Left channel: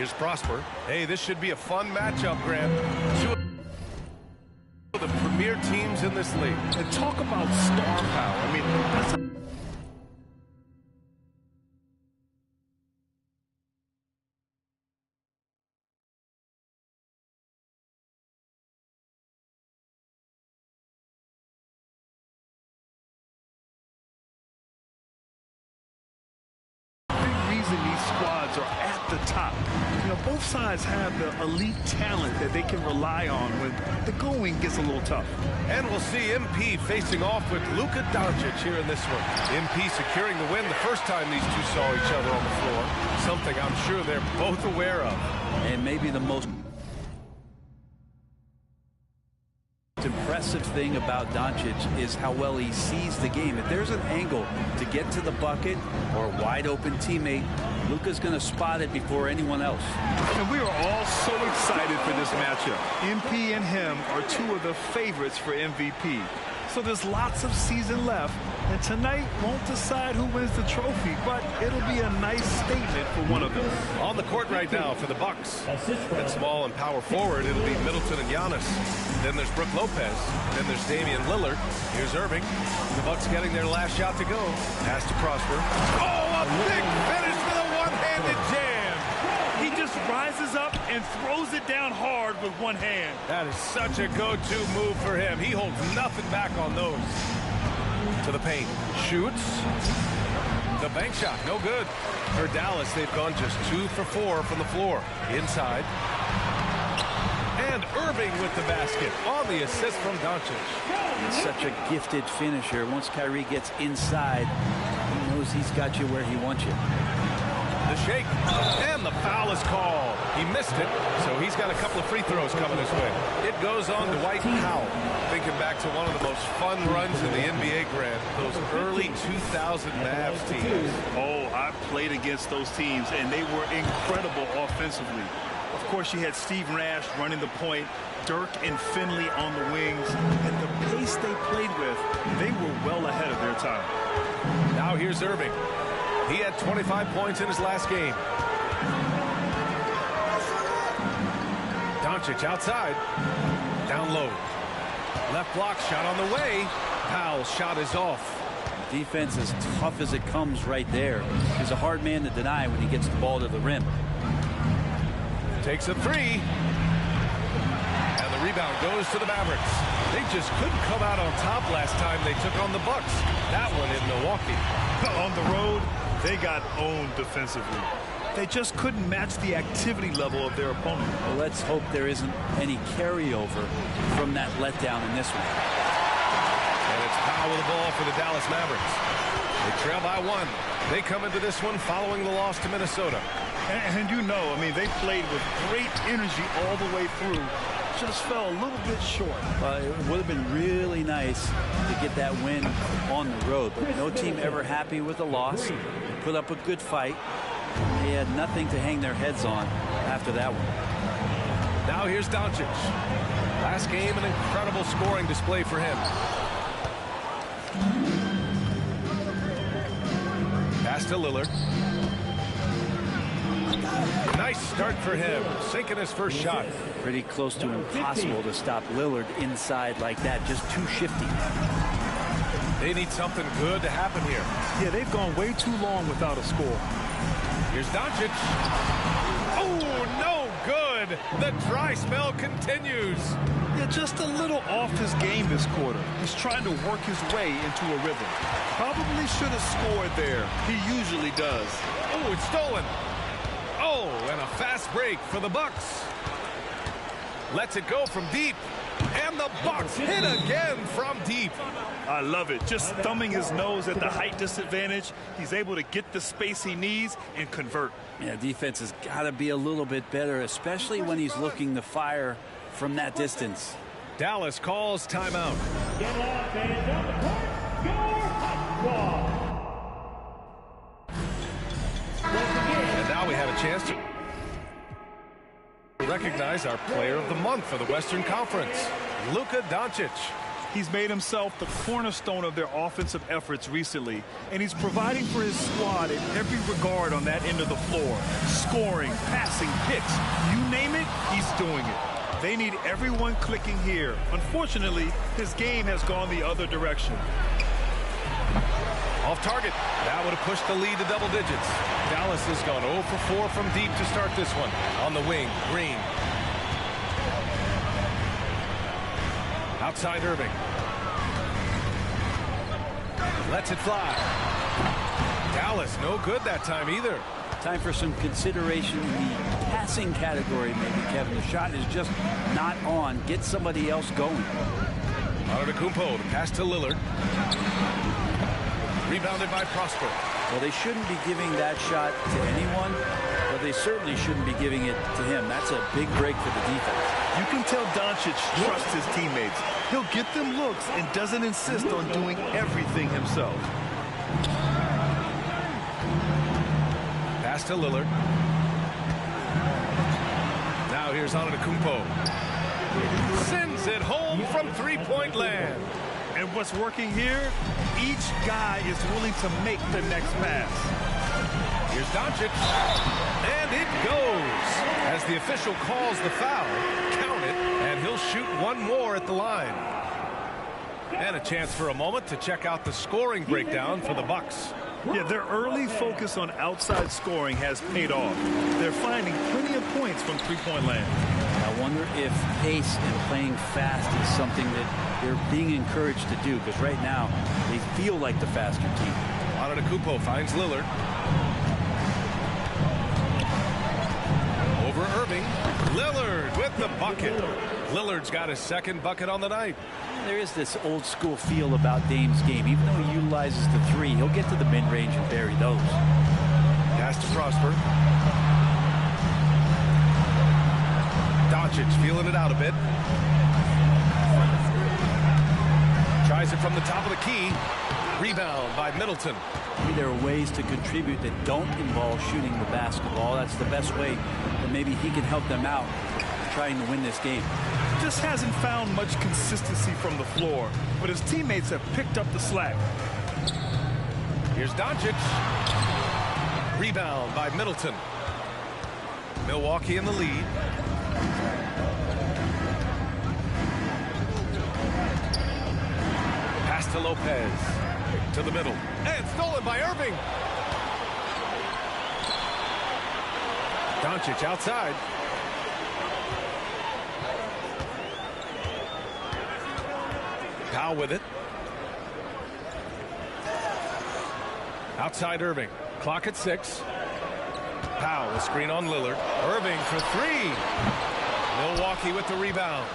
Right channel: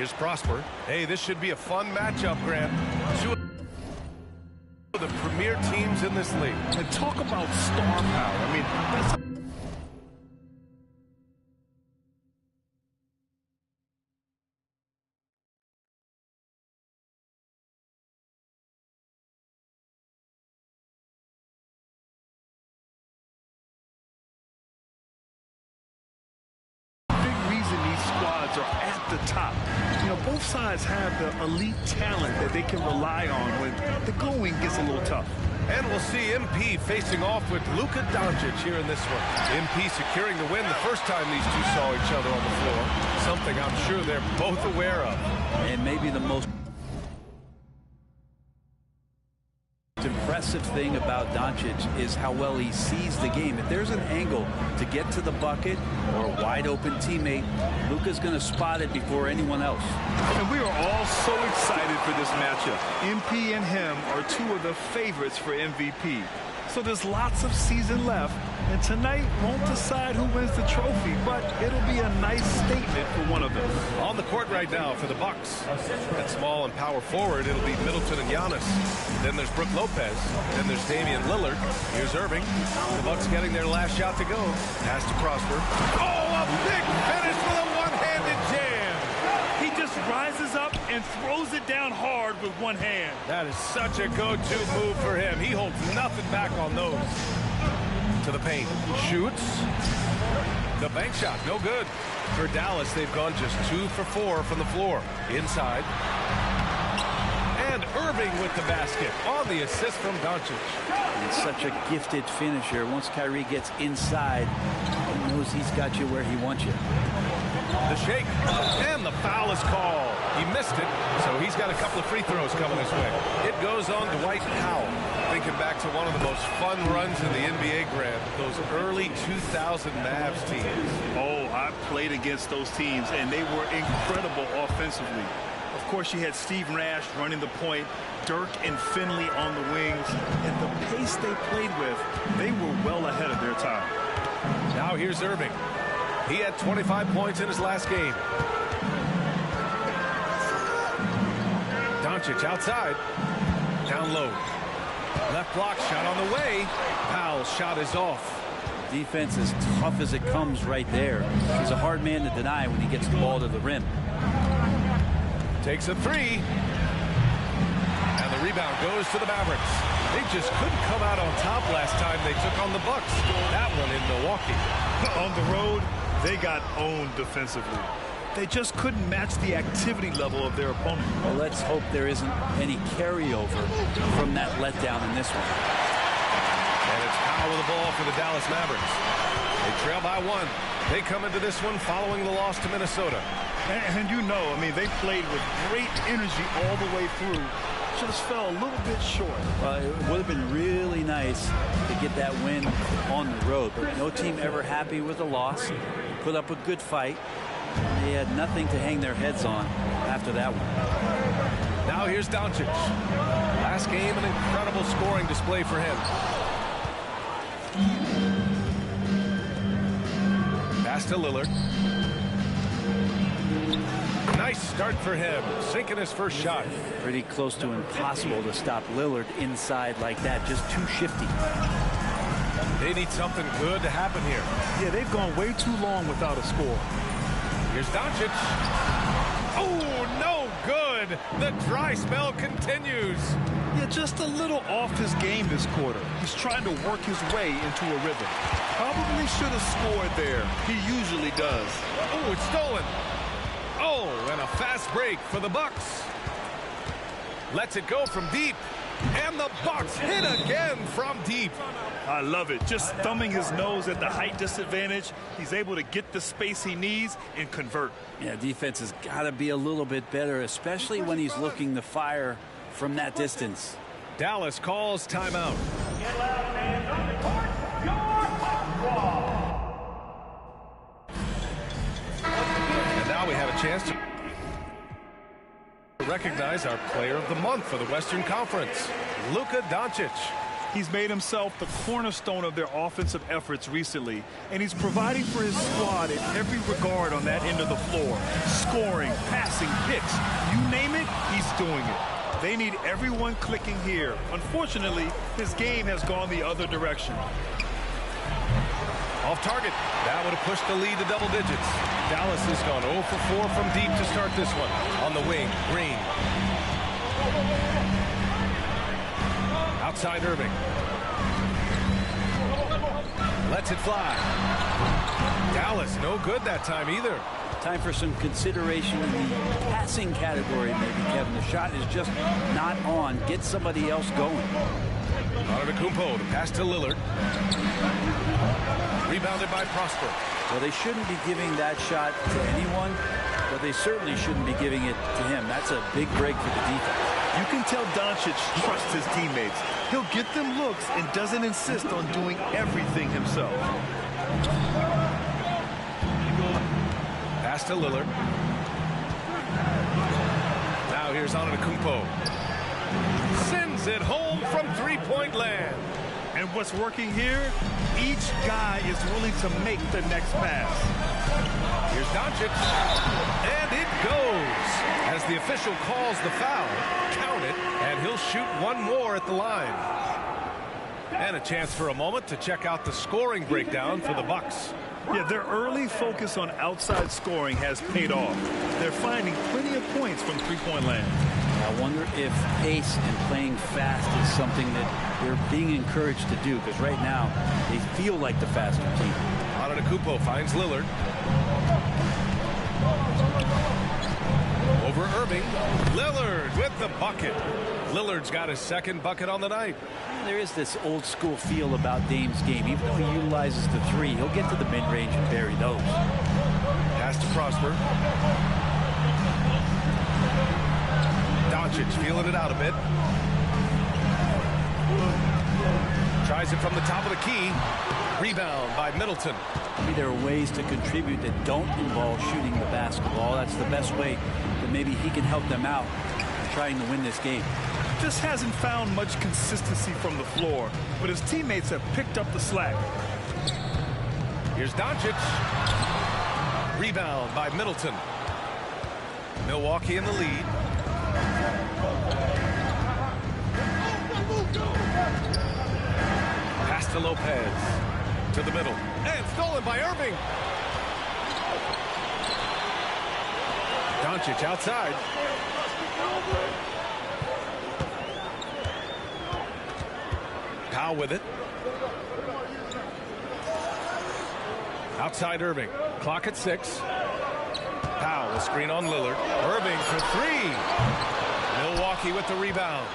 Here's Prosper. Hey, this should be a fun matchup, Grant. Two of the premier teams in this league. And talk about star power. I mean, that's a these squads are at the top. You know, both sides have the elite talent that they can rely on when the going gets a little tough. And we'll see MP facing off with Luka Doncic here in this one. MP securing the win the first time these two saw each other on the floor. Something I'm sure they're both aware of. And maybe the most impressive thing about Doncic is how well he sees the game. If there's an angle to get to the bucket or a wide open teammate, Luka's going to spot it before anyone else. And we are all so excited for this matchup. MP and him are two of the favorites for MVP. So there's lots of season left, and tonight won't decide who wins the trophy, but it'll be a nice statement for one of them. On the court right now for the Bucks. At small and power forward, it'll be Middleton and Giannis. Then there's Brook Lopez. Then there's Damian Lillard. Here's Irving. The Bucks getting their last shot to go. Pass to Prosper. Oh, a big finish with a one-handed jam. He just rises up and throws it down hard with one hand. That is such a go-to move for him. He holds nothing back on those. To the paint. Shoots. The bank shot, no good. For Dallas, they've gone just 2 for 4 from the floor. Inside. And Irving with the basket on the assist from Doncic. He's such a gifted finisher. Once Kyrie gets inside, he knows he's got you where he wants you. The shake, and the foul is called. He missed it, so he's got a couple of free throws coming his way. It goes on Dwight Powell. Thinking back to one of the most fun runs in the NBA, Grant, those early 2000 Mavs teams. Oh, I played against those teams, and they were incredible offensively. Of course, you had Steve Nash running the point, Dirk and Finley on the wings, and the pace they played with, they were well ahead of their time. Now here's Irving. He had 25 points in his last game. Doncic outside. Down low. Left block shot on the way. Powell's shot is off. Defense as tough as it comes right there. He's a hard man to deny when he gets the ball to the rim. Takes a three. And the rebound goes to the Mavericks. They just couldn't come out on top last time they took on the Bucks. That one in Milwaukee. On the road, they got owned defensively. They just couldn't match the activity level of their opponent. Well, let's hope there isn't any carryover from that letdown in this one. And it's Powell with the ball for the Dallas Mavericks. They trail by 1. They come into this one following the loss to Minnesota. And you know, I mean, they played with great energy all the way through. Just fell a little bit short. It would have been really nice to get that win on the road, but no team ever happy with a loss. They put up a good fight. They had nothing to hang their heads on after that one. Now here's Doncic. Last game, an incredible scoring display for him. Pass to Lillard. Nice start for him, sinking his first shot. Pretty close to impossible to stop Lillard inside like that, just too shifty. They need something good to happen here. Yeah, they've gone way too long without a score. Here's Doncic. Oh, no good. The dry spell continues. Yeah, just a little off his game this quarter. He's trying to work his way into a rhythm. Probably should have scored there. He usually does. Oh, it's stolen. Oh, and a fast break for the Bucks. Lets it go from deep. And the Bucks hit again from deep. I love it. Just thumbing his nose at the height disadvantage. He's able to get the space he needs and convert. Yeah, defense has got to be a little bit better, especially when he's looking to fire from that distance. Dallas calls timeout. And now we have a chance to recognize our player of the month for the Western Conference, Luka Doncic. He's made himself the cornerstone of their offensive efforts recently, and he's providing for his squad in every regard on that end of the floor. Scoring, passing, picks, you name it, he's doing it. They need everyone clicking here. Unfortunately, his game has gone the other direction. Off target. That would have pushed the lead to double digits. Dallas has gone 0 for 4 from deep to start this one. On the wing, Green. Outside Irving. Lets it fly. Dallas, no good that time either. Time for some consideration in the passing category, maybe, Kevin. The shot is just not on. Get somebody else going. Antetokounmpo, the pass to Lillard. Rebounded by Prosper. Well, they shouldn't be giving that shot to anyone, but they certainly shouldn't be giving it to him. That's a big break for the defense. You can tell Doncic trusts his teammates. He'll get them looks and doesn't insist on doing everything himself. Pass to Lillard. Now here's Antetokounmpo. Sends it home from three-point land. And what's working here? Each guy is willing to make the next pass. Here's Doncic. And it goes. As the official calls the foul, count it, and he'll shoot one more at the line. And a chance for a moment to check out the scoring breakdown for the Bucks. Yeah, their early focus on outside scoring has paid off. They're finding plenty of points from three-point land. I wonder if pace and playing fast is something that they're being encouraged to do, because right now they feel like the faster team. Antetokounmpo finds Lillard. Over Irving. Lillard with the bucket. Lillard's got his second bucket on the night. There is this old school feel about Dame's game. Even though he utilizes the three, he'll get to the mid-range and bury those. Pass to Prosper. Doncic feeling it out a bit. Tries it from the top of the key. Rebound by Middleton. Maybe there are ways to contribute that don't involve shooting the basketball. That's the best way that maybe he can help them out in trying to win this game. Just hasn't found much consistency from the floor, but his teammates have picked up the slack. Here's Doncic. Rebound by Middleton. Milwaukee in the lead. Pass to Lopez. To the middle. And stolen by Irving. Doncic outside. Powell with it. Outside Irving. Clock at 6. Powell, a screen on Lillard. Irving for 3. Milwaukee with the rebound.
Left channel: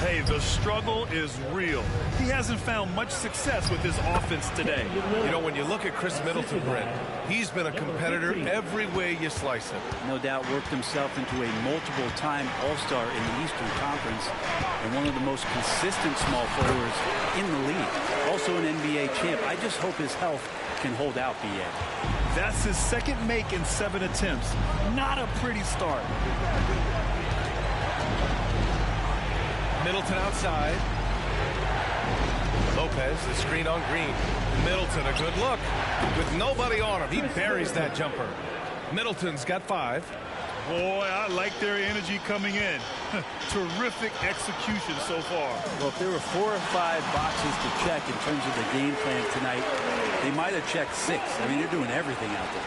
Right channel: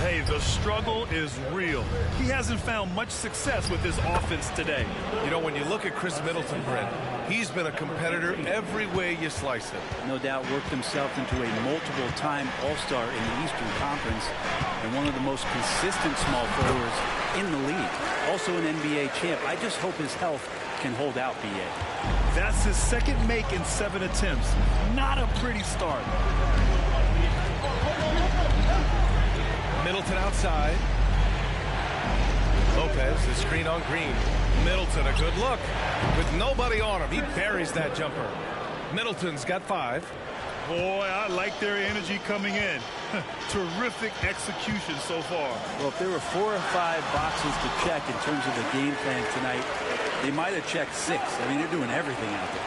Hey, the struggle is real. He hasn't found much success with his offense today. You know, when you look at Chris Middleton, Brent, he's been a competitor every way you slice it. No doubt worked himself into a multiple-time All-Star in the Eastern Conference and one of the most consistent small forwards in the league. Also an NBA champ. I just hope his health can hold out, B.A. That's his second make in 7 attempts. Not a pretty start. Middleton outside. Lopez, the screen on Green. Middleton, a good look. With nobody on him, he buries that jumper. Middleton's got 5. Boy, I like their energy coming in. Terrific execution so far. Well, if there were 4 or 5 boxes to check in terms of the game plan tonight, they might have checked 6. I mean, they're doing everything out there.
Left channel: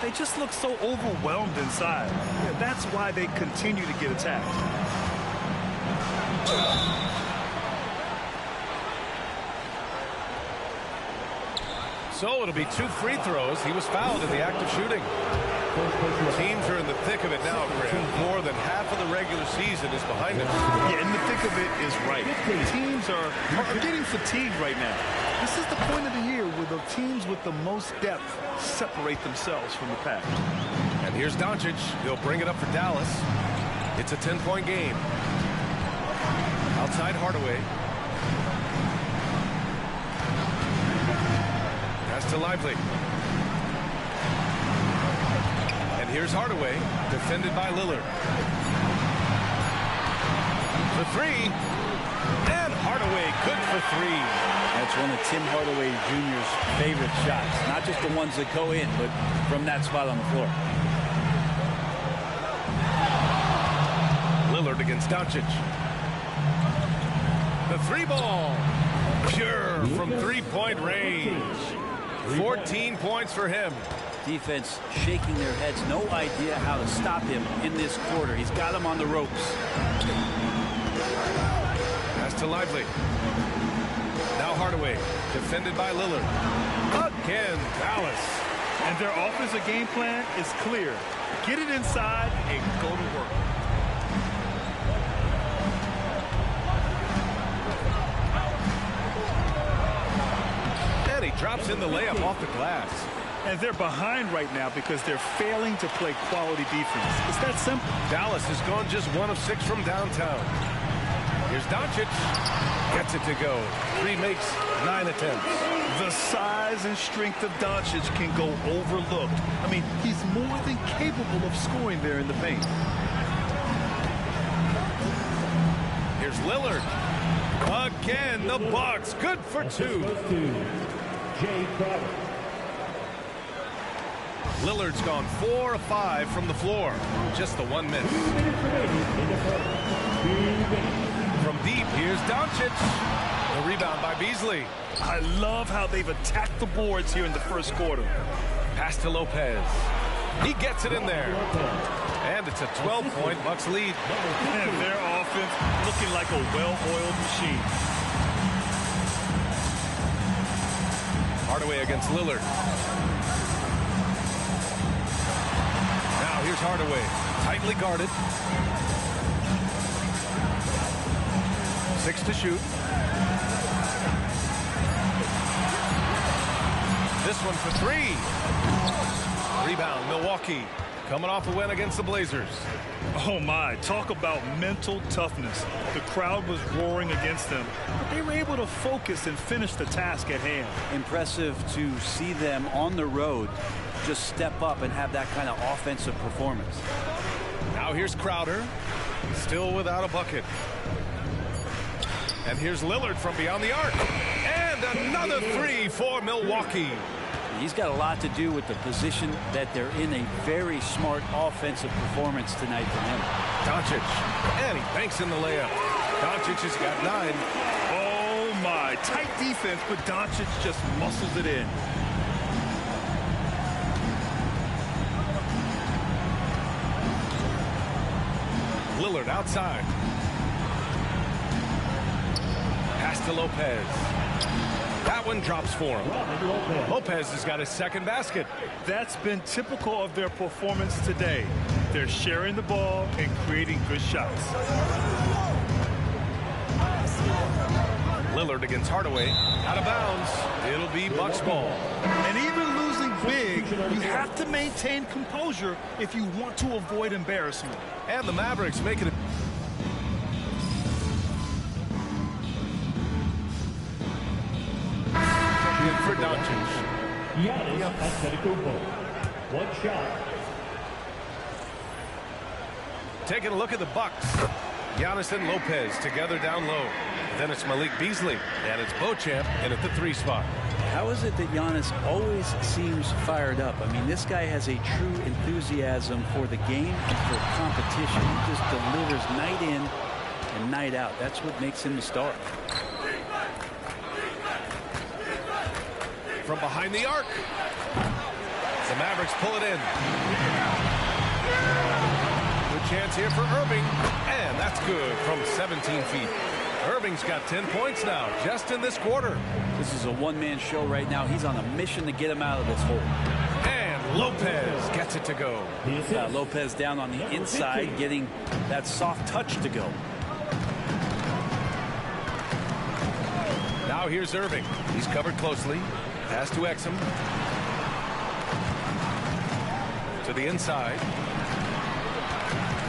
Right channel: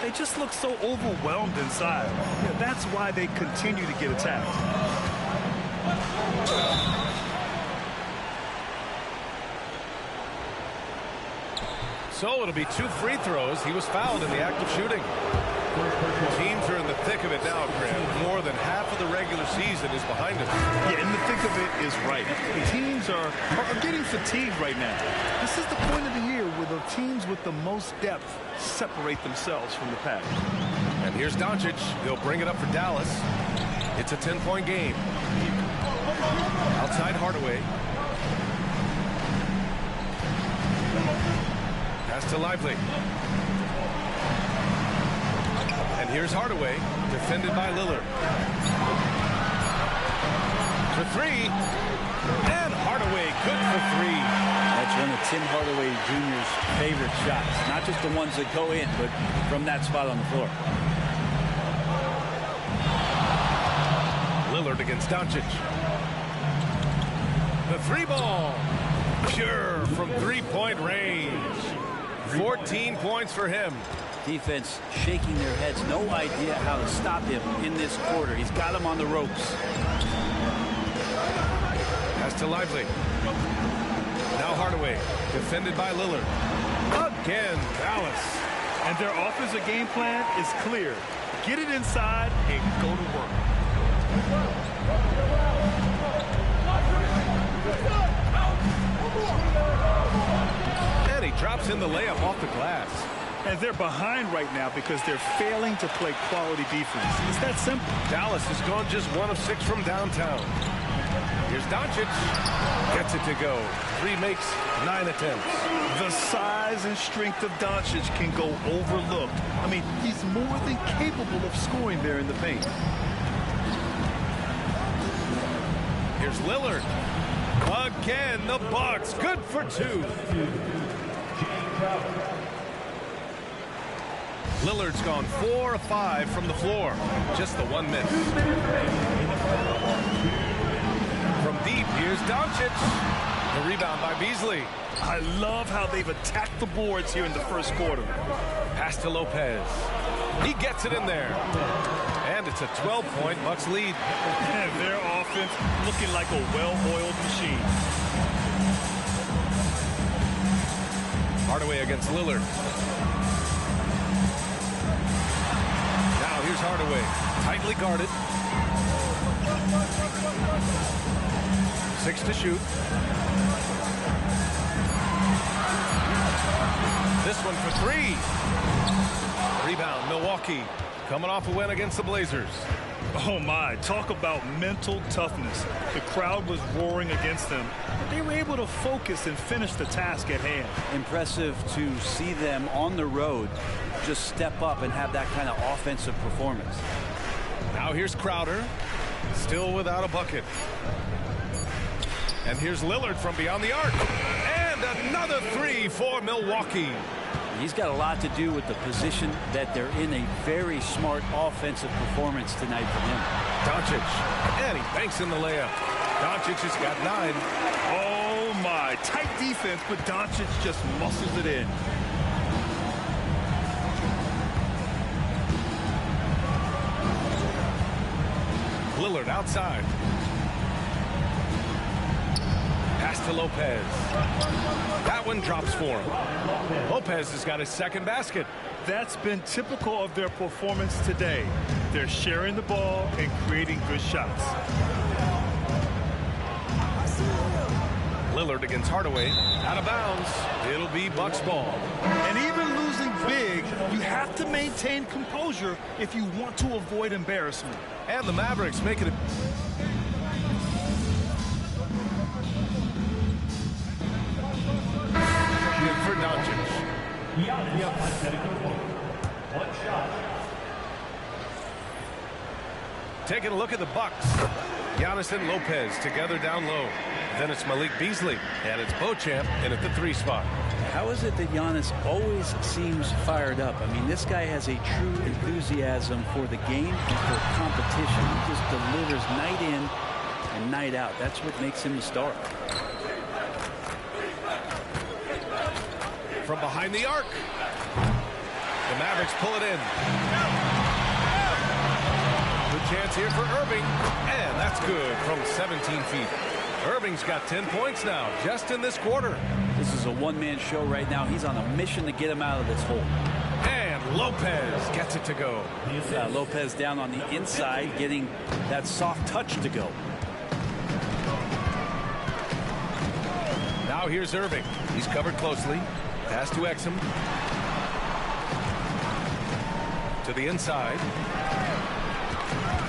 They just look so overwhelmed inside. Yeah, that's why they continue to get attacked. So it'll be 2 free throws. He was fouled in the act of shooting. Teams are in the thick of it now, Grant. More than half of the regular season is behind us. Yeah, in the thick of it is right. Teams are getting fatigued right now. This is the point of the year where the teams with the most depth separate themselves from the pack. And here's Doncic. He'll bring it up for Dallas. It's a 10-point game. Outside Hardaway. Pass to Lively. And here's Hardaway, defended by Lillard. For 3. And Hardaway, good for three. That's one of Tim Hardaway Jr.'s favorite shots. Not just the ones that go in, but from that spot on the floor. Lillard against Doncic. The three ball. Pure from three-point range. 14 points for him. Defense shaking their heads. No idea how to stop him in this quarter. He's got him on the ropes. Pass to Lively. Now Hardaway, defended by Lillard. Again, Dallas. And their offensive game plan is clear. Get it inside and go to work. And he drops in the layup off the glass. And they're behind right now because they're failing to play quality defense. It's that simple. Dallas has gone just 1 of 6 from downtown. Here's Doncic. Gets it to go. 3 makes 9 attempts. The size and strength of Doncic can go overlooked. I mean, he's more than capable of scoring there in the paint. Here's Lillard. Again, the Bucks. Good for 2. Lillard's gone 4 of 5 from the floor. Just the 1 miss. From deep, here's Doncic. The rebound by Beasley. I love how they've attacked the boards here in the first quarter. Pass to Lopez. He gets it in there. And it's a 12-point Bucks lead. And their offense looking like a well-oiled machine. Hardaway against Lillard. Now here's Hardaway. Tightly guarded. 6 to shoot. This one for 3. Rebound, Milwaukee. Coming off a win against the Blazers. Oh my, talk about mental toughness. The crowd was roaring against them, but they were able to focus and finish the task at hand. Impressive to see them on the road just step up and have that kind of offensive performance. Now here's Crowder. Still without a bucket. And here's Lillard from beyond the arc. And another 3 for Milwaukee. He's got a lot to do with the position that they're in. A very smart offensive performance tonight from him. Doncic. And he banks in the layup. Doncic has got 9. Oh my, tight defense, but Doncic just muscles it in. Lillard outside. Pass to Lopez. That one drops for him. Lopez has got his second basket. That's been typical of their performance today. They're sharing the ball and creating good shots. Lillard against Hardaway. Out of bounds. It'll be Bucks ball. And even losing big, you have to maintain composure if you want to avoid embarrassment. And the Mavericks make it. In for Doncic. One shot. Taking a look at the Bucks. Giannis and Lopez together down low. Then it's Malik Beasley, and it's Beauchamp in at the 3 spot. How is it that Giannis always seems fired up? I mean, this guy has a true enthusiasm for the game and for competition. He just delivers night in and night out. That's what makes him the star. From behind the arc. The Mavericks pull it in. Good chance here for Irving. And that's good from 17 feet. Irving's got 10 points now, just in this quarter. This is a one-man show right now. He's on a mission to get him out of this hole. And Lopez gets it to go. Lopez down on the inside, getting that soft touch to go. Now here's Irving. He's covered closely. Pass to Exum. To the inside.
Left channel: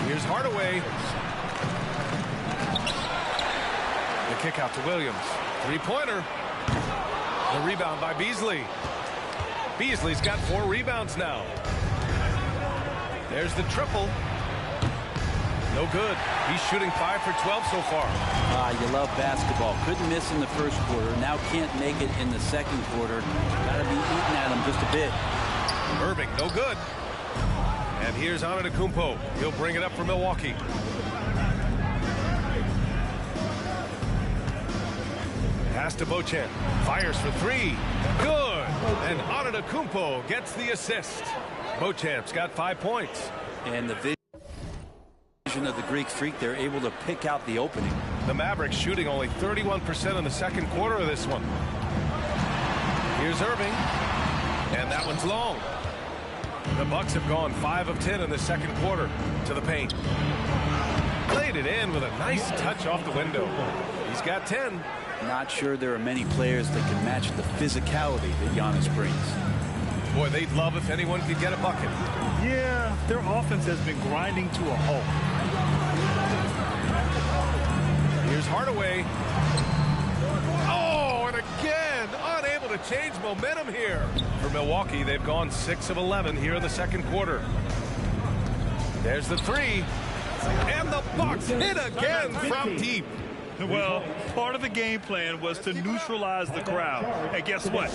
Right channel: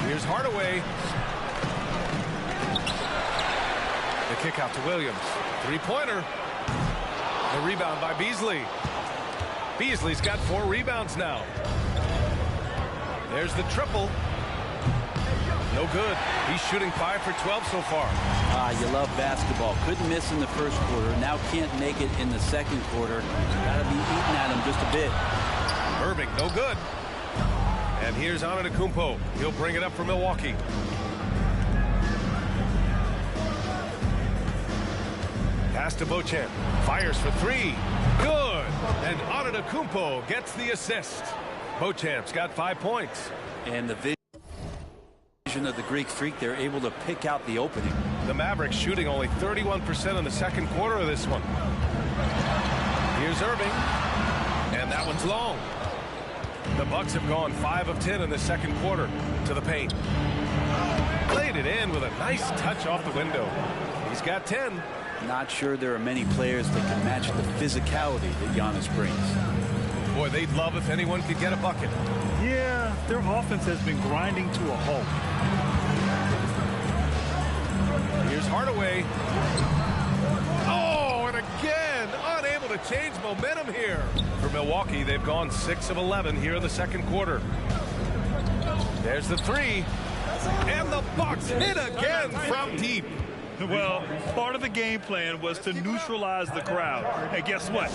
Here's Hardaway. The kick out to Williams. 3-pointer. The rebound by Beasley. Beasley's got 4 rebounds now. There's the triple. No good. He's shooting 5 for 12 so far. You love basketball. Couldn't miss in the first quarter. Now can't make it in the second quarter. Got to be eating at him just a bit. Irving, no good. And here's Antetokounmpo. He'll bring it up for Milwaukee. Pass to Beauchamp. Fires for 3. Good. And Antetokounmpo gets the assist. Beauchamp's got 5 points. And the vision of the Greek Freak, they're able to pick out the opening. The Mavericks shooting only 31% in the second quarter of this one. Here's Irving. And that one's long. The Bucks have gone 5 of 10 in the second quarter. To the paint. Played it in with a nice touch off the window. He's got 10. Not sure there are many players that can match the physicality that Giannis brings. Boy, they'd love if anyone could get a bucket. Yeah, their offense has been grinding to a halt. Here's Hardaway. Oh, and again, unable to change momentum here. For Milwaukee, they've gone 6 of 11 here in the second quarter. There's the 3. And the Bucks hit again from deep. Well, part of the game plan was to neutralize the crowd. And guess what?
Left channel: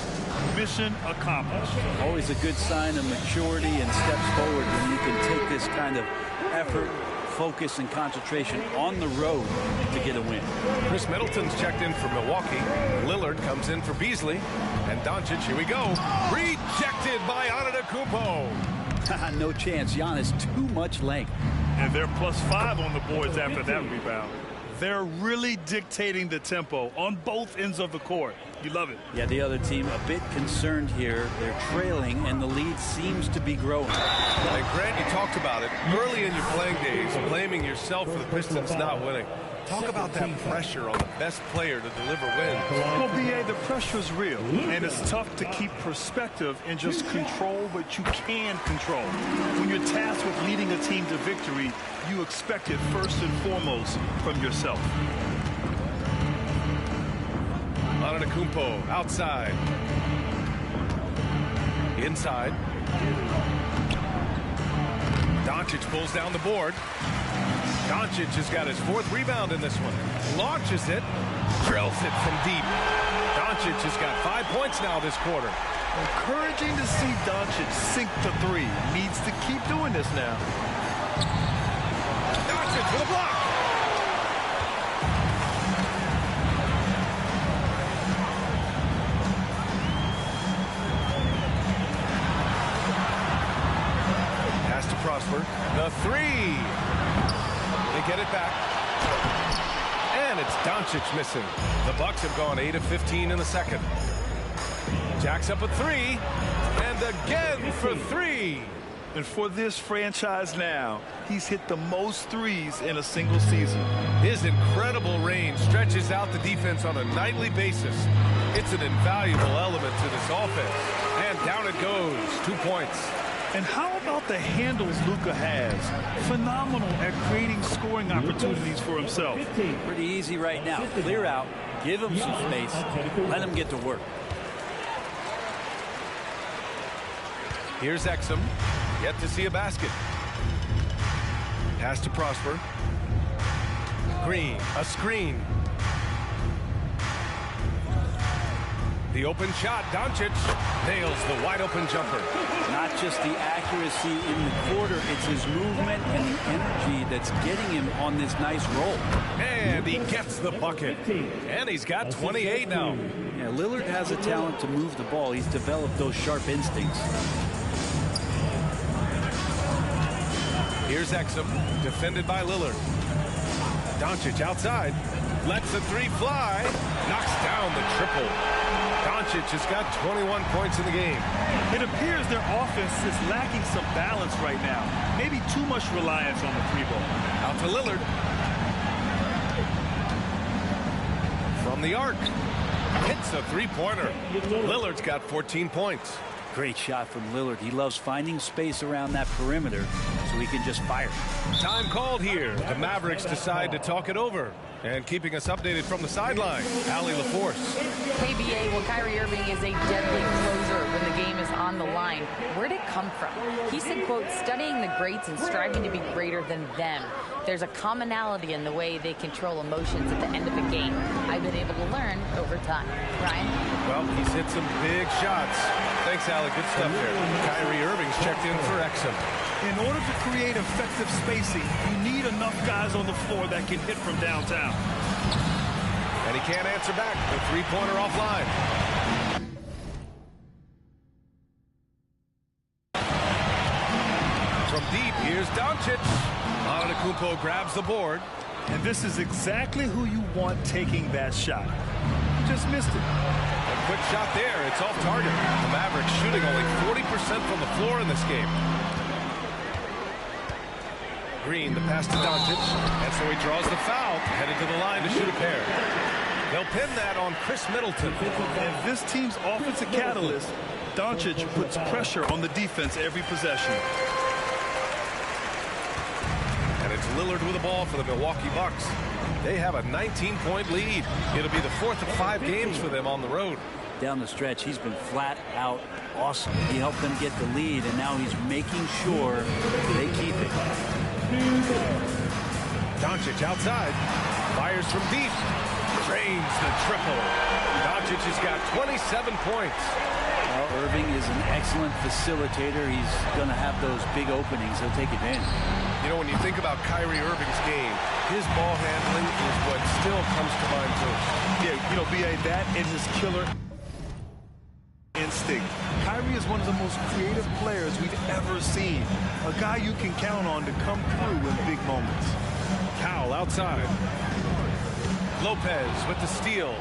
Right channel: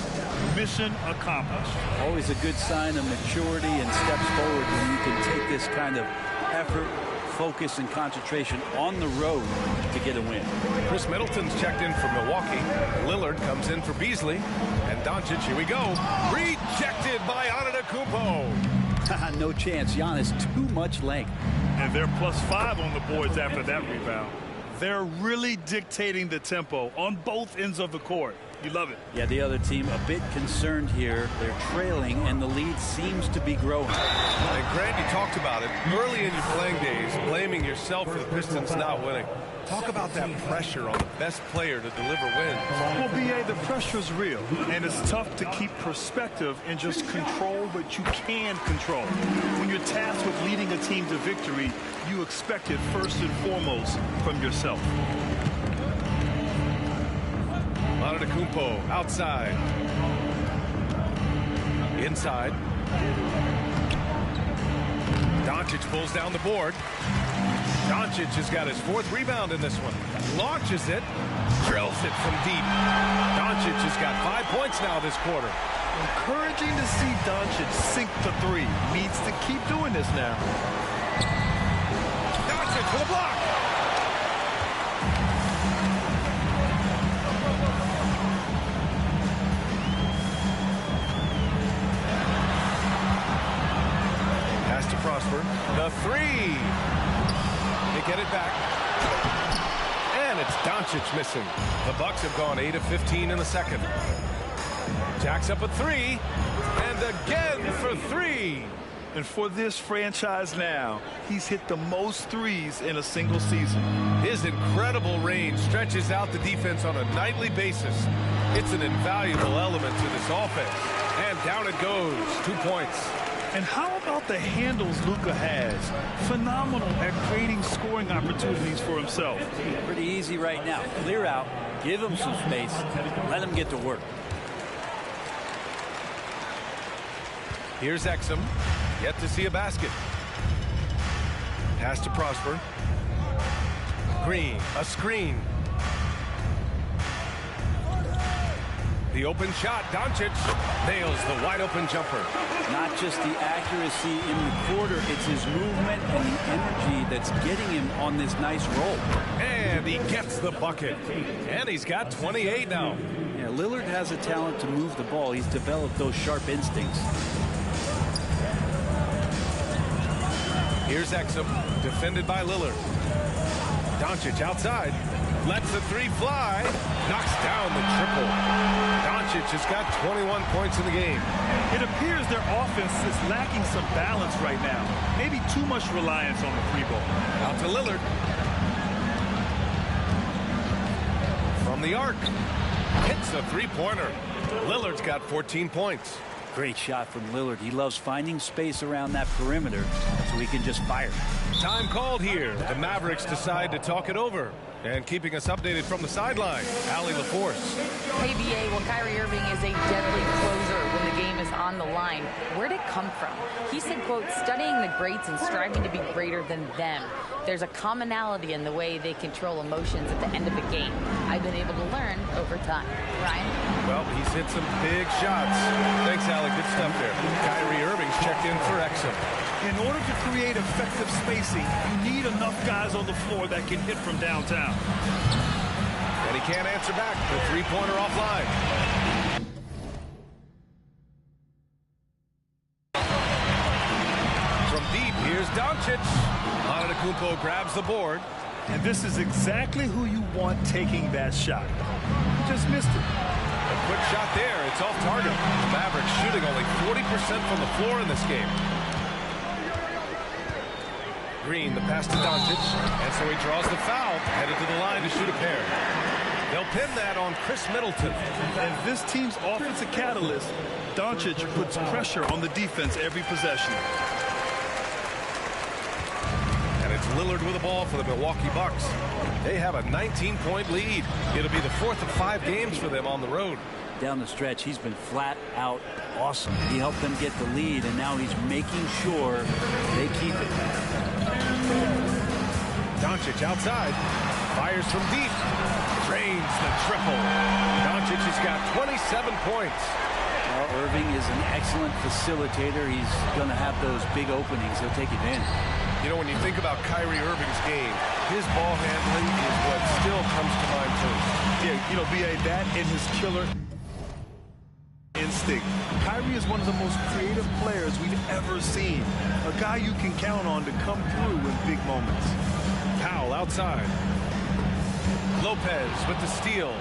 Mission accomplished. Always a good sign of maturity and steps forward when you can take this kind of effort, focus, and concentration on the road to get a win. Chris Middleton's checked in for Milwaukee. Lillard comes in for Beasley. And Doncic, here we go. Rejected by Antetokounmpo. No chance. Giannis, too much length. And they're +5 on the boards after that rebound. They're really dictating the tempo on both ends of the court. You love it. Yeah, the other team a bit concerned here. They're trailing, and the lead seems to be growing. And Grant, you talked about it early in your playing days, blaming yourself for the Pistons not winning. Talk about that pressure on the best player to deliver wins. Well, B.A., the pressure's real, and it's tough to keep perspective and just control what you can control. When you're tasked with leading a team to victory, you expect it first and foremost from yourself. Antetokounmpo outside. Inside. Doncic pulls down the board. Doncic has got his 4th rebound in this one. Launches it. Drills it from deep. Doncic has got 5 points now this quarter. Encouraging to see Doncic sink the 3. Needs to keep doing this now. Doncic for the block. Pass to Prosper. The 3. They get it back. And it's Doncic missing. The Bucks have gone 8 of 15 in the second. Jacks up a 3. And again for 3. And for this franchise now, he's hit the most threes in a single season. His incredible range stretches out the defense on a nightly basis. It's an invaluable element to this offense. And down it goes. 2 points. And how about the handles Luka has? Phenomenal at creating scoring opportunities for himself. Pretty easy right now. Clear out, give him some space, let him get to work. Here's Exum. Yet to see a basket. Pass to Prosper. Green, a screen. The open shot, Doncic nails the wide open jumper. Not just the accuracy in the quarter, it's his movement and the energy that's getting him on this nice roll. And he gets the bucket. And he's got 28 now. Yeah, Lillard has a talent to move the ball. He's developed those sharp instincts. Here's Exum, defended by Lillard. Doncic outside, lets the 3 fly, knocks down the triple. Doncic has got 21 points in the game. It appears their offense is lacking some balance right now. Maybe too much reliance on the 3-ball. Out to Lillard. From the arc. Hits a 3-pointer. Lillard's got 14 points. Great shot from Lillard. He loves finding space around that perimeter so he can just fire. Time called here. The Mavericks decide to talk it over. And keeping us updated from the sideline, Allie LaForce. Hey, BA, well, Kyrie Irving is a deadly closer when the game is on the line. Where'd it come from? He said, quote, studying the greats and striving to be greater than them. There's a commonality in the way they control emotions at the end of a game. I've been able to learn over time. Ryan? Well, he's hit some big shots. Thanks, Alec. Good stuff there. Kyrie Irving's checked in for Exum. In order to create effective spacing, you need enough guys on the floor that can hit from downtown. And he can't answer back. The three-pointer offline. From deep, here's Doncic. Antetokounmpo grabs the board. And this is exactly who you want taking that shot. He just missed it. A quick shot there. It's off target. The Mavericks shooting only 40% from the floor in this game. Green, the pass to Doncic. And so he draws the foul. Headed to the line to shoot a pair. They'll pin that on Chris Middleton. And this team's offensive catalyst, Doncic puts pressure on the defense every possession. And it's Lillard with the ball for the Milwaukee Bucks. They have a 19-point lead. It'll be the fourth of 5 games for them on the road. Down the stretch, he's been flat out awesome. He helped them get the lead, and now he's making sure they keep it. Doncic outside. Fires from deep. Drains the triple. Doncic has got 27 points. Well, Irving is an excellent facilitator. He's going to have those big openings. He'll take advantage. You know, when you think about Kyrie Irving's game, his ball handling is what still comes to mind first. Yeah, you know, B.A., that and his killer instinct. Kyrie is one of the most creative players we've ever seen. A guy you can count on to come through in big moments. Powell outside. Lopez with the steal.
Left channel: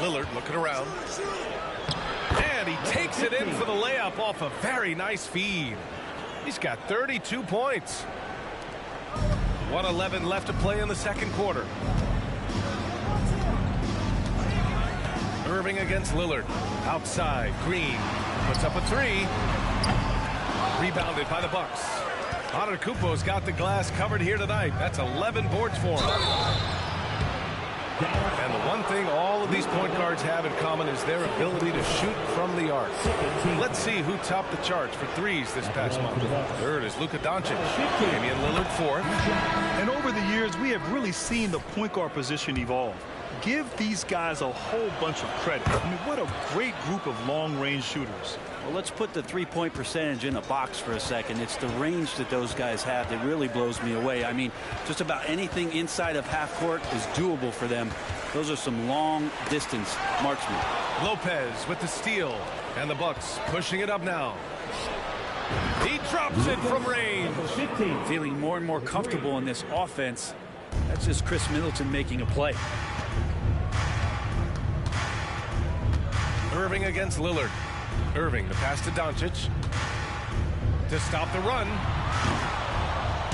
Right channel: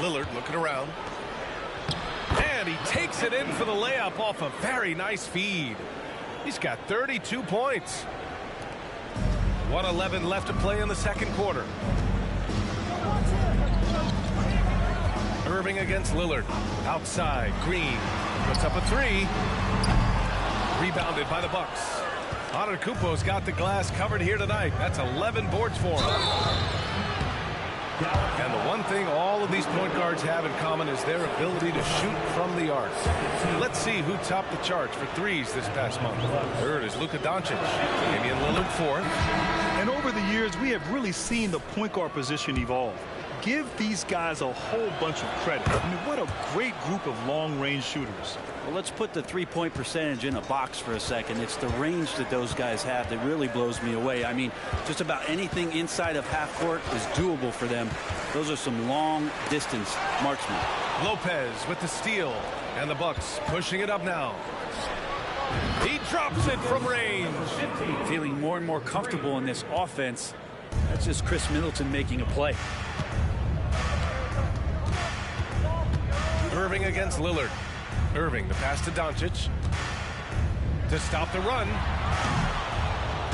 Lillard looking around. And he takes it in for the layup off a very nice feed. He's got 32 points. 1:11 left to play in the second quarter. Irving against Lillard. Outside. Green puts up a three. Rebounded by the Bucks. Antetokounmpo's got the glass covered here tonight. That's 11 boards for him. And the one thing all of these point guards have in common is their ability to shoot from the arc. Let's see who topped the charts for threes this past month. Third is Luka Doncic. Damian Lillard fourth. And over the years, we have really seen the point guard position evolve. Give these guys a whole bunch of credit. I mean, what a great group of long-range shooters. Well, let's put the three-point percentage in a box for a second. It's the range that those guys have that really blows me away. I mean, just about anything inside of half court is doable for them. Those are some long-distance marksmen. Lopez with the steal. And the Bucks pushing it up now. He drops it from range. Feeling more and more comfortable in this offense. That's just Chris Middleton making a play. Irving against Lillard. Irving, the pass to Doncic. To stop the run.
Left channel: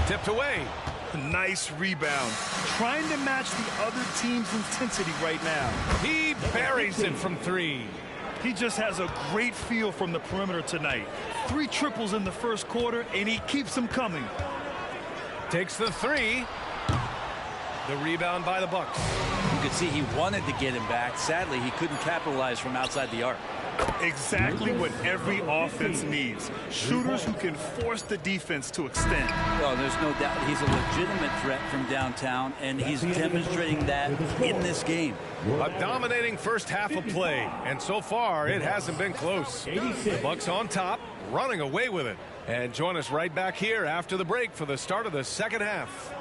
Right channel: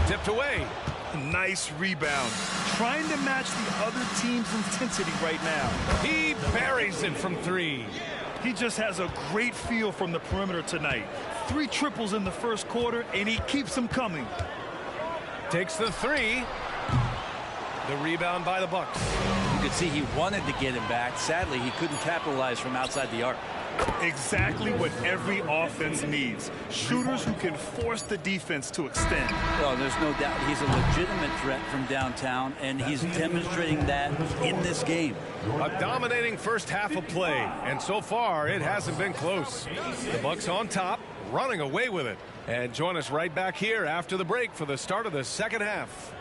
Tipped away. Nice rebound. Trying to match the other team's intensity right now. He buries it from three. He just has a great feel from the perimeter tonight. 3 triples in the first quarter, and he keeps them coming. Takes the three. The rebound by the Bucks. You could see he wanted to get him back. Sadly, he couldn't capitalize from outside the arc. Exactly what every offense needs. Shooters who can force the defense to extend. Oh, there's no doubt he's a legitimate threat from downtown, and he's demonstrating that in this game. A dominating first half of play, and so far it hasn't been close. The Bucks on top, running away with it. And join us right back here after the break for the start of the second half.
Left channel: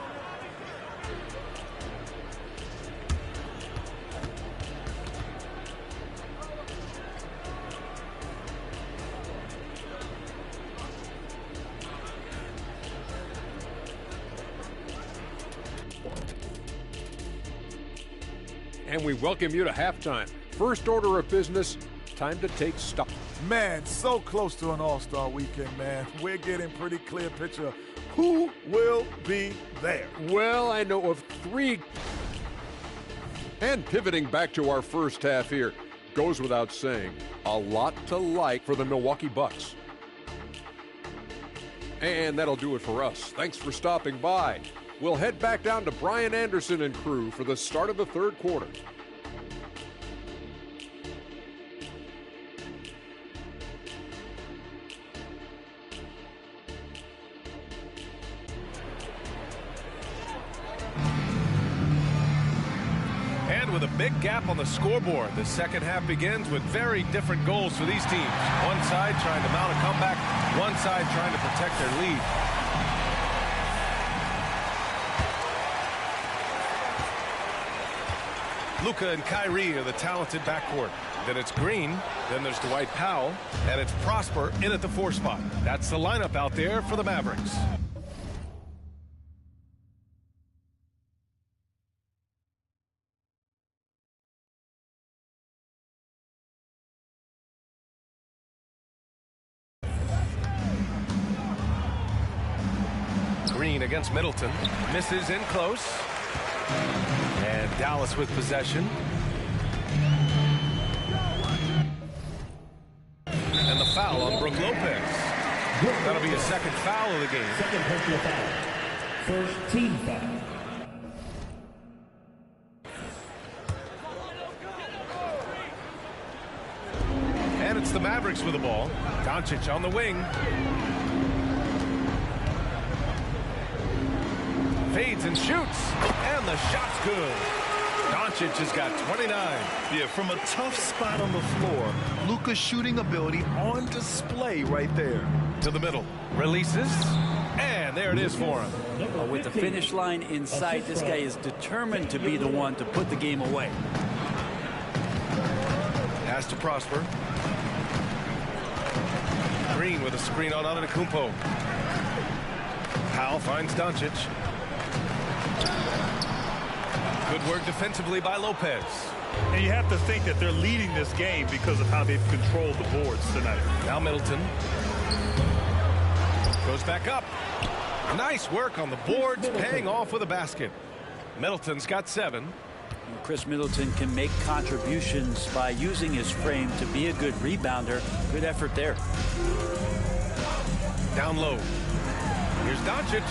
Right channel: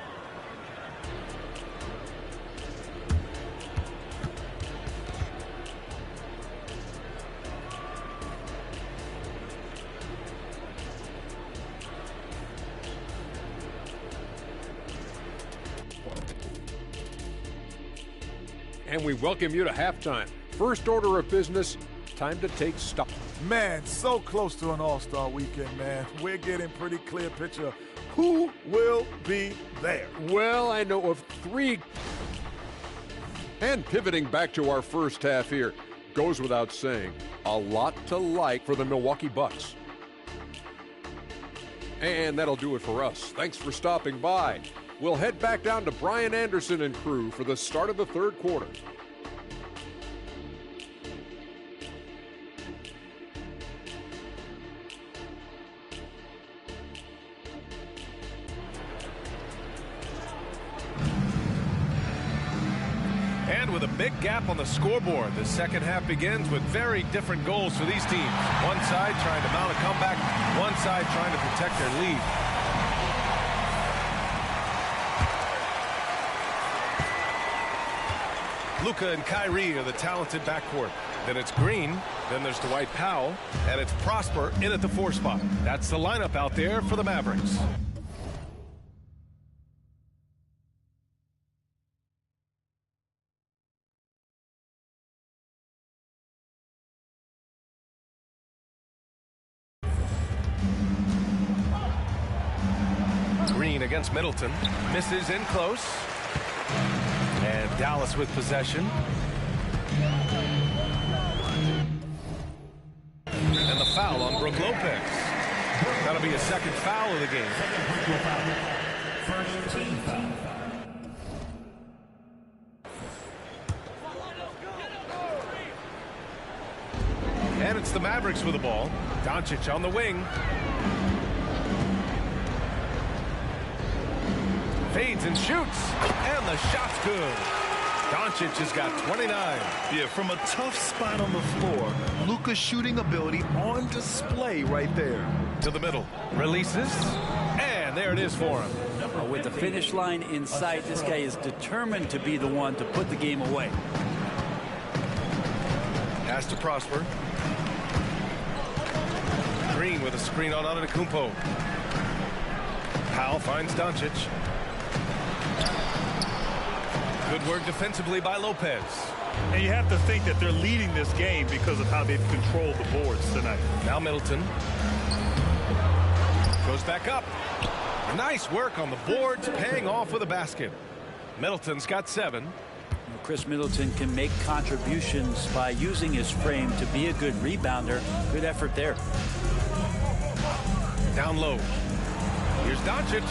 And we welcome you to halftime. First order of business, time to take stock. Man, so close to an all-star weekend, man. We're getting pretty clear picture of who will be there. Well, I know of 3. And pivoting back to our first half here, goes without saying, a lot to like for the Milwaukee Bucks. And that'll do it for us. Thanks for stopping by. We'll head back down to Brian Anderson and crew for the start of the third quarter. And with a big gap on the scoreboard, the second half begins with very different goals for these teams. One side trying to mount a comeback, one side trying to protect their lead. Luka and Kyrie are the talented backcourt. Then it's Green, then there's Dwight Powell, and it's Prosper in at the 4 spot. That's the lineup out there for the Mavericks. Green against Middleton, misses in close. And Dallas with possession. And the foul on Brook Lopez. That'll be a second foul of the game. Second personal foul. First team foul. And it's the Mavericks with the ball. Doncic on the wing. Fades and shoots. And the shot's good. Doncic has got 29. Yeah, from a tough spot on the floor, Luka's shooting ability on display right there. To the middle. Releases. And there it is for him. With the finish line in sight, this guy is determined to be the one to put the game away. Pass to Prosper. Green with a screen on Antetokounmpo. Powell finds Doncic. Good work defensively by Lopez. And you have to think that they're leading this game because of how they've controlled the boards tonight. Now Middleton. Goes back up. Nice work on the boards, paying off with a basket. Middleton's got 7. Chris Middleton can make contributions by using his frame to be a good rebounder. Good effort there. Down low. Here's Doncic,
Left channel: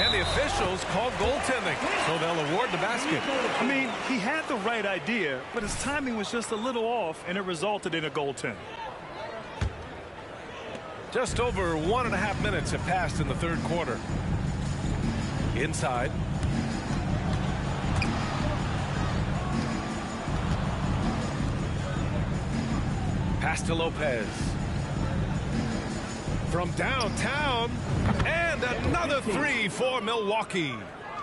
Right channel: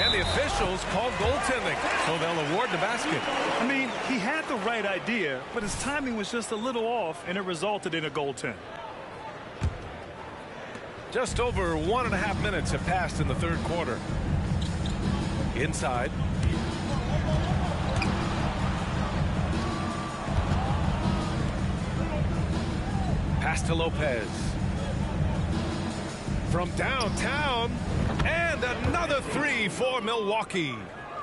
and the officials called goaltending, so they'll award the basket. I mean, he had the right idea, but his timing was just a little off, and it resulted in a goaltend. Just over 1.5 minutes have passed in the third quarter. Inside. Pass to Lopez. From downtown, and another 3 for Milwaukee.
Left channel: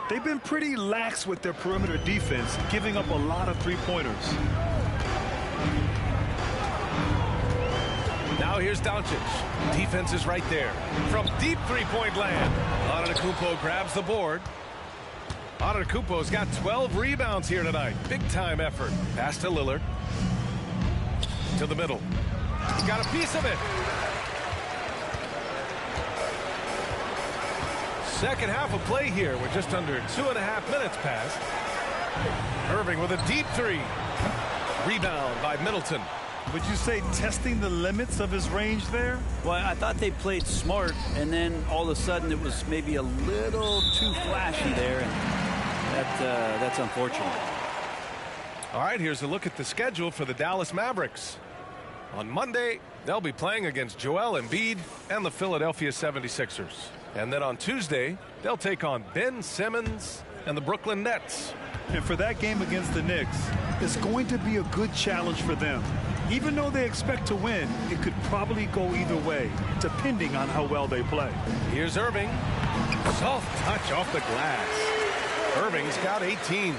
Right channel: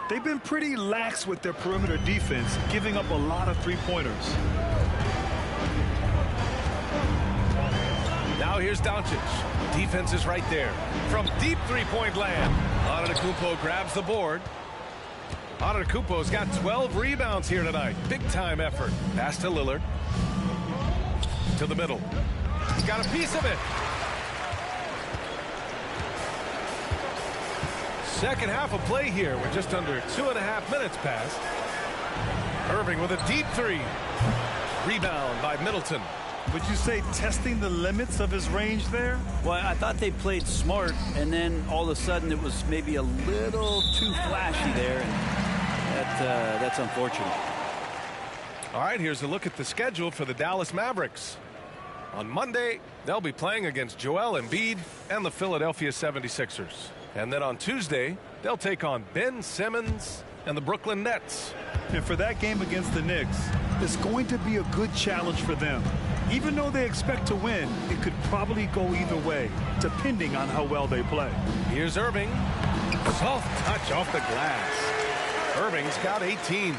They've been pretty lax with their perimeter defense, giving up a lot of three-pointers. Now here's Doncic. Defense is right there. From deep three-point land. Antetokounmpo grabs the board. Antetokounmpo's got 12 rebounds here tonight. Big-time effort. Pass to Lillard. To the middle. He's got a piece of it. Second half of play here with just under 2.5 minutes passed. Irving with a deep 3. Rebound by Middleton. Would you say testing the limits of his range there? Well, I thought they played smart, and then all of a sudden it was maybe a little too flashy there, and that's unfortunate. All right, here's a look at the schedule for the Dallas Mavericks. On Monday, they'll be playing against Joel Embiid and the Philadelphia 76ers. And then on Tuesday, they'll take on Ben Simmons and the Brooklyn Nets. And for that game against the Knicks, it's going to be a good challenge for them. Even though they expect to win, it could probably go either way, depending on how well they play. Here's Irving. Soft touch off the glass. Irving's got 18.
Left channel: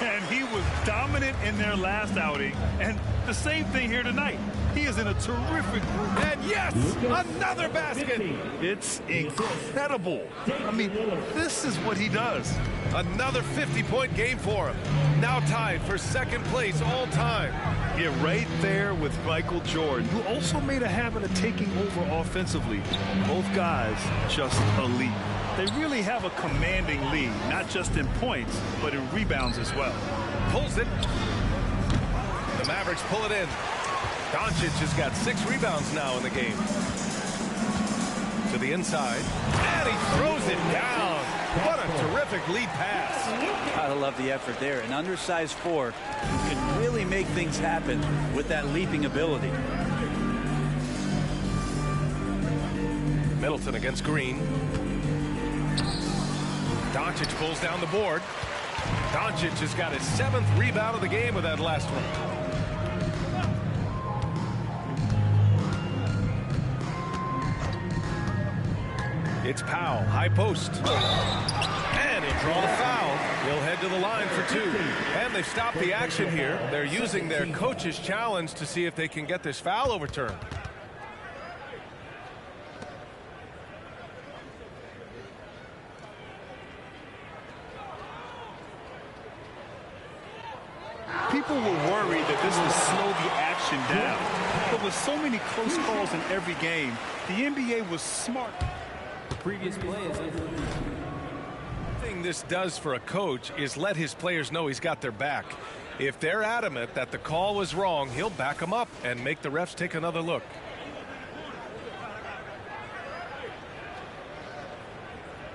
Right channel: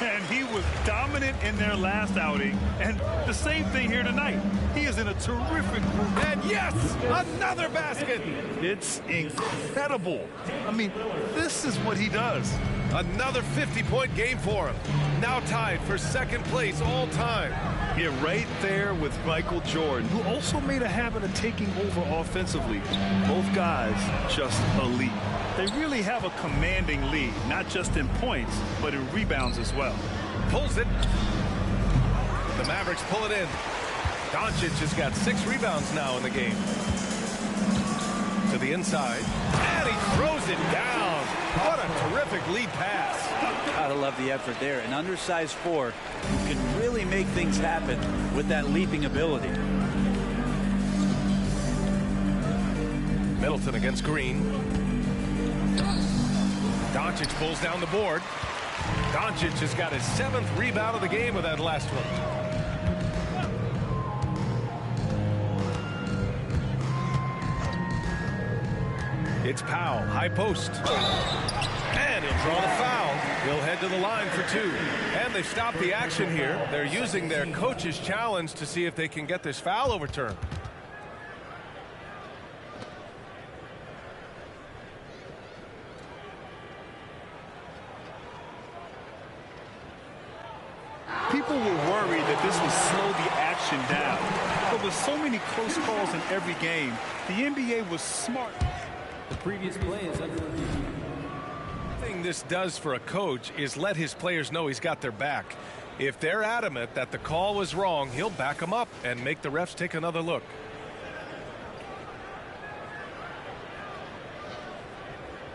And he was dominant in their last outing. And the same thing here tonight. He is in a terrific group. And yes, another basket. It's incredible. I mean, this is what he does. Another 50-point game for him. Now tied for second place all time. Yeah, right there with Michael Jordan, who also made a habit of taking over offensively. Both guys just elite. They really have a commanding lead, not just in points, but in rebounds as well. Pulls it. The Mavericks pull it in. Doncic has got 6 rebounds now in the game. To the inside. And he throws it down. What a terrific lead pass. Gotta love the effort there. An undersized 4 who can really make things happen with that leaping ability. Middleton against Green. Doncic pulls down the board. Doncic has got his 7th rebound of the game with that last one. It's Powell, high post. And he'll draw the foul. He'll head to the line for 2. And they've stopped the action here. They're using their coach's challenge to see if they can get this foul overturned. People were worried that this would slow the action down. But with so many close calls in every game, the NBA was smart. The previous play is under review. The thing this does for a coach is let his players know he's got their back. If they're adamant that the call was wrong, he'll back them up and make the refs take another look.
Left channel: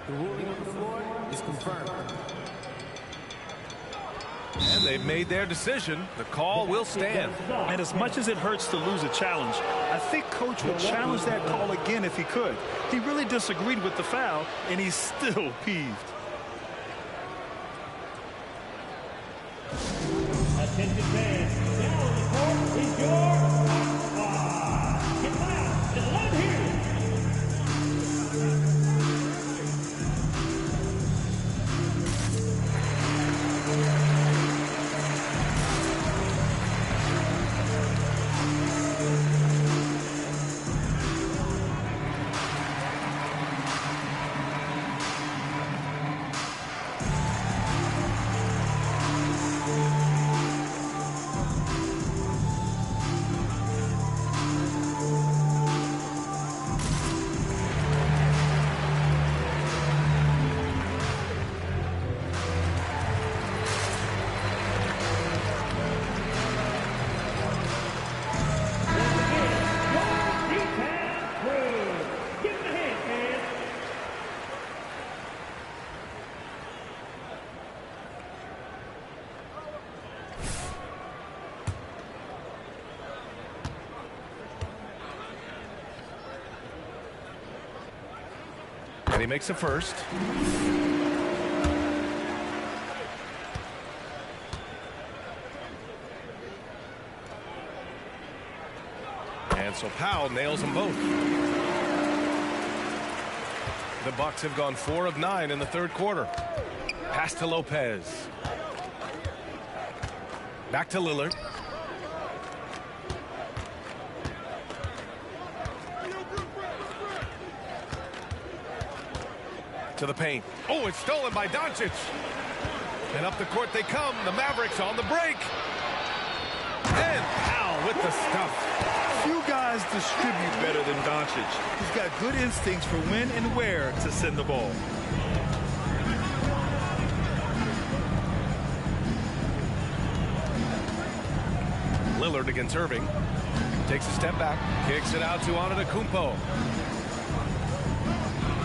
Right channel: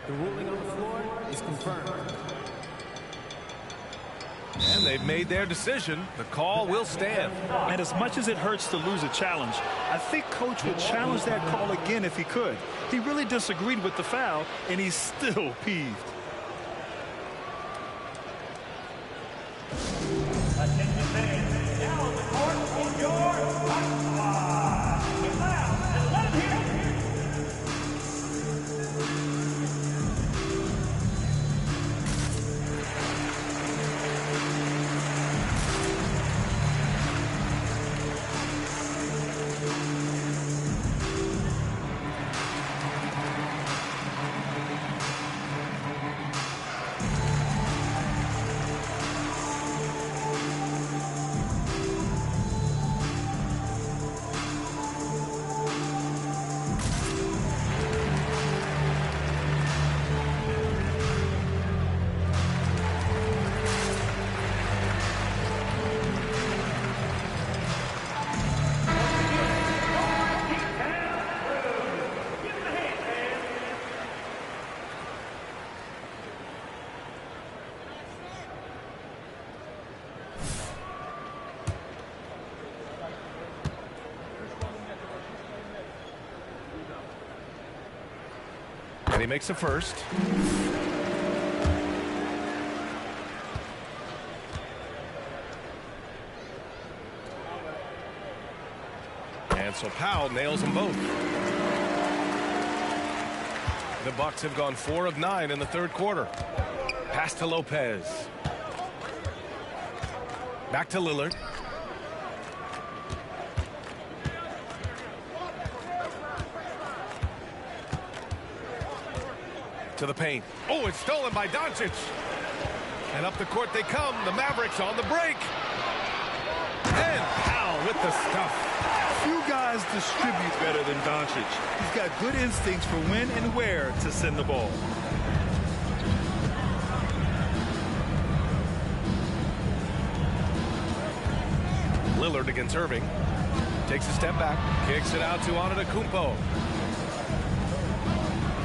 The ruling on the floor is confirmed. And they've made their decision. The call will stand. And as much as it hurts to lose a challenge, I think Coach would challenge that call again if he could. He really disagreed with the foul, and he's still peeved. Attention fans, now on the court is your get loud and let him hear you. And he makes a first. And so Powell nails them both. The Bucks have gone 4 of 9 in the third quarter. Pass to Lopez. Back to Lillard. To the paint. Oh, it's stolen by Doncic. And up the court they come. The Mavericks on the break. And Powell with the stuff. Few guys distribute better than Doncic. He's got good instincts for when and where to send the ball. Lillard against Irving. Takes a step back. Kicks it out to Antetokounmpo.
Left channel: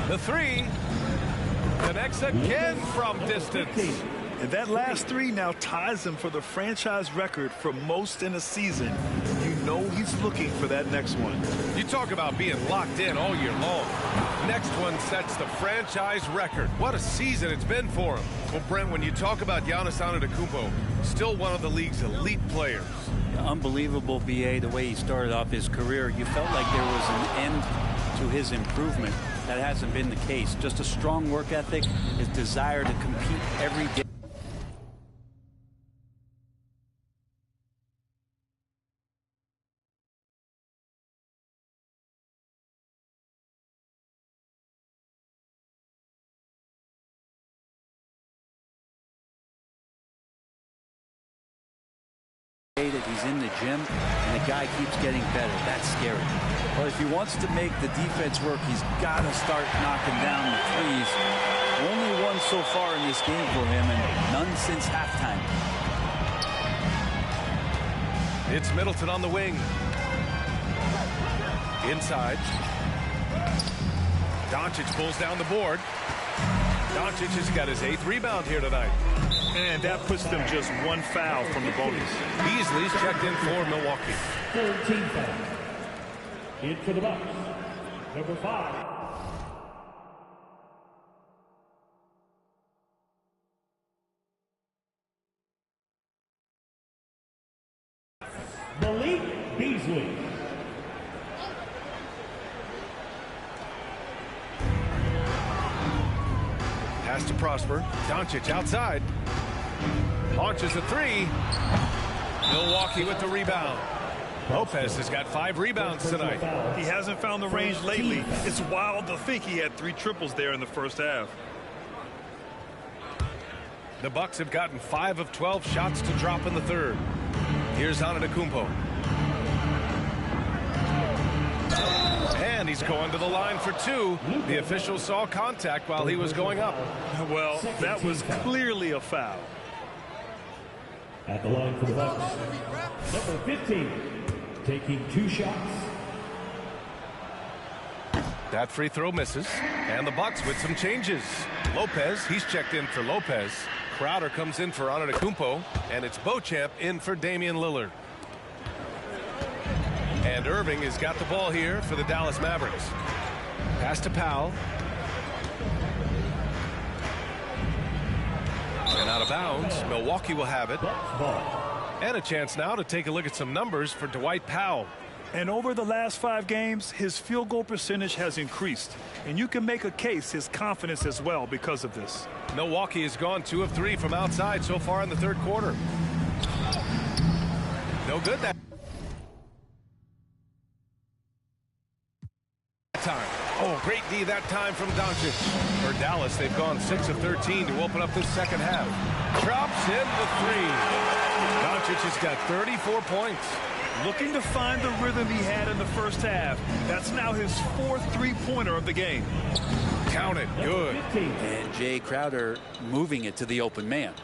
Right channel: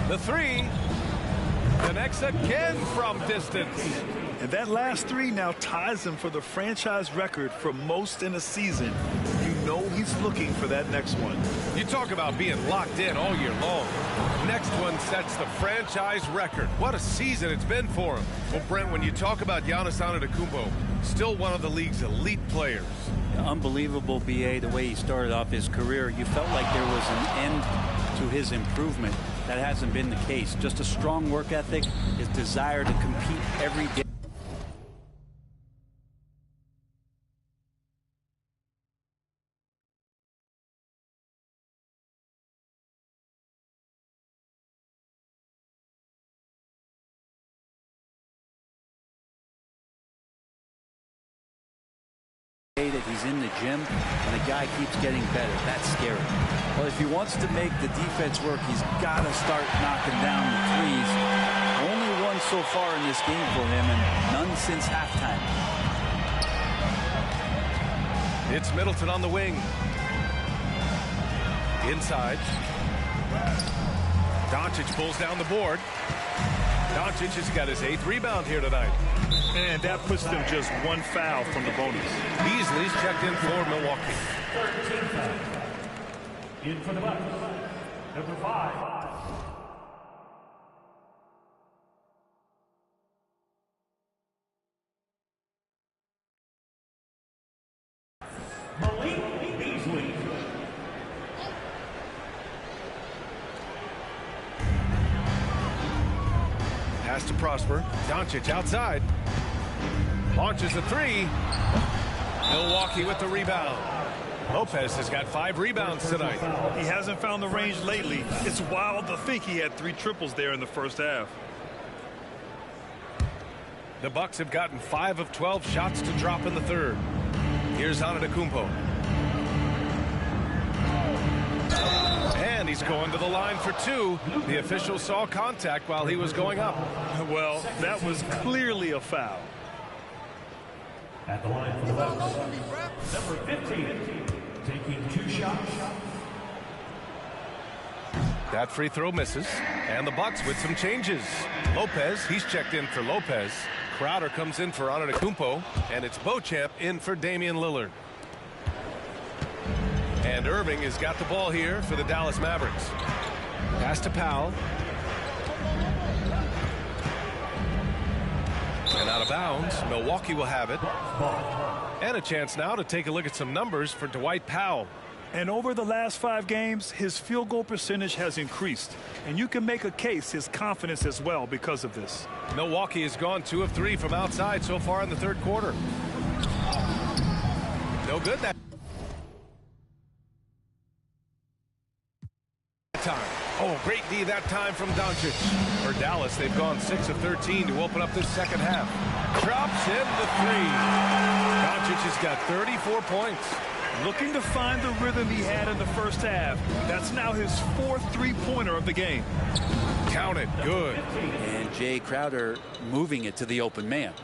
The 3. Connects again from distance. And that last 3 now ties him for the franchise record for most in a season. You know he's looking for that next one. You talk about being locked in all year long. Next one sets the franchise record. What a season it's been for him. Well, Brent, when you talk about Giannis Antetokounmpo, still one of the league's elite players. Unbelievable, BA, the way he started off his career. You felt like there was an end to his improvement. That hasn't been the case. Just a strong work ethic, his desire to compete every day. That he's in the gym and the guy keeps getting better. That's scary. Well, if he wants to make the defense work, he's got to start knocking down the threes. Only one so far in this game for him, and none since halftime. It's Middleton on the wing. Inside. Doncic pulls down the board. Doncic has got his 8th rebound here tonight. And that puts them just 1 foul from the bonus. Beasley's checked in for Milwaukee. Third team foul. In for the Bucks, number 5. Beasley. Pass to Prosper. Doncic outside. Launches a three. Milwaukee with the rebound. Lopez has got 5 rebounds tonight. He hasn't found the range lately. It's wild to think he had 3 triples there in the first half. The Bucks have gotten 5 of 12 shots to drop in the third. Here's Antetokounmpo. And he's going to the line for 2. The official saw contact while he was going up. Well, that was clearly a foul. At the line for the Bucks, number 15, taking 2 shots. That free throw misses. And the Bucks with some changes. Lopez, he's checked in for Lopez. Crowder comes in for Antetokounmpo. And it's Beauchamp in for Damian Lillard. And Irving has got the ball here for the Dallas Mavericks. Pass to Powell. And out of bounds. Milwaukee will have it. And a chance now to take a look at some numbers for Dwight Powell. And over the last 5 games, his field goal percentage has increased. And you can make a case his confidence as well because of this. Milwaukee has gone 2 of 3 from outside so far in the third quarter. No good that time. Oh, great D that time from Doncic. For Dallas, they've gone 6 of 13 to open up this second half. Drops in the 3. Doncic has got 34 points. Looking to find the rhythm he had in the first half. That's now his 4th three-pointer of the game. Count it. Good. And Jay Crowder moving it to the open man.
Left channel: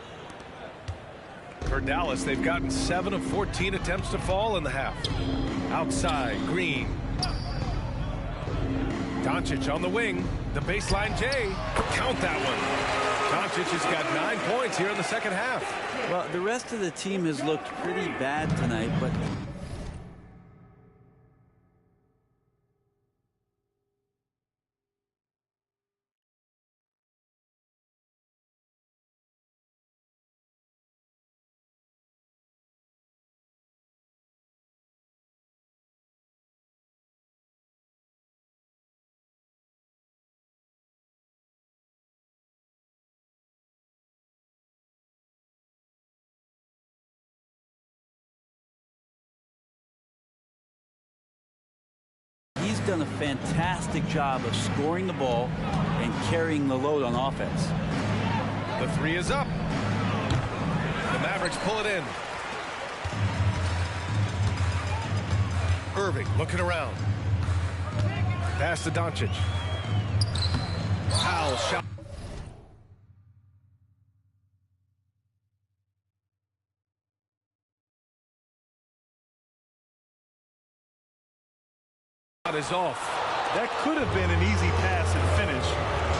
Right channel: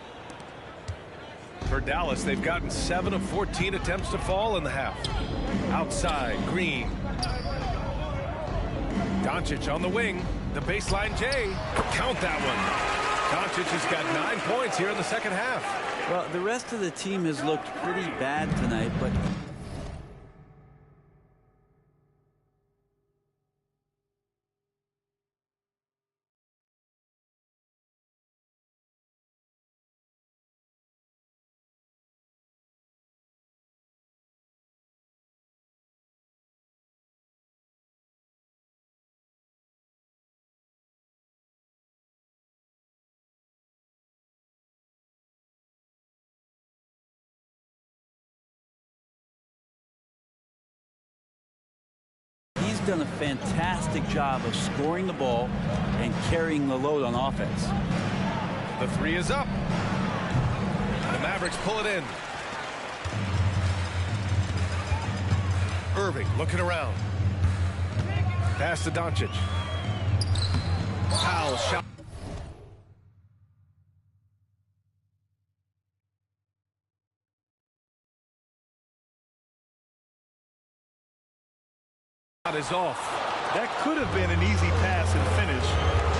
For Dallas, they've gotten 7 of 14 attempts to fall in the half. Outside, Green. Doncic on the wing. The baseline J. Count that one. Doncic has got 9 points here in the second half. Well, the rest of the team has looked pretty bad tonight, but he's done a fantastic job of scoring the ball and carrying the load on offense. The 3 is up. The Mavericks pull it in. Irving looking around. Pass to Doncic. Powell shot. Is off. That could have been an easy pass and finish.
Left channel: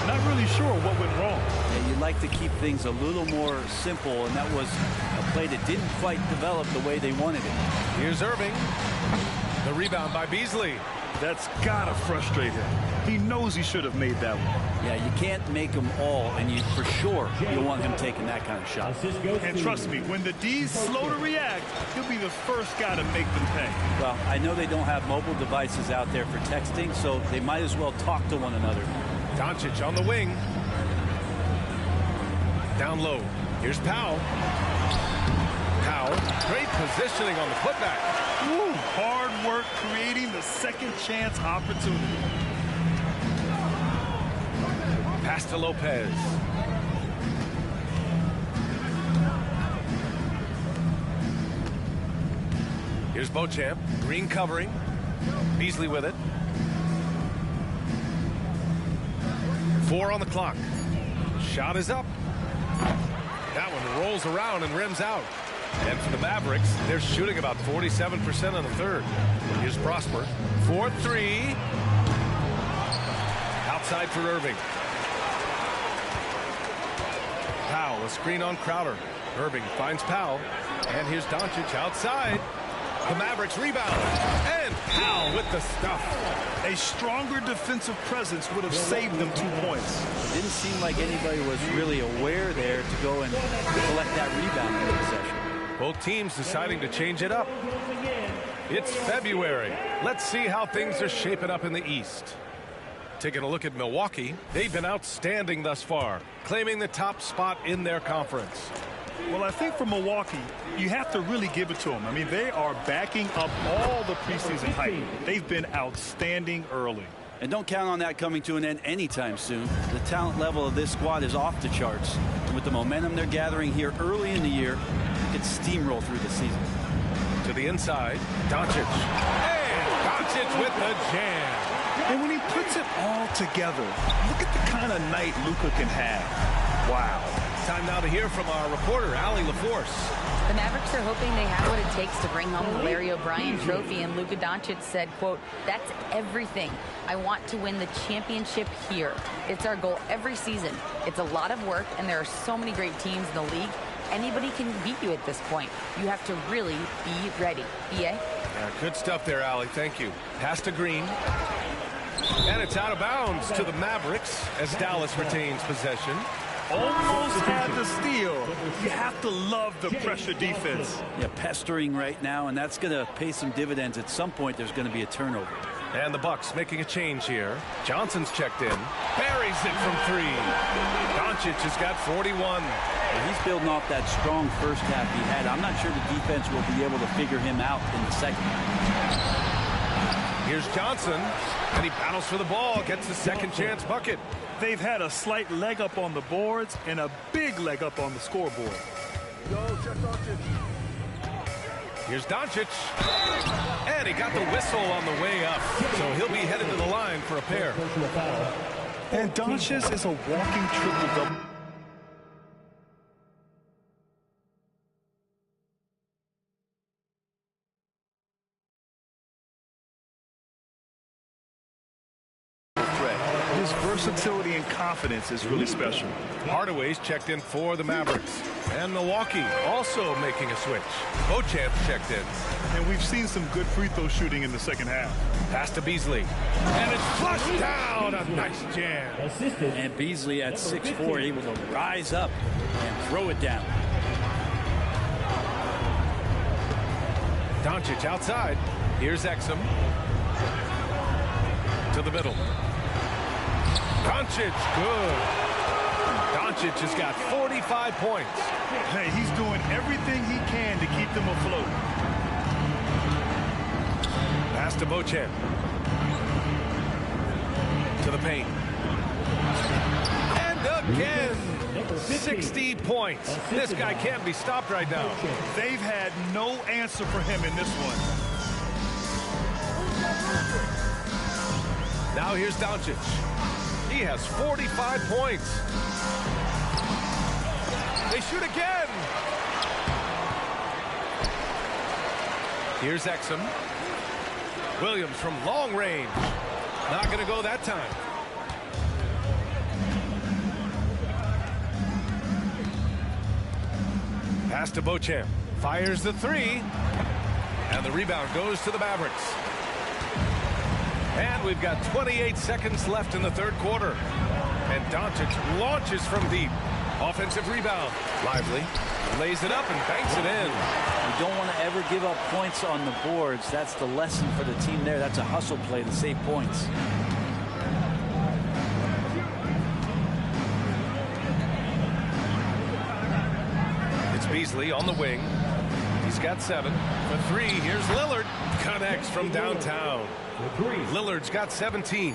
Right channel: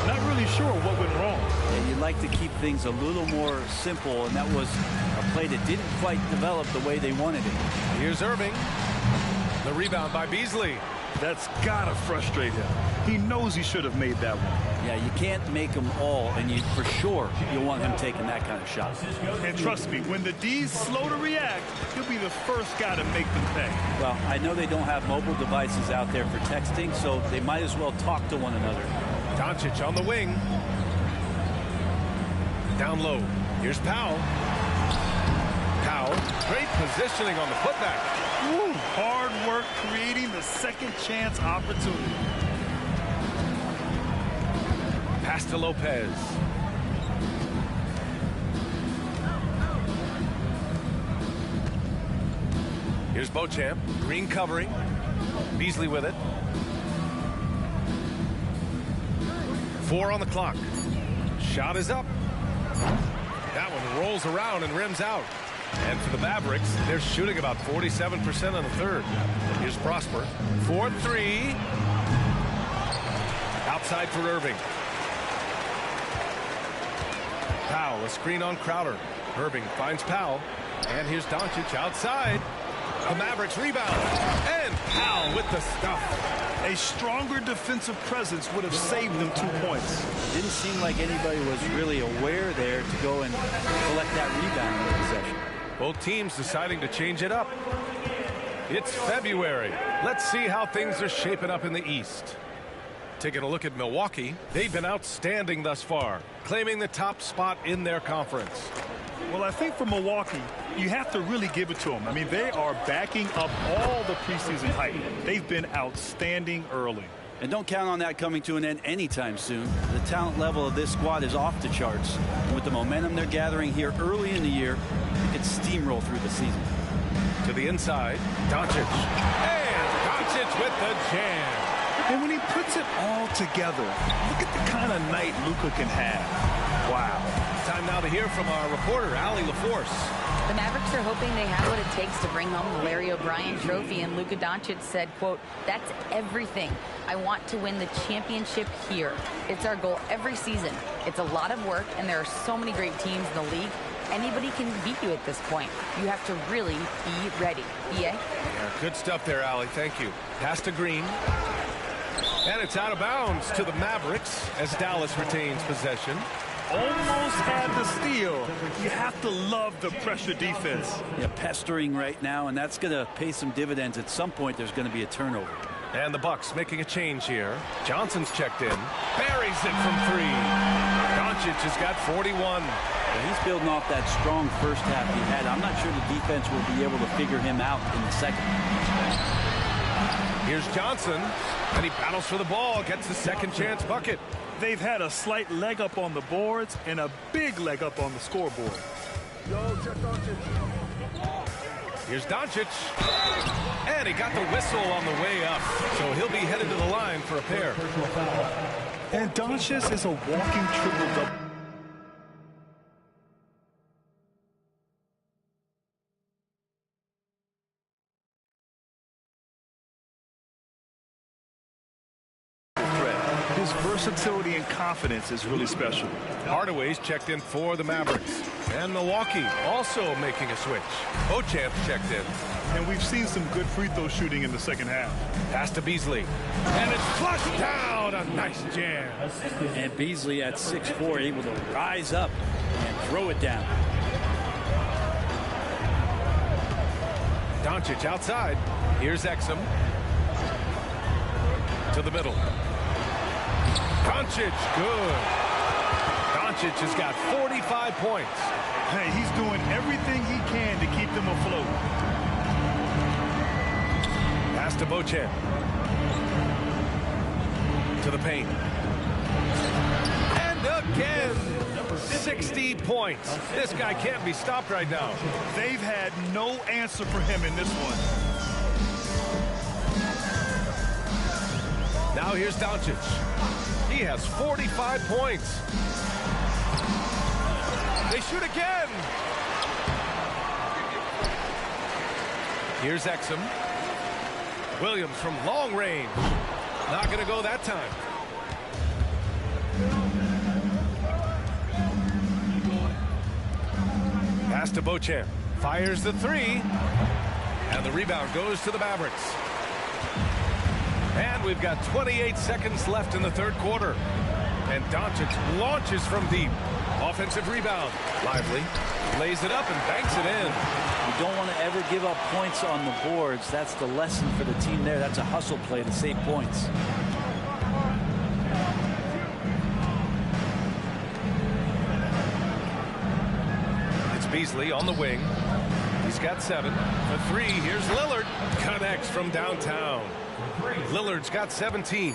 Not really sure what went wrong. Yeah, you'd like to keep things a little more simple, and that was a play that didn't quite develop the way they wanted it. Here's Irving. The rebound by Beasley. That's gotta frustrate him. He knows he should have made that one. Yeah, you can't make them all, and you for sure you'll want him taking that kind of shot. And trust me, when the D's slow to react, he'll be the first guy to make them pay. Well, I know they don't have mobile devices out there for texting, so they might as well talk to one another. Doncic on the wing. Down low. Here's Powell. Powell. Great positioning on the putback. Woo, hard work creating the second chance opportunity. Pass to Lopez. Here's Beauchamp. Green covering. Beasley with it. 4 on the clock. Shot is up. That one rolls around and rims out. And for the Mavericks, they're shooting about 47% on the third. Here's Prosper. 4-3. Outside for Irving. Powell, a screen on Crowder. Irving finds Powell. And here's Doncic outside. The Mavericks rebound. And Powell with the stuff. A stronger defensive presence would have saved them 2 points. It didn't seem like anybody was really aware there to go and collect that rebound in the possession. Both teams deciding to change it up. It's February. Let's see how things are shaping up in the East. Taking a look at Milwaukee, they've been outstanding thus far, claiming the top spot in their conference. Well, I think for Milwaukee, you have to really give it to them. I mean, they are backing up all the preseason hype. They've been outstanding early. And don't count on that coming to an end anytime soon. The talent level of this squad is off the charts. And with the momentum they're gathering here early in the year, they could steamroll through the season. To the inside, Doncic. And Doncic with the jam. And when he puts it all together, look at the kind of night Luka can have. Wow. Time now to hear from our reporter, Allie LaForce. The Mavericks are hoping they have what it takes to bring home the Larry O'Brien trophy, and Luka Doncic said, quote, "That's everything. I want to win the championship here. It's our goal every season. It's a lot of work, and there are so many great teams in the league. Anybody can beat you at this point. You have to really be ready." BA? Yeah, good stuff there, Allie. Thank you. Pass to Green. And it's out of bounds to the Mavericks as Dallas retains possession. Almost had the steal. You have to love the pressure defense. Yeah, pestering right now, and that's going to pay some dividends. At some point, there's going to be a turnover. And the Bucks making a change here. Johnson's checked in. Buries it from three. Doncic has got 41. Well, he's building off that strong first half he had. I'm not sure the defense will be able to figure him out in the second. Here's Johnson, and he battles for the ball, gets the second chance bucket. They've had a slight leg up on the boards and a big leg up on the scoreboard. Here's Doncic, and he got the whistle on the way up, so he'll be headed to the line for a pair. And Doncic is a walking triple-double. His versatility and confidence is really special. Hardaway's checked in for the Mavericks. And Milwaukee also making a switch. Beauchamp's checked in. And we've seen some good free throw shooting in the second half. Pass to Beasley. And it's flushed down. A nice jam. And Beasley at 6'4", able to rise up and throw it down. Doncic outside. Here's Exum. To the middle. Doncic, good. Doncic has got 45 points. Hey, he's doing everything he can to keep them afloat. Pass to Beauchamp. To the paint. And again, 60 points. This guy can't be stopped right now. They've had no answer for him in this one. Now here's Doncic. He has 45 points. They shoot again. Here's Exum. Williams from long range. Not going to go that time. Pass to Beauchamp. Fires the three. And the rebound goes to the Mavericks. And we've got 28 seconds left in the third quarter. And Doncic launches from deep. Offensive rebound. Lively. Lays it up and banks it in. You don't want to ever give up points on the boards. That's the lesson for the team there. That's a hustle play to save points. It's Beasley on the wing. He's got 7. For 3, here's Lillard. Connects from downtown. Lillard's got 17.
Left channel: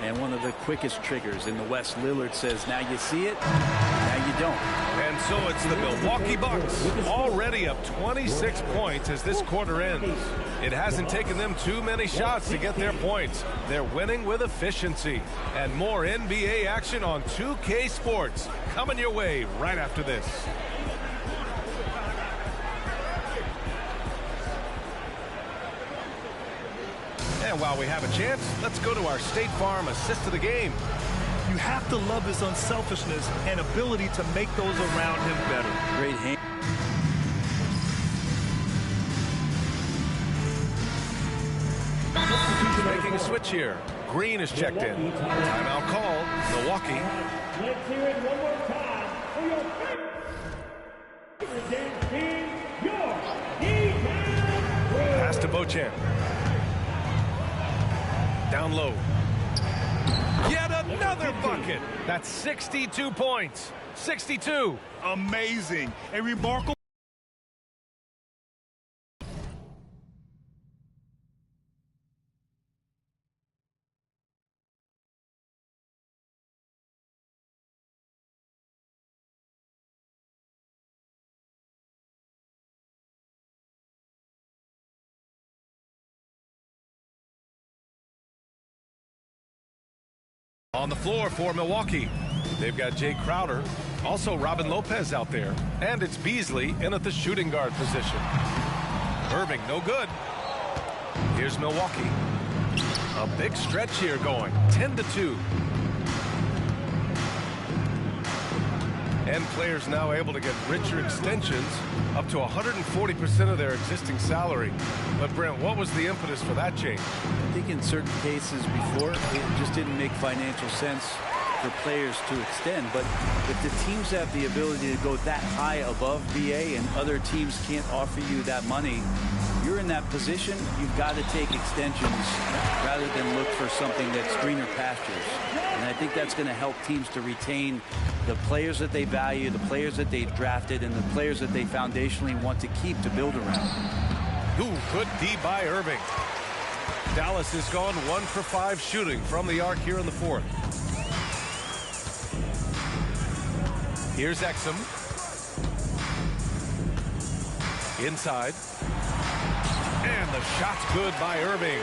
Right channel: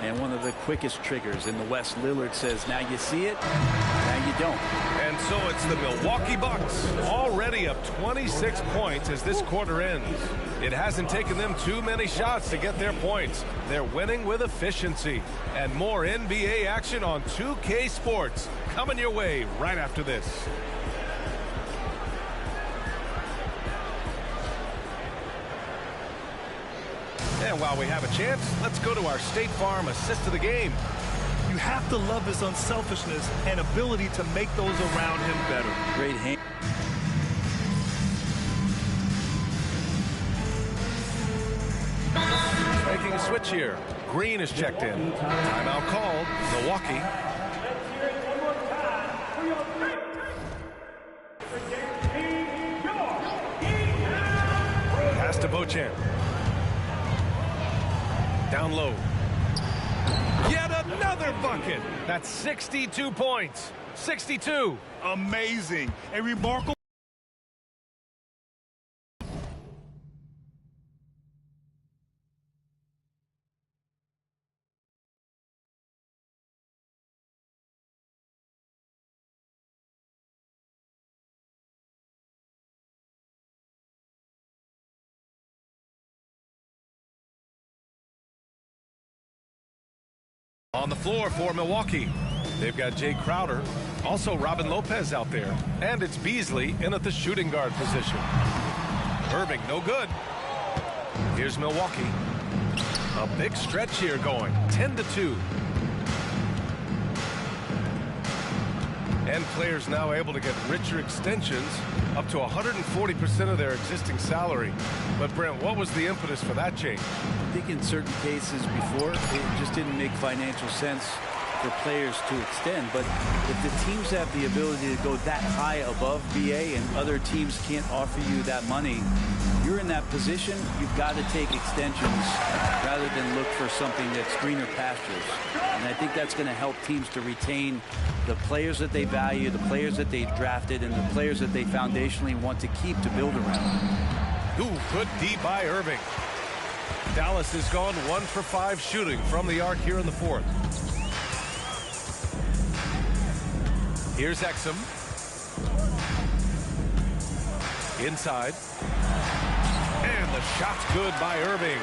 And one of the quickest triggers in the West. Lillard says, now you see it, now you don't. And so it's the Milwaukee Bucks, already up 26 points as this quarter ends. It hasn't taken them too many shots to get their points. They're winning with efficiency. And more NBA action on 2K Sports coming your way right after this. And while we have a chance, let's go to our State Farm assist of the game. You have to love his unselfishness and ability to make those around him better. Great hand. Making a switch here. Green is checked in. Timeout called. Milwaukee. Let's hear it one more time for your team, your defense. Pass to Beauchamp. Down low. Yet another bucket. That's 62 points. 62. Amazing. A remarkable. On the floor for Milwaukee, they've got Jay Crowder, also Robin Lopez out there, and it's Beasley in at the shooting guard position. Irving, no good. Here's Milwaukee. A big stretch here going, 10-2. And players now able to get richer extensions, up to 140% of their existing salary. But Brent, what was the impetus for that change? I think in certain cases before, it just didn't make financial sense for players to extend. But if the teams have the ability to go that high above BA and other teams can't offer you that money, you're in that position, you've got to take extensions rather than look for something that's greener pastures. And I think that's going to help teams to retain the players that they value, the players that they drafted, and the players that they foundationally want to keep to build around. Ooh, good D by Irving. Dallas has gone 1 for 5 shooting from the arc here in the fourth. Here's Exum. Inside. And the shot's good by Irving.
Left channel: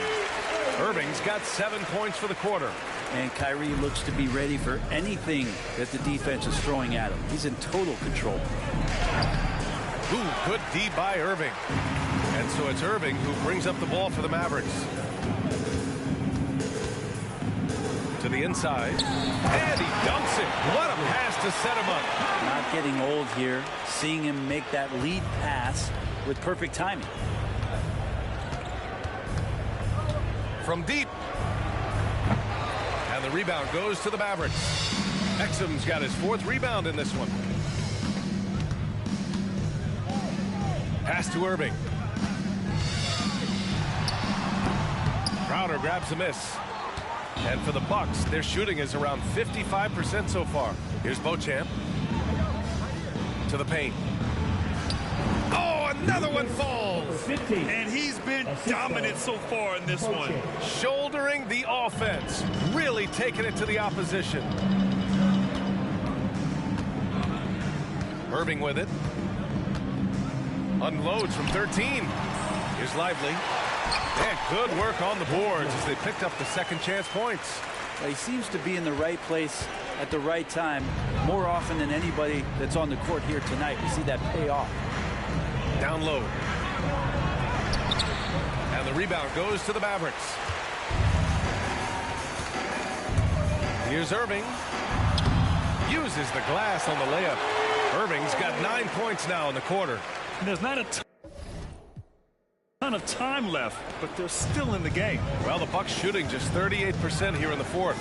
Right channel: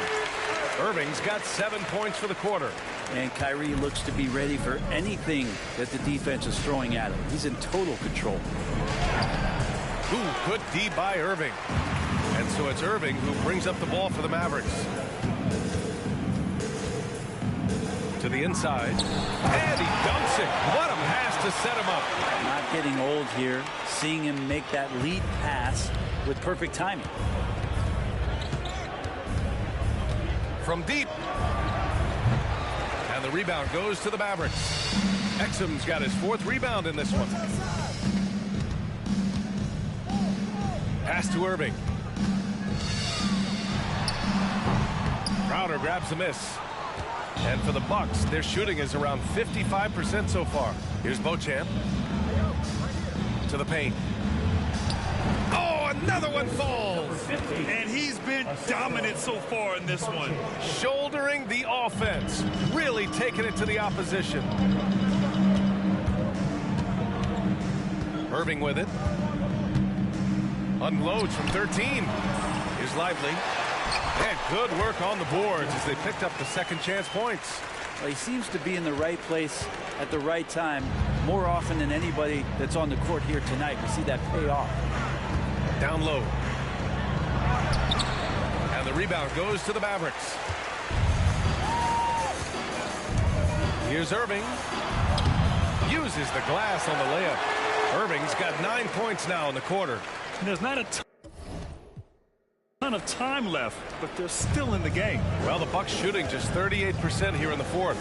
Irving's got 7 points for the quarter. And Kyrie looks to be ready for anything that the defense is throwing at him. He's in total control. Ooh, good D by Irving. And so it's Irving who brings up the ball for the Mavericks. To the inside. And he dunks it. What a pass to set him up. Not getting old here. Seeing him make that lead pass with perfect timing. From deep. And the rebound goes to the Mavericks. Exum's got his 4th rebound in this one. Pass to Irving. Crowder grabs the miss. And for the Bucks, their shooting is around 55% so far. Here's Beauchamp. To the paint. Oh, another one falls. And he's been dominant so far in this one. Shouldering the offense. Really taking it to the opposition. Irving with it. Unloads from 13. Here's Lively. And good work on the boards as they picked up the second chance points. Well, he seems to be in the right place at the right time more often than anybody that's on the court here tonight. We see that pay off. Down low. And the rebound goes to the Mavericks. Here's Irving. Uses the glass on the layup. Irving's got 9 points now in the quarter. And there's not a ton of time left, but they're still in the game. Well, the Bucks shooting just 38% here in the fourth.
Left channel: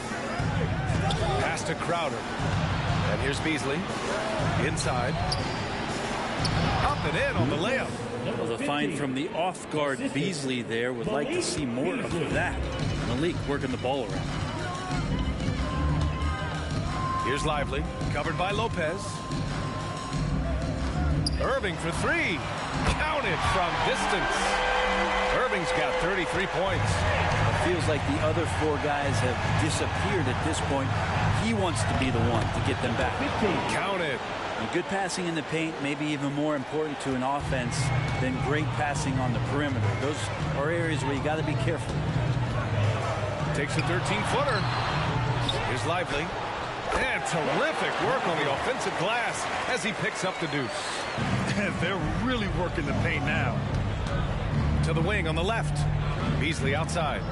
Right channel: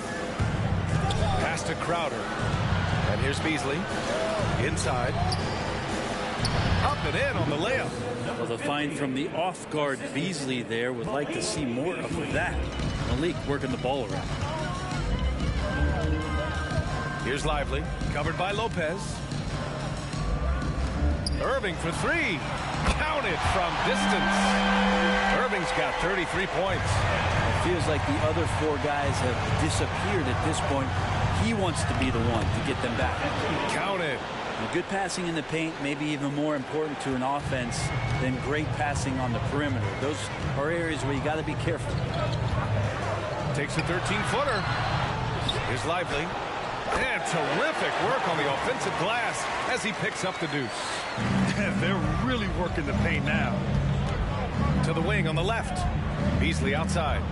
Pass to Crowder. And here's Beasley. Inside. Up and in on the layup. Well, the find from the off-guard Beasley there would like to see more of that. Malik working the ball around. Here's Lively. Covered by Lopez. Irving for 3. Counted from distance. Irving's got 33 points. It feels like the other 4 guys have disappeared at this point. He wants to be the one to get them back. Counted. Good passing in the paint may be even more important to an offense than great passing on the perimeter. Those are areas where you got to be careful. Takes a 13-footer. Here's Lively. And terrific work on the offensive glass as he picks up the deuce. They're really working the paint now. To the wing on the left. Beasley outside.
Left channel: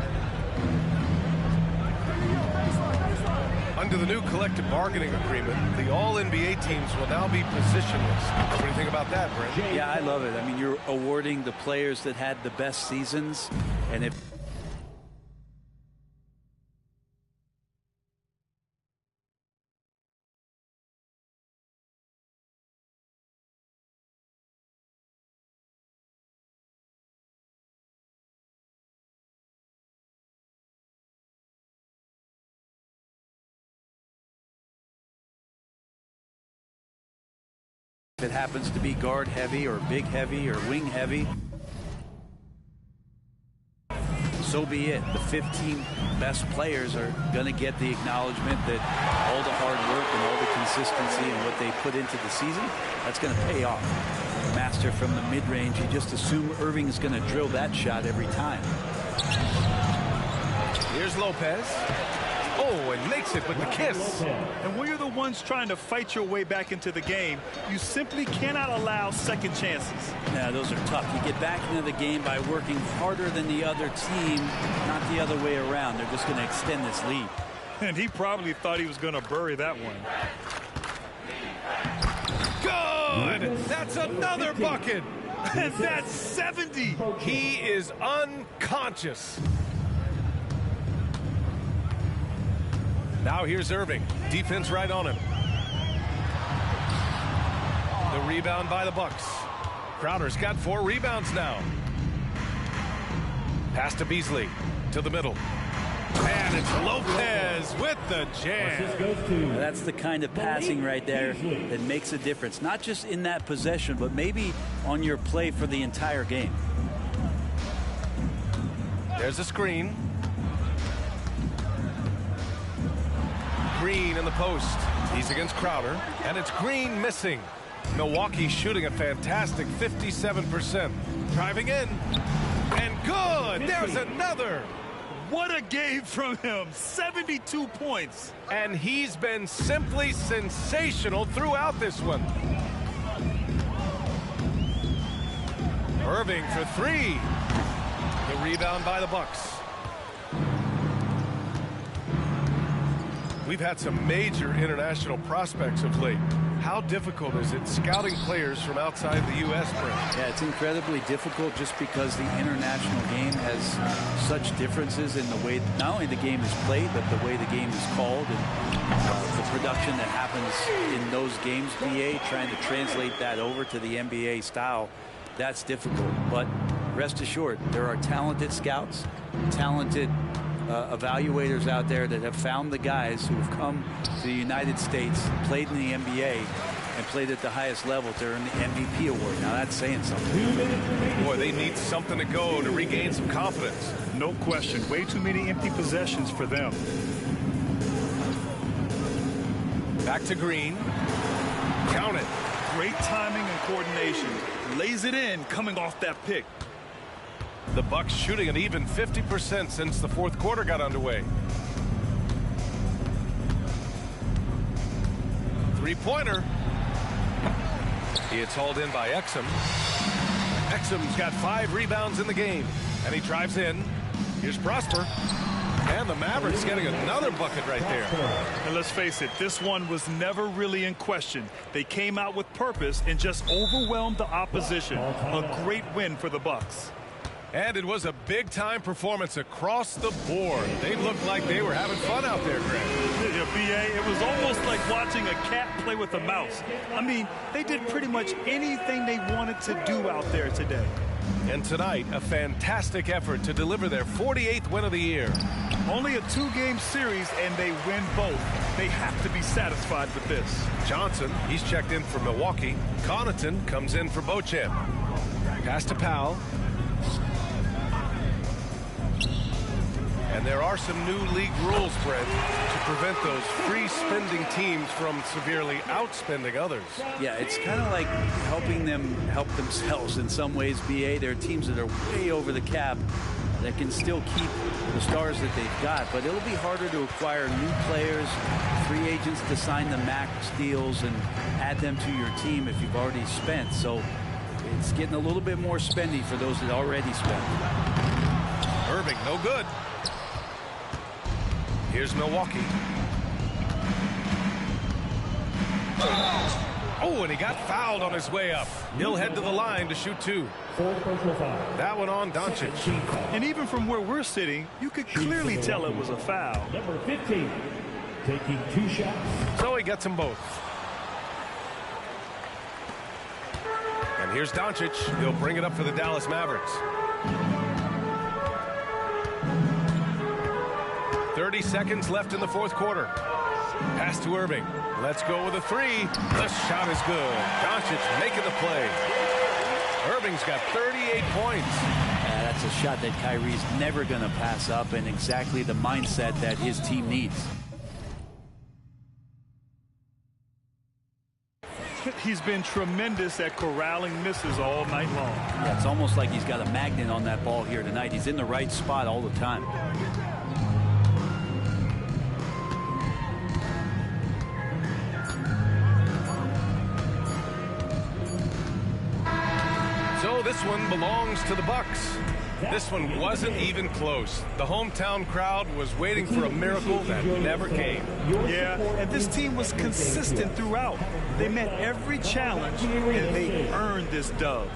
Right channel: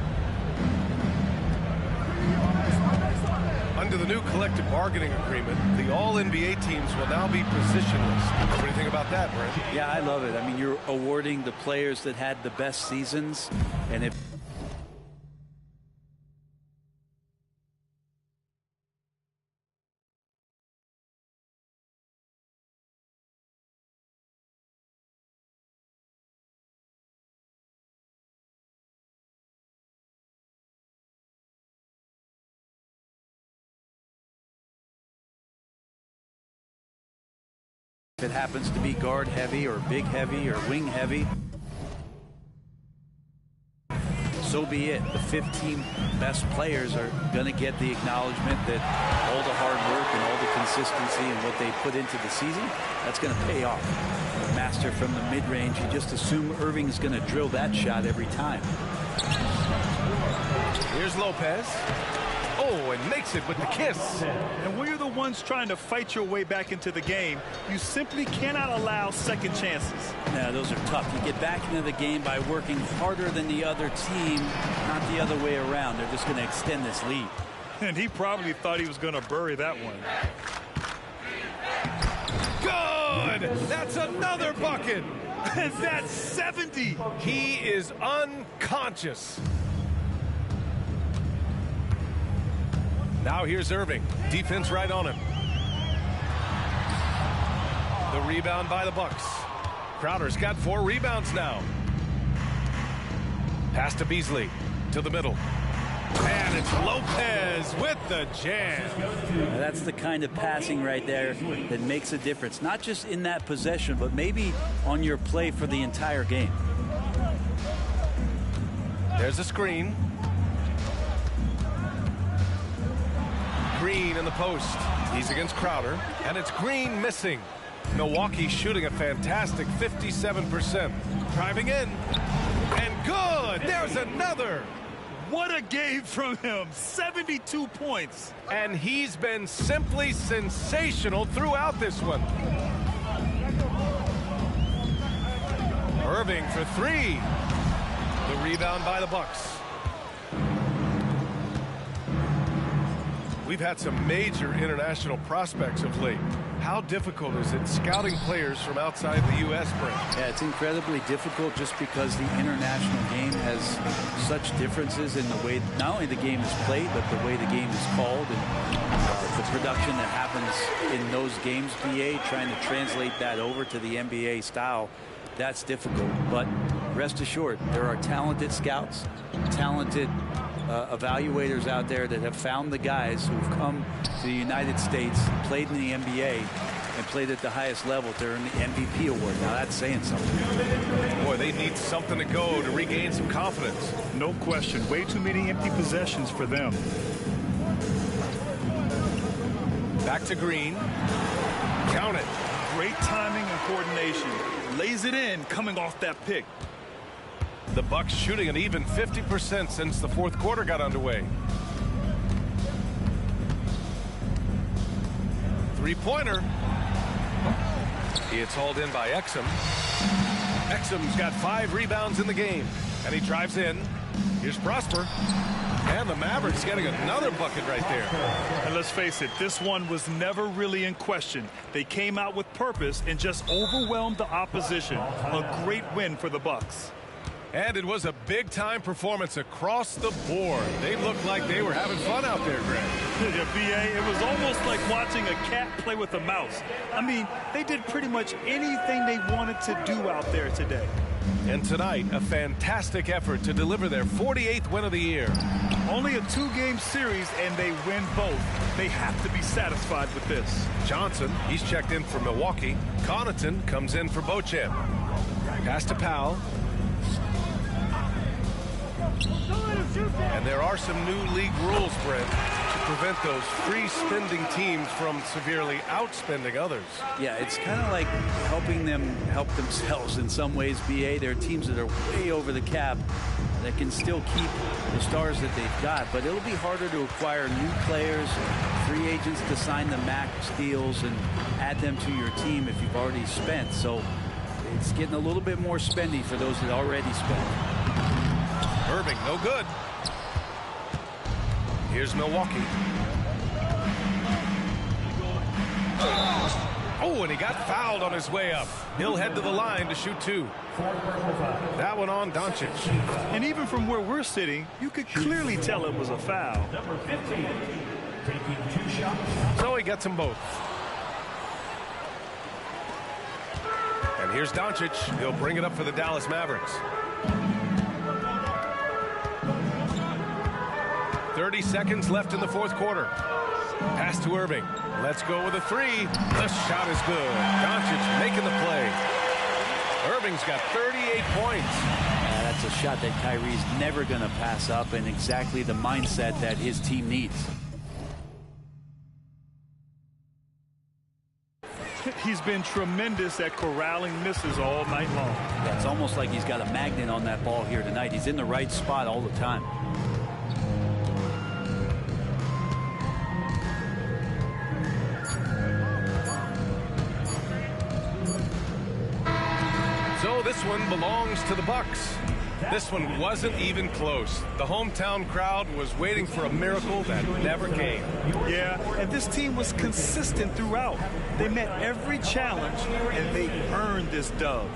Under the new collective bargaining agreement, the all-NBA teams will now be positionless. What do you think about that, Brent? Yeah, I love it. I mean, you're awarding the players that had the best seasons, and if that happens to be guard heavy or big heavy or wing heavy, so be it. The 15 best players are going to get the acknowledgement that all the hard work and all the consistency and what they put into the season, that's going to pay off. Master from the mid-range, you just assume Irving is going to drill that shot every time. Here's Lopez. Oh, and makes it with the kiss. And when you're the ones trying to fight your way back into the game, you simply cannot allow second chances. Yeah, those are tough. You get back into the game by working harder than the other team, not the other way around. They're just going to extend this lead. And he probably thought he was going to bury that one. Good! That's another bucket! And that's 70! He is unconscious. Now here's Irving. Defense right on him. The rebound by the Bucks. Crowder's got 4 rebounds now. Pass to Beasley. To the middle. And it's Lopez with the jam. Now that's the kind of passing right there that makes a difference. Not just in that possession, but maybe on your play for the entire game. There's a screen. Green in the post. He's against Crowder. And it's Green missing. Milwaukee shooting a fantastic 57%. Driving in. And good! There's another! What a game from him. 72 points. And he's been simply sensational throughout this one. Irving for 3. The rebound by the Bucks. We've had some major international prospects of late. How difficult is it scouting players from outside the U.S., Brent? Yeah, it's incredibly difficult just because the international game has such differences in the way not only the game is played, but the way the game is called and the production that happens in those games, BA, trying to translate that over to the NBA style, that's difficult. But rest assured, there are talented scouts, talented evaluators out there that have found the guys who have come to the United States, played in the NBA, and played at the highest level to earn the MVP award. Now that's saying something. Boy, they need something to go to regain some confidence. No question. Way too many empty possessions for them. Back to Green. Count it. Great timing and coordination. Lays it in coming off that pick. The Bucks shooting an even 50% since the fourth quarter got underway. Three-pointer. It's hauled in by Exum. Exum's got 5 rebounds in the game. And he drives in. Here's Prosper. And the Mavericks getting another bucket right there. And let's face it, this one was never really in question. They came out with purpose and just overwhelmed the opposition. A great win for the Bucks. And it was a big-time performance across the board. They looked like they were having fun out there, Greg. Yeah, B.A., it was almost like watching a cat play with a mouse. I mean, they did pretty much anything they wanted to do out there today. And tonight, a fantastic effort to deliver their 48th win of the year. Only a 2-game series, and they win both. They have to be satisfied with this. Johnson, he's checked in for Milwaukee. Connaughton comes in for Beauchamp. Pass to Powell. And there are some new league rules, Brent, to prevent those free-spending teams from severely outspending others. Yeah, it's kind of like helping them help themselves in some ways, BA. There are teams that are way over the cap that can still keep the stars that they've got, but it'll be harder to acquire new players, free agents to sign the max deals and add them to your team if you've already spent. So it's getting a little bit more spendy for those that already spent. Irving, no good. Here's Milwaukee. Oh, and he got fouled on his way up. He'll head to the line to shoot 2. That one on Doncic. And even from where we're sitting, you could clearly tell it was a foul. Number 15, taking 2 shots. So he gets them both. And here's Doncic. He'll bring it up for the Dallas Mavericks. 30 seconds left in the fourth quarter. Pass to Irving. Let's go with a three. The shot is good. Doncic making the play. Irving's got 38 points. That's a shot that Kyrie's never going to pass up, and exactly the mindset that his team needs. He's been tremendous at corralling misses all night long. Yeah, it's almost like he's got a magnet on that ball here tonight. He's in the right spot all the time. So this one belongs to the Bucks. This one wasn't even close. The hometown crowd was waiting for a miracle that never came. Yeah, and this team was consistent throughout. They met every challenge, and they earned this dub.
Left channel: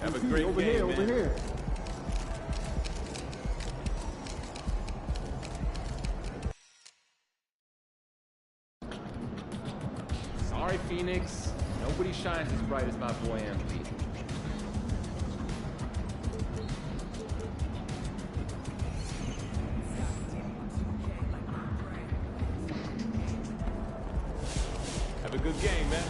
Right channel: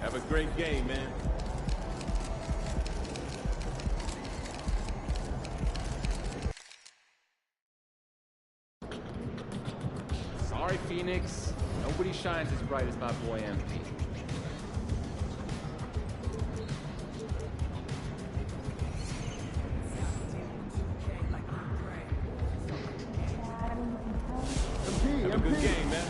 Have a great game, man. Sorry, Phoenix. Nobody shines as bright as my boy MP. Have a good game, man.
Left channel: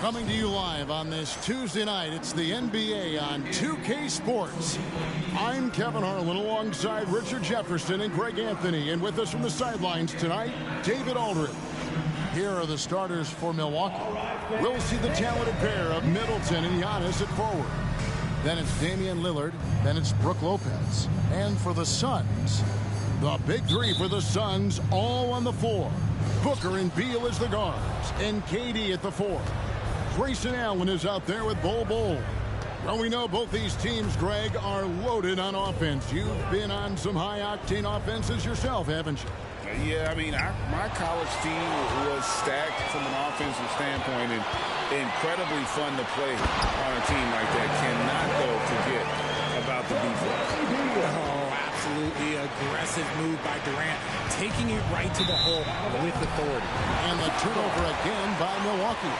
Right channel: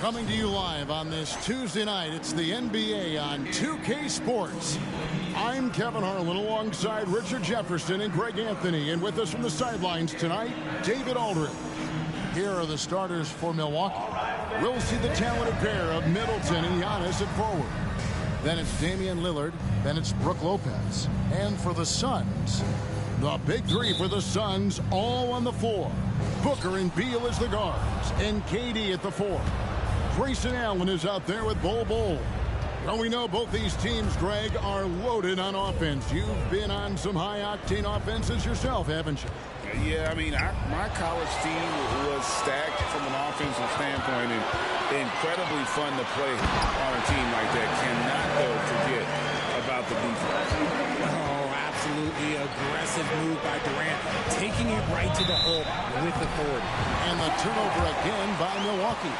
Coming to you live on this Tuesday night, it's the NBA on 2K Sports. I'm Kevin Harlan alongside Richard Jefferson and Greg Anthony. And with us from the sidelines tonight, David Aldridge. Here are the starters for Milwaukee. We'll see the talented pair of Middleton and Giannis at forward. Then it's Damian Lillard. Then it's Brook Lopez. And for the Suns, the big three for the Suns all on the floor. Booker and Beal as the guards. And KD at the four. Grayson Allen is out there with Bol Bol. Well, we know both these teams, Greg, are loaded on offense. You've been on some high-octane offenses yourself, haven't you? Yeah, I mean, my college team was stacked from an offensive standpoint and incredibly fun to play on a team like that. Cannot, though, forget about the defense. Oh, absolutely aggressive move by Durant, taking it right to the hole with authority. And the turnover again by Milwaukee.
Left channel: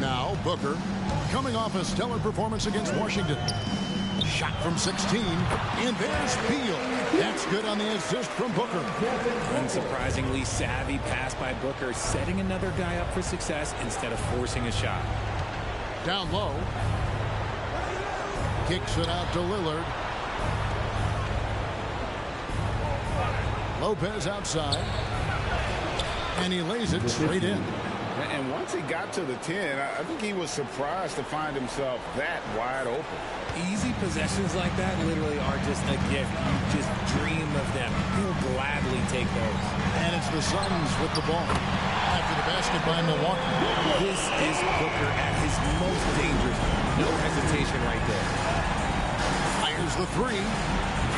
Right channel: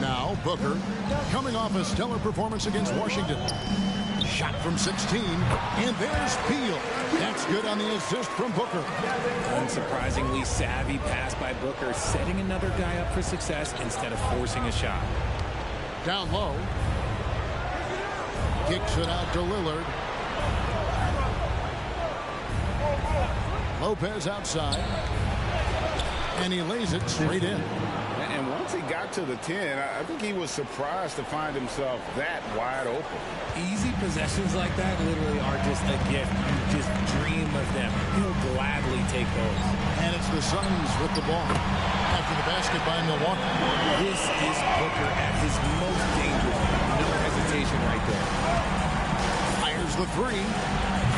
Now Booker, coming off a stellar performance against Washington. Shot from 16, and there's Beal. That's good on the assist from Booker. Unsurprisingly savvy pass by Booker, setting another guy up for success instead of forcing a shot. Down low. Kicks it out to Lillard. Lopez outside. And he lays it straight in. And once he got to the 10, I think he was surprised to find himself that wide open. Easy possessions like that literally are just a gift. You just dream of them. He'll gladly take those. And it's the Suns with the ball. After the basket by Milwaukee. This is Booker at his most dangerous. No hesitation right there. Fires the three.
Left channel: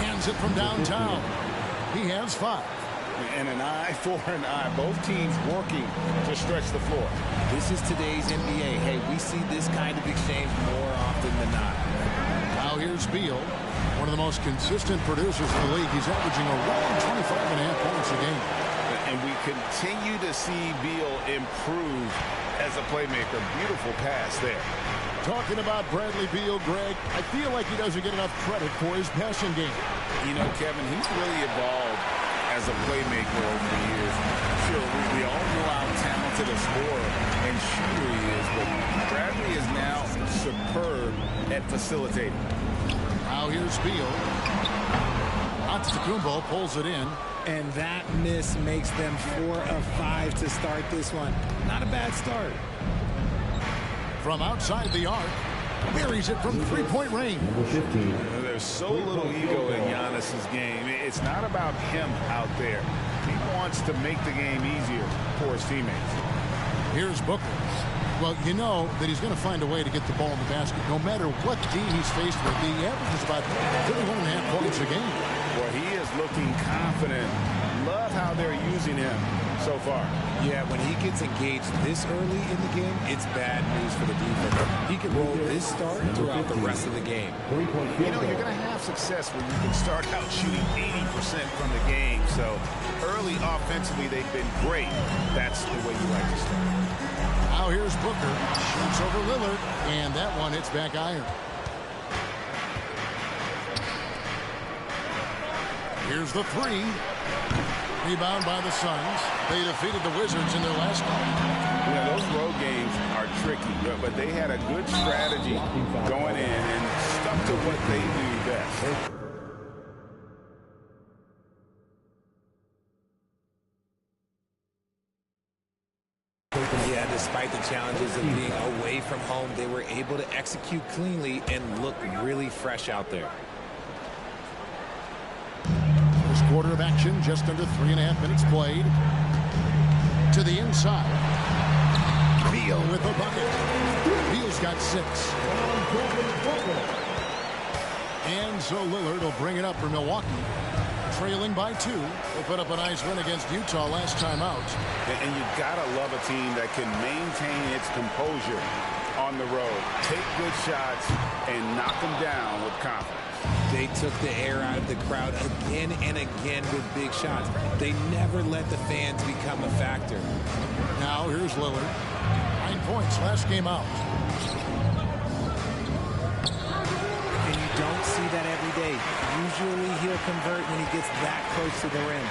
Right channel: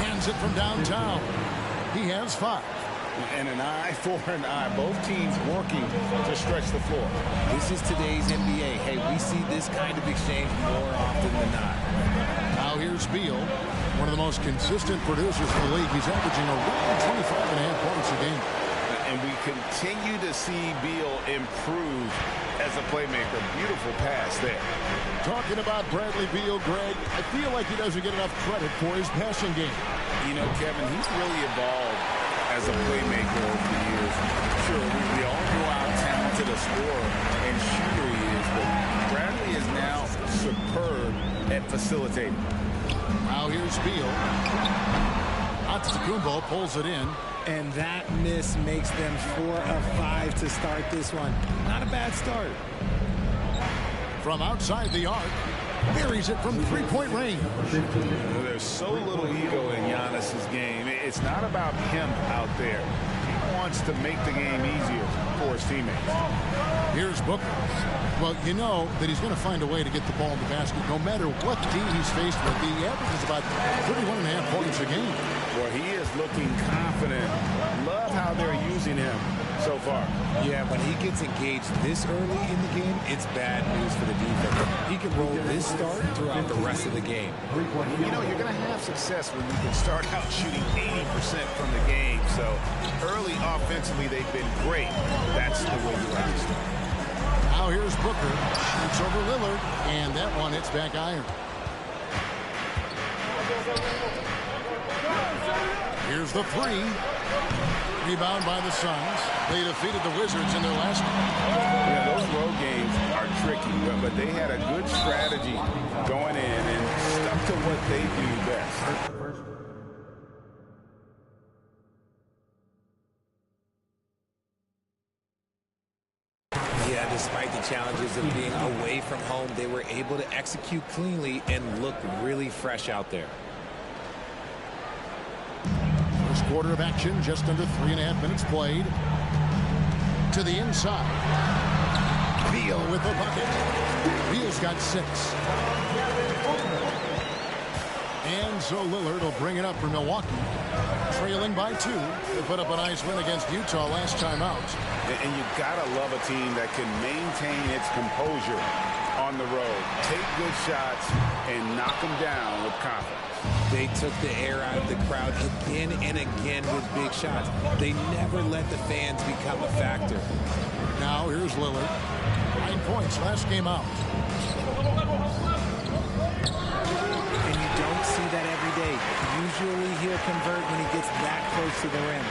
Hands it from downtown. He has 5. And an eye for an eye. Both teams working to stretch the floor. This is today's NBA. Hey, we see this kind of exchange more often than not. Now here's Beal, one of the most consistent producers in the league. He's averaging around 25.5 points a game. And we continue to see Beal improve as a playmaker. Beautiful pass there. Talking about Bradley Beal, Greg, I feel like he doesn't get enough credit for his passing game. You know, Kevin, he's really evolved as a playmaker over the years. Sure, we all know how talented a scorer and shooter he is, but Bradley is now superb at facilitating. Now here's Beal. Antetokounmpo pulls it in. And that miss makes them 4 of 5 to start this one. Not a bad start. From outside the arc, buries it from three-point range. There's so little ego in Giannis's game. It's not about him out there. He wants to make the game easier for his teammates. Here's Booker. Well, you know that he's going to find a way to get the ball in the basket no matter what D he's faced with. He averages about 31.5 points a game. Well, he is looking confident. Love how they're using him so far. Yeah, when he gets engaged this early in the game, it's bad news for the defense. He can roll this start throughout the rest of the game. You know, you're going to have success when you can start out shooting 80% from the game. So early offensively, they've been great. That's the way you like to start. Now here's Booker. Shoots over Lillard, and that one hits back iron. Here's the three. Rebound by the Suns. They defeated the Wizards in their last game. Yeah, those road games are tricky, but they had a good strategy going in and stuck to what they do best. Yeah, despite the challenges of being away from home, they were able to execute cleanly and look really fresh out there. First quarter of action, just under 3.5 minutes played. To the inside. Beal with a bucket. Beal's got 6. And so Lillard will bring it up for Milwaukee. Trailing by 2. They put up a nice win against Utah last time out. And you gotta love a team that can maintain its composure on the road. Take good shots and knock them down with confidence. They took the air out of the crowd again and again with big shots. They never let the fans become a factor. Now here's Lillard. 9 points last game out. And you don't see that every day. Usually he'll convert when he gets that close to the rim.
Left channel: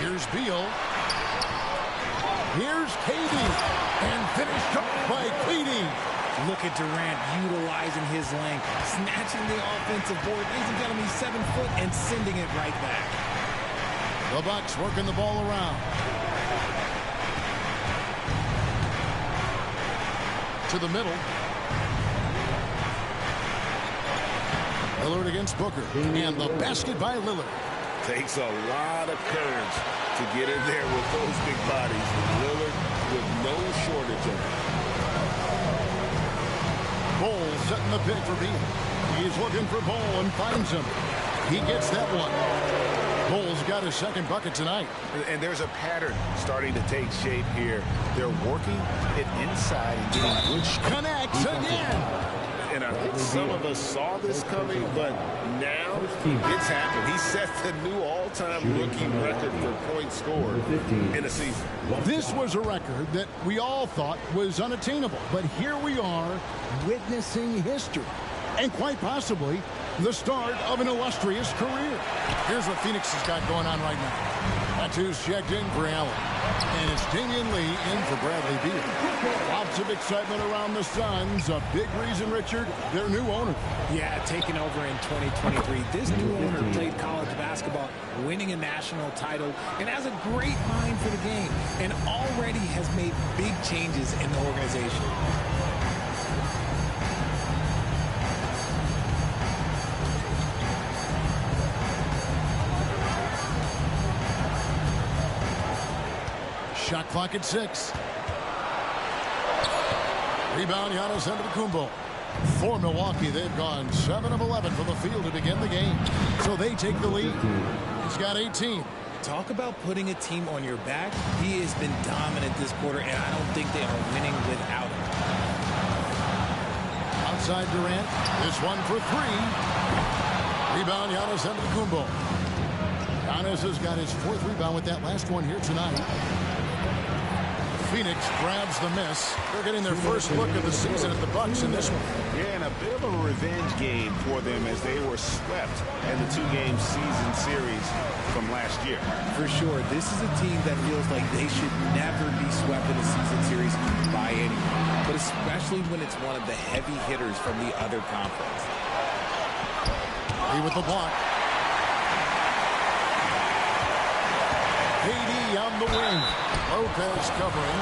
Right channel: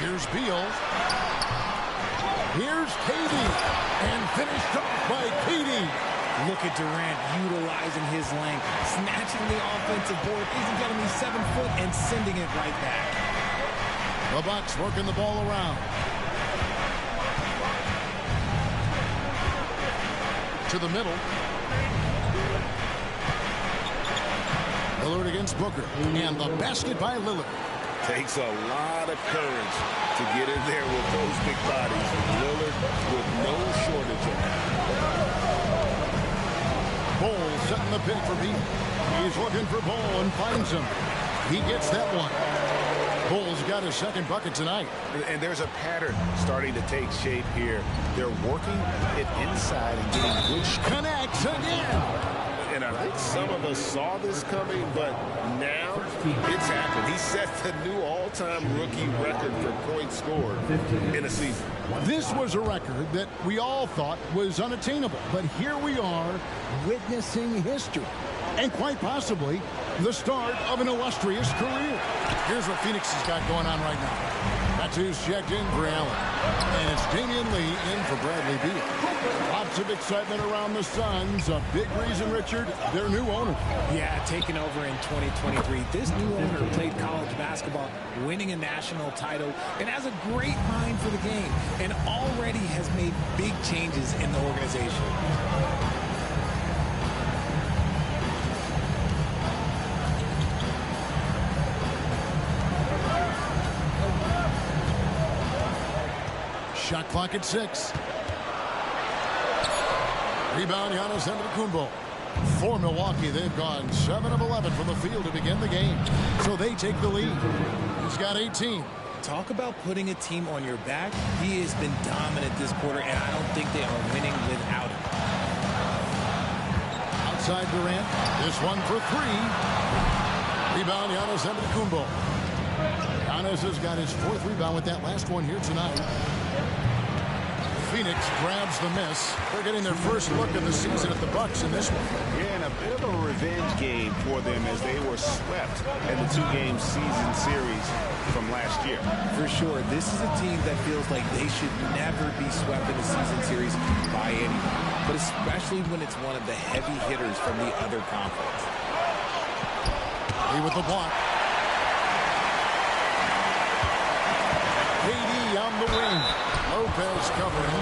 Here's Beal. Here's KD. And finished off by KD. Look at Durant utilizing his length, snatching the offensive board. Ladies and gentlemen, he's 7 foot and sending it right back. The Bucks working the ball around. To the middle. Lillard against Booker. And the basket by Lillard. Takes a lot of courage to get in there with those big bodies. And Lillard with no shortage of it. Bol setting the pick for Beal. He's looking for Bol and finds him. He gets that one. Bol's got his second bucket tonight. And there's a pattern starting to take shape here. They're working it inside and getting good shots. Connects again. And I think some of us saw this coming, but now it's happened. He set the new all-time rookie record for points scored in a season. This was a record that we all thought was unattainable, but here we are witnessing history and quite possibly the start of an illustrious career. Here's what Phoenix has got going on right now. Tattoos checked in for Allen, and it's Damian Lee in for Bradley Beal. Lots of excitement around the Suns. A big reason, Richard, their new owner. Yeah, taking over in 2023. This new owner played college basketball, winning a national title, and has a great mind for the game, and already has made big changes in the organization. Shot clock at 6. Rebound, Giannis Antetokounmpo. For Milwaukee, they've gone 7 of 11 from the field to begin the game. So they take the lead. He's got 18. Talk about putting a team on your back. He has been dominant this quarter, and I don't think they are winning without him. Outside Durant. This one for 3. Rebound, Giannis Antetokounmpo. Giannis has got his 4th rebound with that last one here tonight. Phoenix grabs the miss. They're getting their first look of the season at the Bucks in this one. Yeah, and a bit of a revenge game for them as they were swept in the 2-game season series from last year. For sure, this is a team that feels like they should never be swept in a season series by anyone, but especially when it's one of the heavy hitters from the other conference. He with the block. KD on the wing. Lopez covering.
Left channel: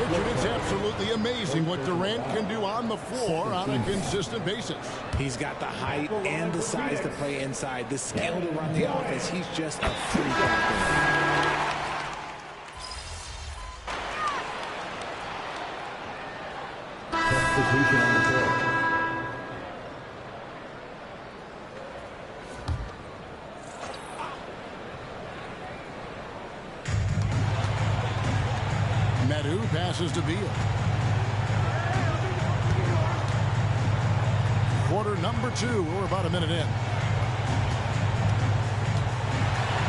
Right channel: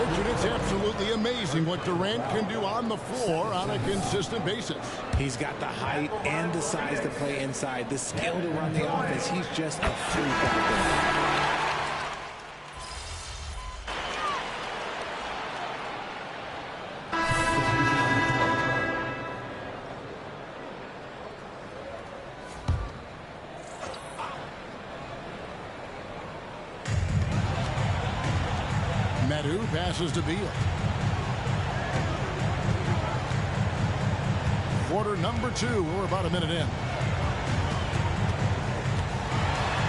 Richard, it's absolutely amazing what Durant can do on the floor on a consistent basis. He's got the height and the size to play inside, the skill to run the offense. He's just a freak out there. Medu passes to Beal. Quarter number 2. We're about a minute in.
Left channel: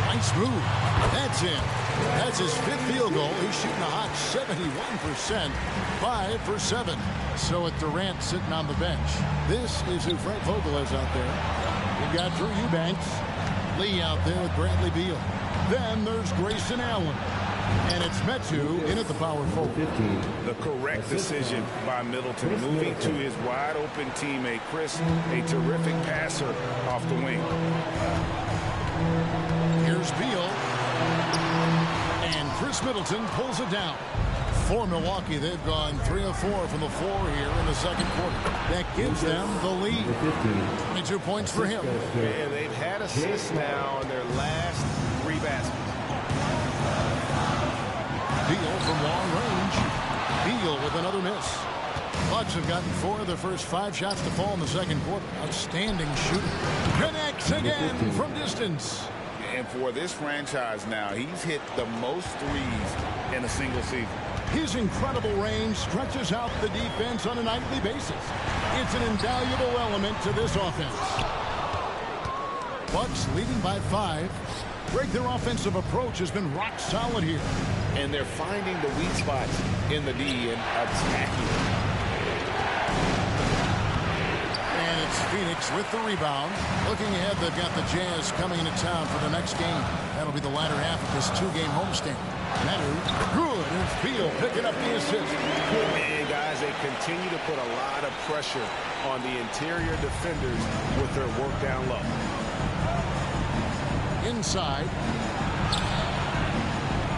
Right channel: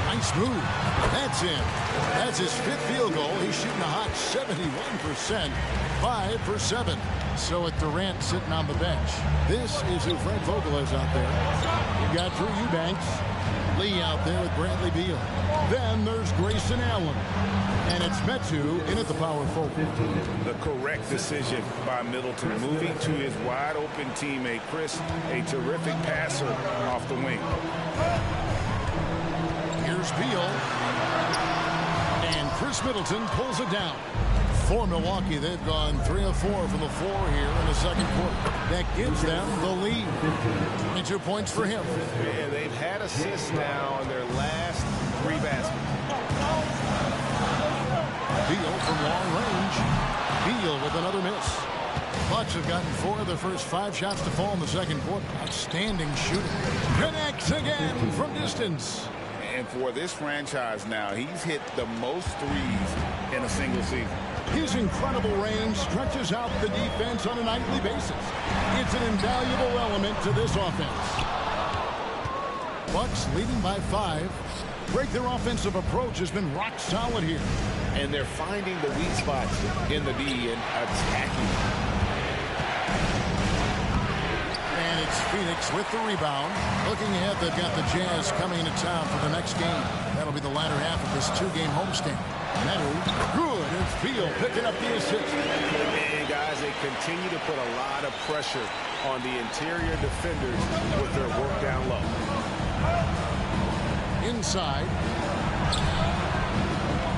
Nice move. That's in. That's his 5th field goal. He's shooting a hot 71%. 5 for 7. So with Durant sitting on the bench, this is who Frank Vogel is out there. You've got Drew Eubanks. Lee out there with Bradley Beal. Then there's Grayson Allen. And it's Metu in at the power forward. The correct decision by Middleton, moving to his wide-open teammate, Chris, a terrific passer off the wing. Here's Beal. And Chris Middleton pulls it down. For Milwaukee, they've gone 3 of 4 from the floor here in the second quarter. That gives them the lead. 22 points for him. And they've had assists now in their last 3 baskets. Beal from long range. Beal with another miss. Bucks have gotten 4 of their first 5 shots to fall in the second quarter. Outstanding shooting. Connects again from distance. And for this franchise now, he's hit the most threes in a single season. His incredible range stretches out the defense on a nightly basis. It's an invaluable element to this offense. Bucks leading by 5. Greg, their offensive approach has been rock solid here. And they're finding the weak spots in the D and attacking. And it's Phoenix with the rebound. Looking ahead, they've got the Jazz coming into town for the next game. That'll be the latter half of this 2-game homestand. Medu, good. And it's Beal picking up the assist. And guys, they continue to put a lot of pressure on the interior defenders with their work down low. Inside.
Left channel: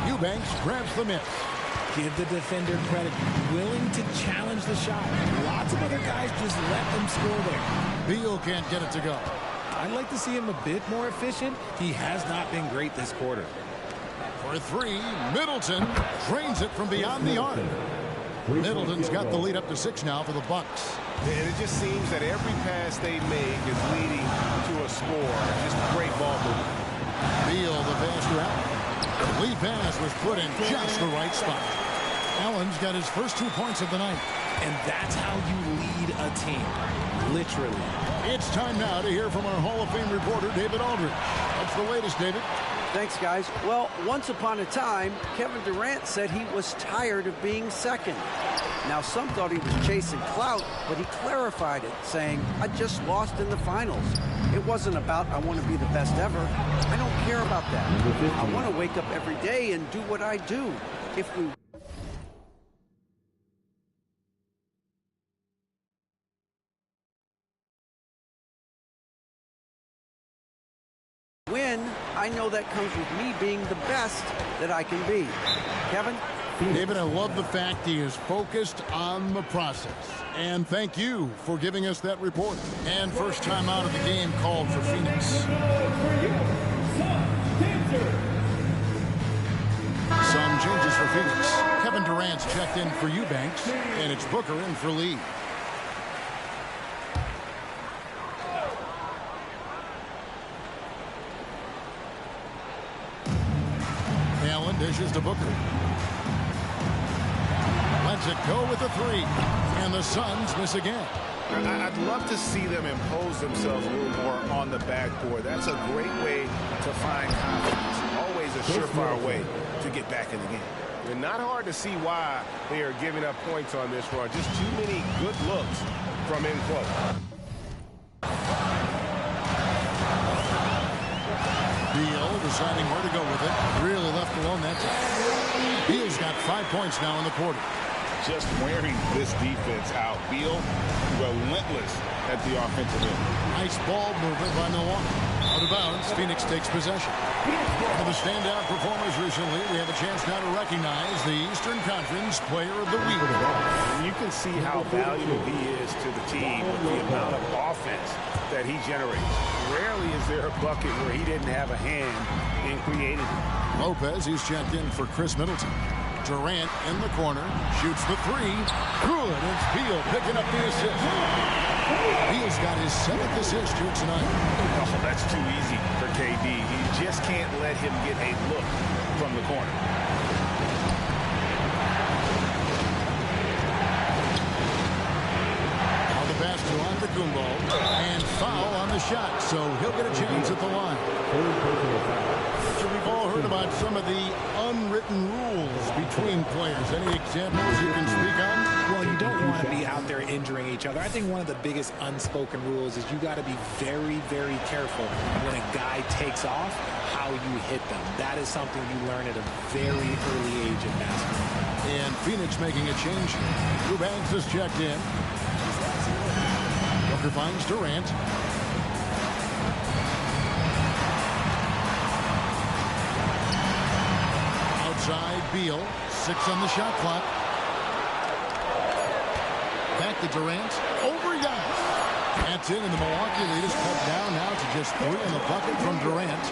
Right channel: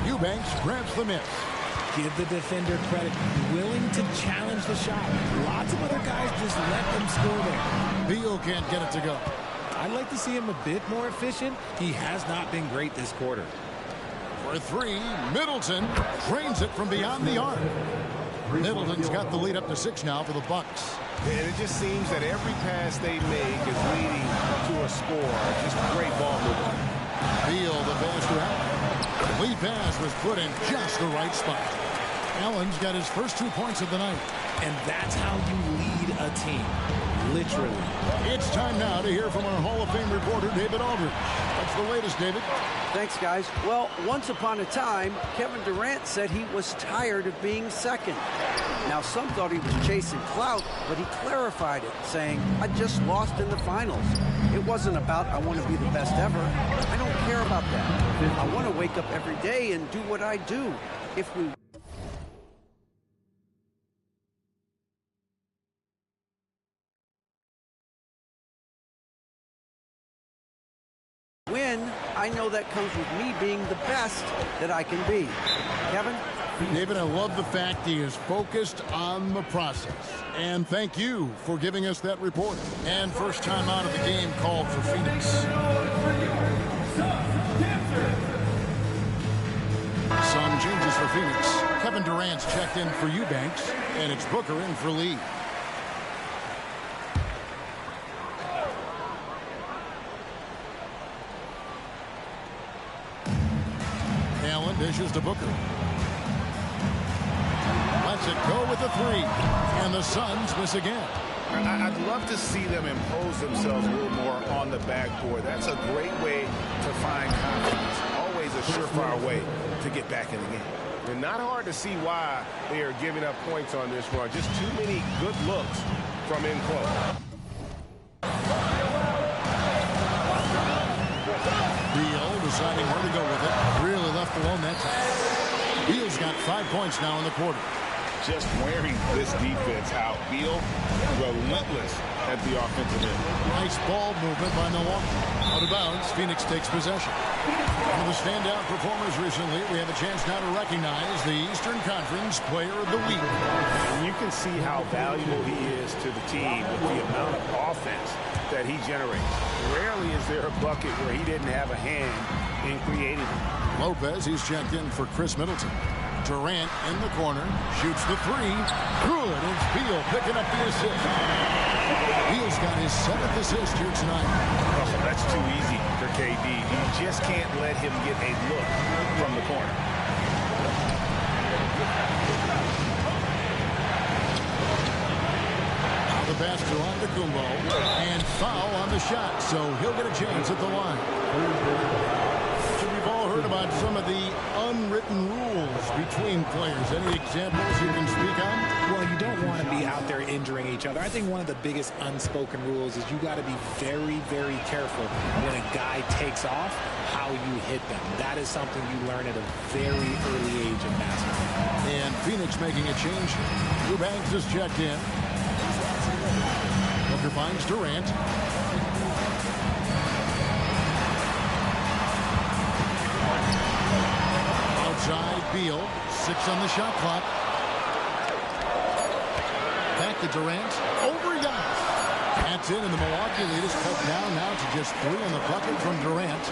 Eubanks grabs the miss. Give the defender credit. Willing to challenge the shot. Lots of other guys just let them score there. Beal can't get it to go. I'd like to see him a bit more efficient. He has not been great this quarter. For 3, Middleton drains it from beyond the arc. Middleton's got the lead up to 6 now for the Bucks. And it just seems that every pass they make is leading to a score. Just great ball movement. Beal, the faster out. The lead pass was put in just the right spot. Allen's got his first 2 points of the night. And that's how you lead a team. Literally. It's time now to hear from our Hall of Fame reporter, David Aldridge. What's the latest, David? Thanks, guys. Well, once upon a time, Kevin Durant said he was tired of being second. Now, some thought he was chasing clout, but he clarified it, saying, I just lost in the finals. It wasn't about I want to be the best ever. I don't care about that. I want to wake up every day and do what I do. If we win, I know that comes with me being the best that I can be. Kevin? David, I love the fact he is focused on the process. And thank you for giving us that report. And first time out of the game called for Phoenix. Some changes for Phoenix. Kevin Durant's checked in for Eubanks, and it's Booker in for Lee. Allen dishes to Booker. Lets it go with the three. And the Suns miss again. I'd love to see them impose themselves a little more on the backboard. That's a great way to find confidence. Always a surefire way to get back in the game. And not hard to see why they are giving up points on this run. Just too many good looks from in close. Beal deciding where to go with it. Really left alone that time. Beal's got 5 points now in the quarter. Just wearing this defense out. Beal relentless at the offensive end. Nice ball movement by Milwaukee. Out of bounds, Phoenix takes possession. One of the standout performers recently, we have a chance now to recognize the Eastern Conference Player of the Week. And you can see how valuable he is to the team with the amount of offense that he generates. Rarely is there a bucket where he didn't have a hand in creating it. Lopez, he's checked in for Chris Middleton. Durant in the corner, shoots the three. Good, it's Beal picking up the assist. Beal's got his 7th assist here tonight. Oh, that's too easy for KD. You just can't let him get a look from the corner. Now the pass to Antetokounmpo, and foul on the shot, so he'll get a chance at the line. We've all heard about some of the unwritten rules between players. Any examples you can speak on? Well, you don't want to be out there injuring each other. I think one of the biggest unspoken rules is you got to be very, very careful when a guy takes off, how you hit them. That is something you learn at a very early age in basketball. And Phoenix making a change here. Eubanks is checked in. Booker finds Durant. Outside, Beal. 6 on the shot clock. Back to Durant. Over Giannis. That's in, and the Milwaukee lead is cut down now to just 3 on the bucket from Durant.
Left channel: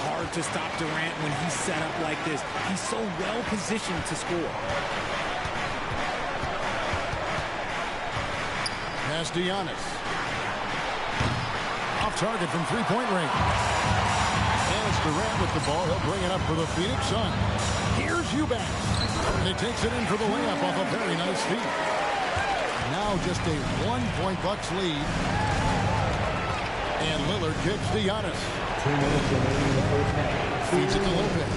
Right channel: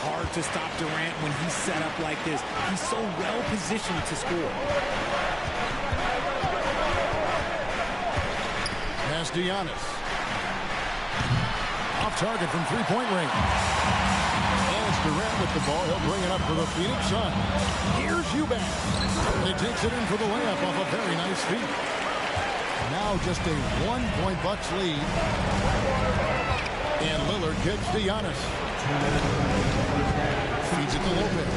Hard to stop Durant when he's set up like this. He's so well positioned to score. Pass to Giannis. Off target from three-point range. And it's Durant with the ball. He'll bring it up for the Phoenix Suns. Here's Eubanks. And he takes it in for the layup off a very nice feed. Now just a 1-point Bucks lead. And Lillard kicks to Giannis. 2 minutes remaining in the first half. Feeds it to Lopez.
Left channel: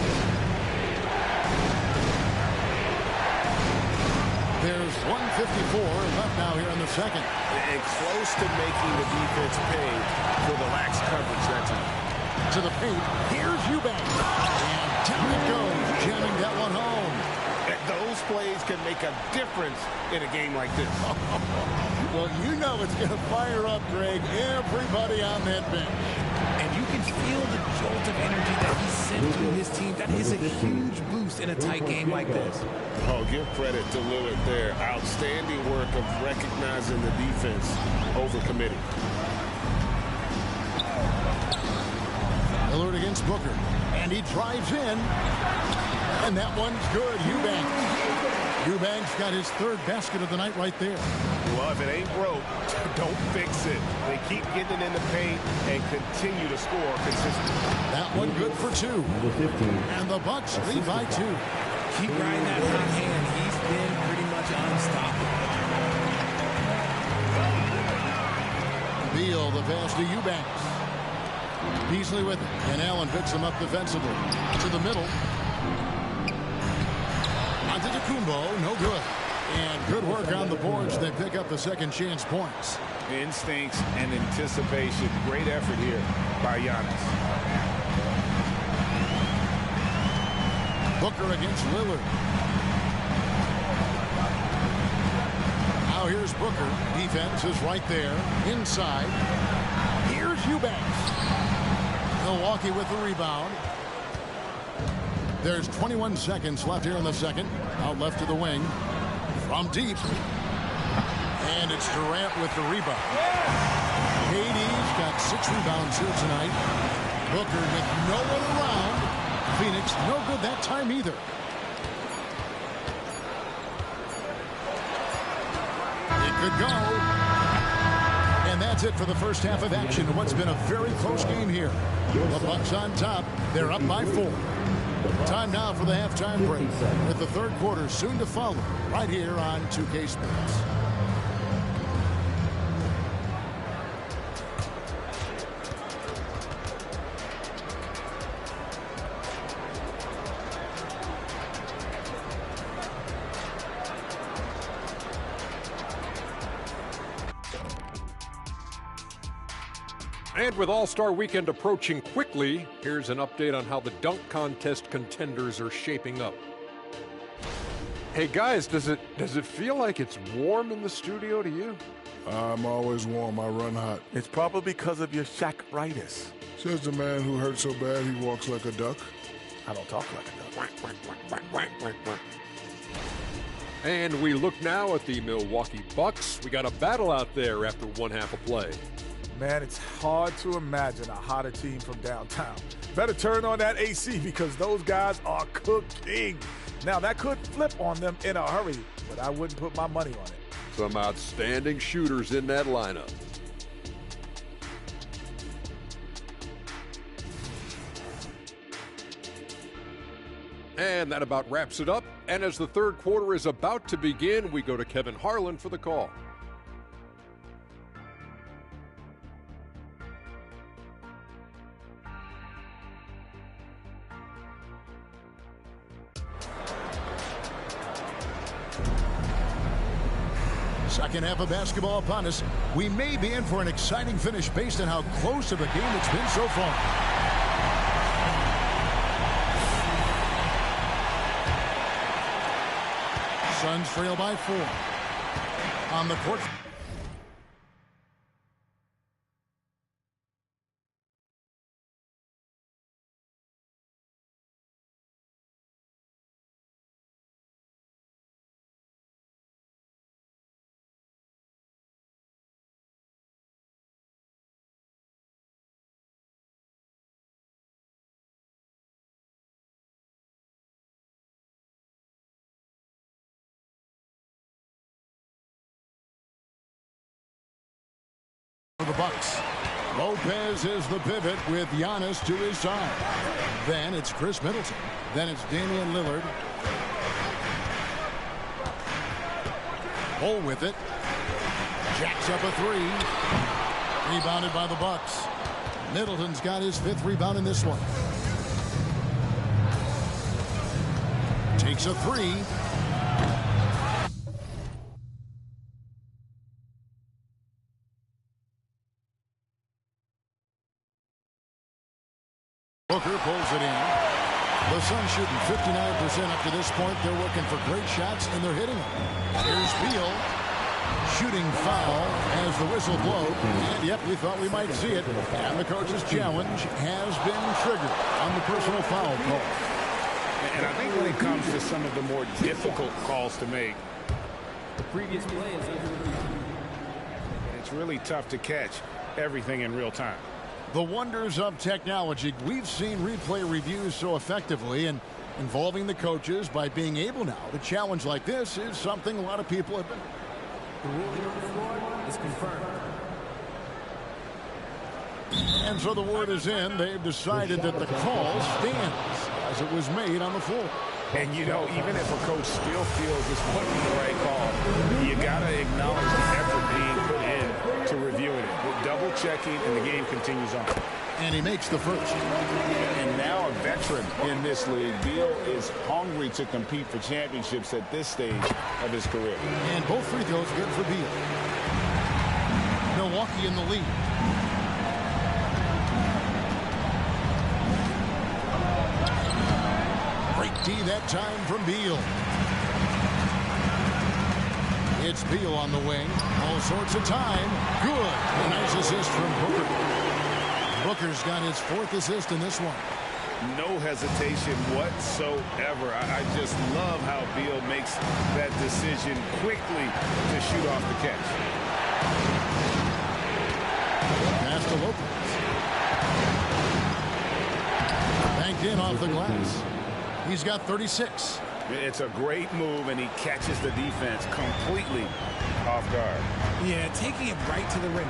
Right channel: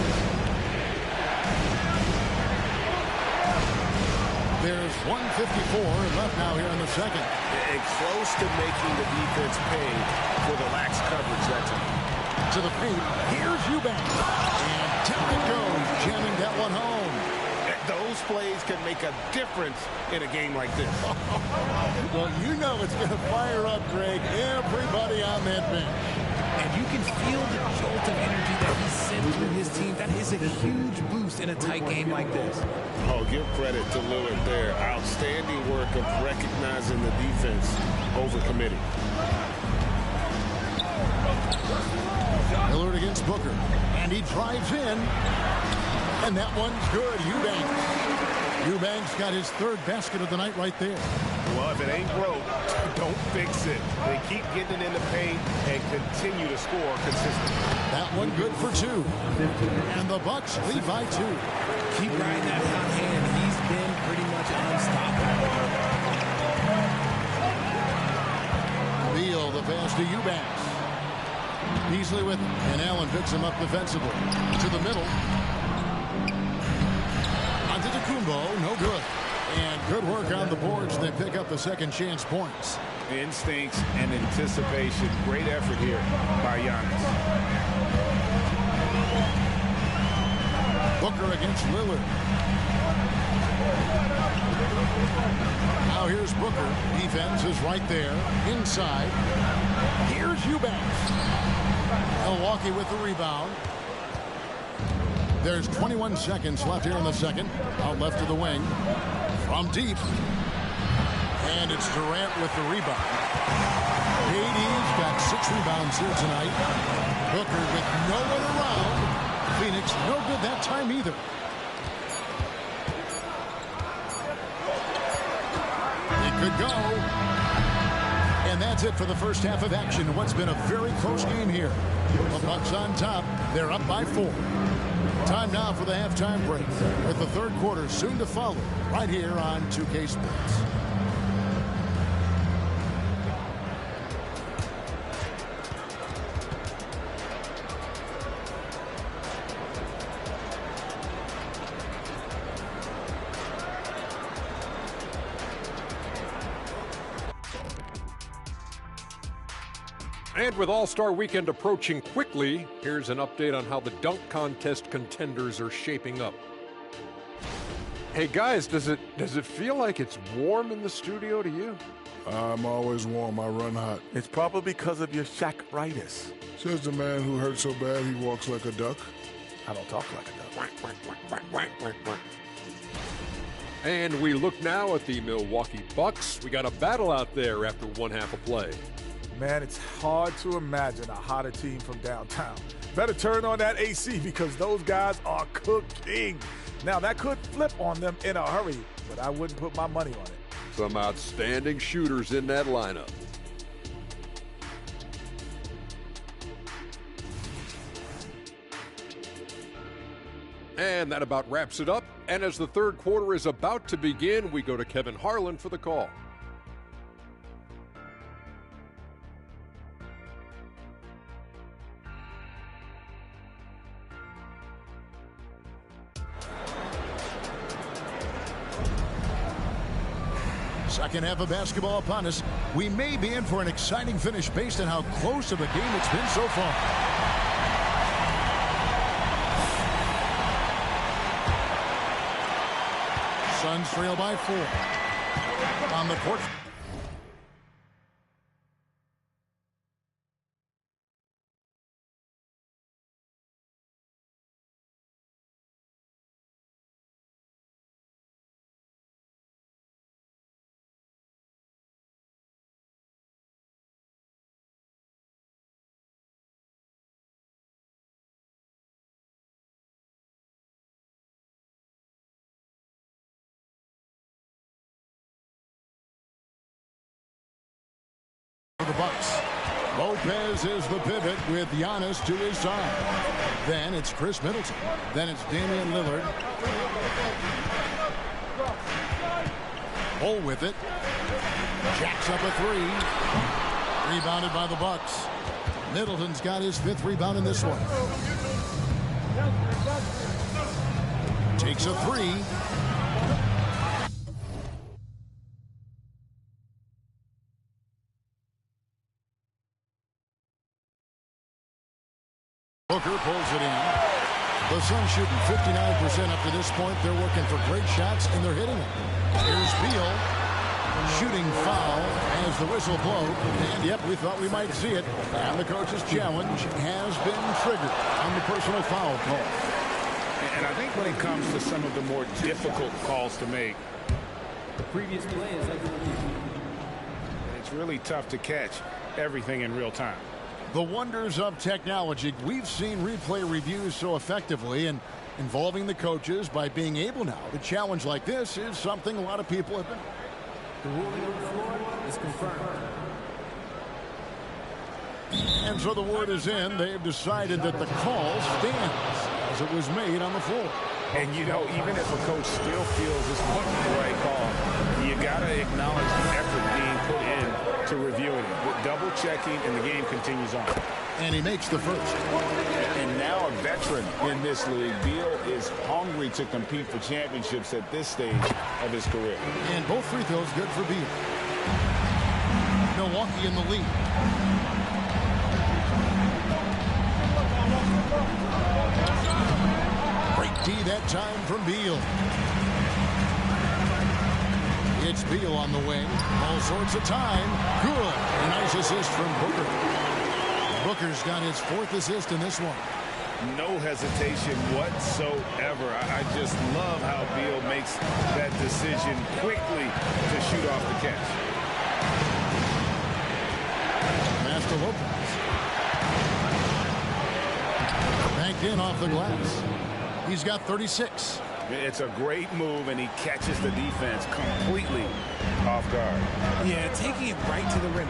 There's 1:54 left now here in the second. And close to making the defense pay for the lax coverage that time. To the paint. Here's Eubanks. And down it goes, jamming that one home. Those plays can make a difference in a game like this. Well, you know it's going to fire up, Greg, everybody on that bench. And you can feel the jolt of energy that he sent through his team. That is a huge boost in a tight game like this. Oh, give credit to Lillard there. Outstanding work of recognizing the defense over committing. Lillard against Booker. And he drives in. And that one's good. Eubanks got his 3rd basket of the night right there. Well, if it ain't broke, don't fix it. They keep getting it in the paint and continue to score consistently. That one good for 2. And the Bucks lead by 2. Keep riding that hot hand. He's been pretty much unstoppable. Beal, the pass to Eubanks. Beasley with it. And Allen picks him up defensively. To the middle. Antetokounmpo, no good. And good work on the boards. They pick up the second chance points. Instincts and anticipation. Great effort here by Giannis. Booker against Lillard. Now here's Booker. Defense is right there. Inside. Here's Eubanks. Milwaukee with the rebound. There's 21 seconds left here in the second. Out left to the wing. From deep. And it's Durant with the rebound. KD's got 6 rebounds here tonight. Booker with no one around. Phoenix no good that time either. That could go. And that's it for the first half of action in what's been a very close game here. The Bucks on top. They're up by 4. Time now for the halftime break, with the third quarter soon to follow, right here on 2K Sports. And with All-Star Weekend approaching quickly, here's an update on how the dunk contest contenders are shaping up. Hey guys, does it feel like it's warm in the studio to you? I'm always warm. I run hot. It's probably because of your Shaq-ritis. Says the man who hurt so bad he walks like a duck. I don't talk like a duck. And we look now at the Milwaukee Bucks. We got a battle out there after one half of play. Man, it's hard to imagine a hotter team from downtown. Better turn on that AC because those guys are cooking. Now, that could flip on them in a hurry, but I wouldn't put my money on it. Some outstanding shooters in that lineup. And that about wraps it up. And as the third quarter is about to begin, we go to Kevin Harlan for the call. Second half of basketball upon us. We may be in for an exciting finish based on how close of a game it's been so far. Suns trail by 4. On the court. For the Bucks. Lopez is the pivot with Giannis to his side. Then it's Chris Middleton. Then it's Damian Lillard. Bull with it. Jacks up a 3. Rebounded by the Bucks. Middleton's got his 5th rebound in this one. Takes a 3. Booker pulls it in. The Suns shooting 59% up to this point. They're working for great shots, and they're hitting them. Here's Beal. Shooting foul as the whistle blows. And, yep, we thought we might see it. And the coach's challenge has been triggered on the personal foul call. And I think when it comes to some of the more difficult calls to make, the previous play is under review. And it's really tough to catch everything in real time. The wonders of technology. We've seen replay reviews so effectively, and involving the coaches by being able now to challenge like this is something a lot of people have been. The ruling on the floor is confirmed. And so the word is in. They've decided that the call stands as it was made on the floor. And, you know, even if a coach still feels this wasn't the right call, you got to acknowledge the effort being put in to reviewing it. With double checking, and the game continues on. And he makes the first. And now a veteran in this league, Beal is hungry to compete for championships at this stage of his career. And both free throws good for Beal. Milwaukee in the lead. Great D that time from Beal. It's Beal on the wing. All sorts of time. Good. A nice assist from Booker. Booker's got his 4th assist in this one. No hesitation whatsoever. I just love how Beal makes that decision quickly to shoot off the catch. Pass to Lopez. Banked in off the glass. He's got 36. It's a great move, and he catches the defense completely off guard. Yeah, taking it right to the rim.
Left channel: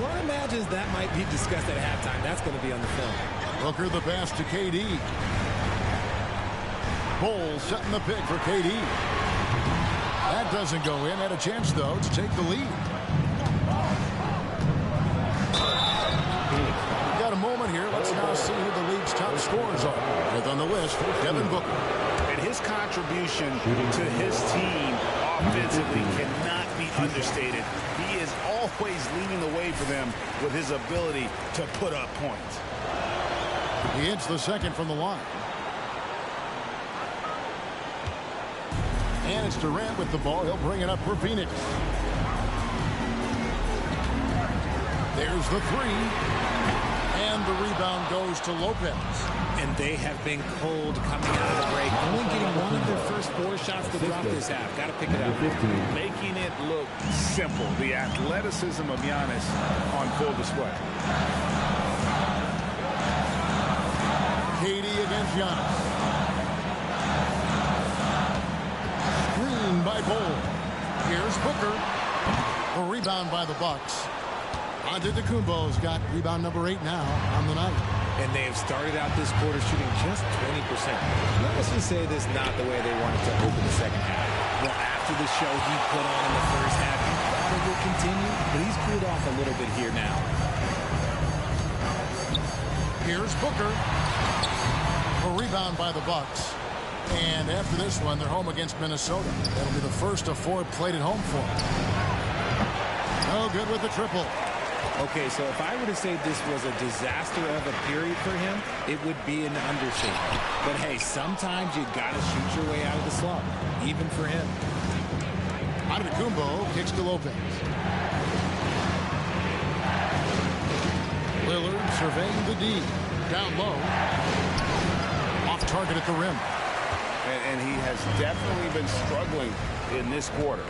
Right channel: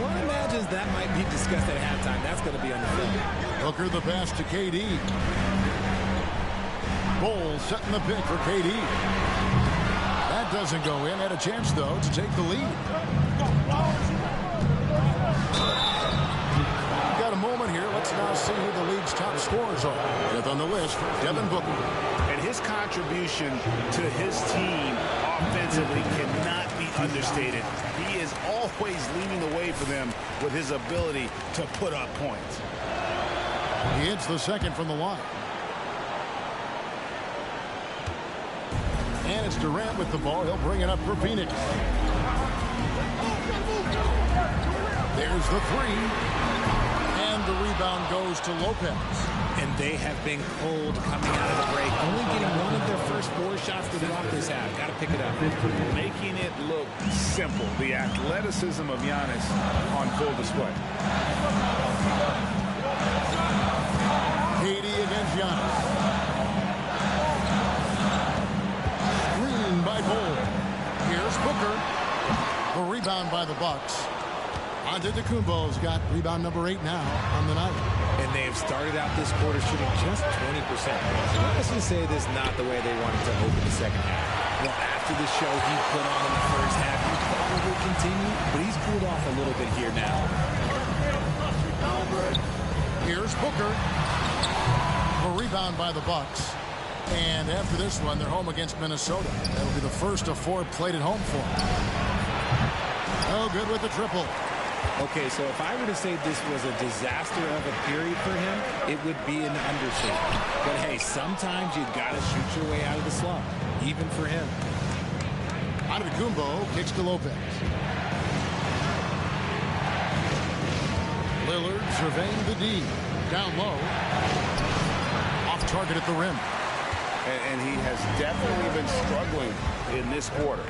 One imagines that might be discussed at halftime. That's going to be on the film. Booker the pass to KD. Bowles setting the pick for KD. That doesn't go in. Had a chance, though, to take the lead. We've got a moment here. Let's now see who the league's top scorers are. Fifth on the list, Devin Booker. And his contribution to his team offensively cannot be understated. He is always leading the way for them with his ability to put up points. He hits the second from the line. And it's Durant with the ball. He'll bring it up for Phoenix. There's the three. And the rebound goes to Lopez. And they have been cold coming out of the break. Only getting one of their first 4 shots to drop this half. Got to pick it up. Making it look simple. The athleticism of Giannis on full display. KD against Giannis. Screen by Bol. Here's Booker. The rebound by the Bucks. Antetokounmpo's got rebound number 8 now on the night. And they have started out this quarter shooting just 20%. Let's just say this is not the way they wanted to open the second half. Well, after the show he put on in the first half, you thought it would continue, but he's cooled off a little bit here now. Here's Booker. A rebound by the Bucks. And after this one, they're home against Minnesota. That'll be the first of 4 played at home for them. No good with the triple. Okay, so if I were to say this was a disaster of a period for him, it would be an understatement. But hey, sometimes you gotta shoot your way out of the slump, even for him. Antetokounmpo kicks to Lopez. Lillard surveying the D. Down low. Off target at the rim. And he has definitely been struggling in this quarter.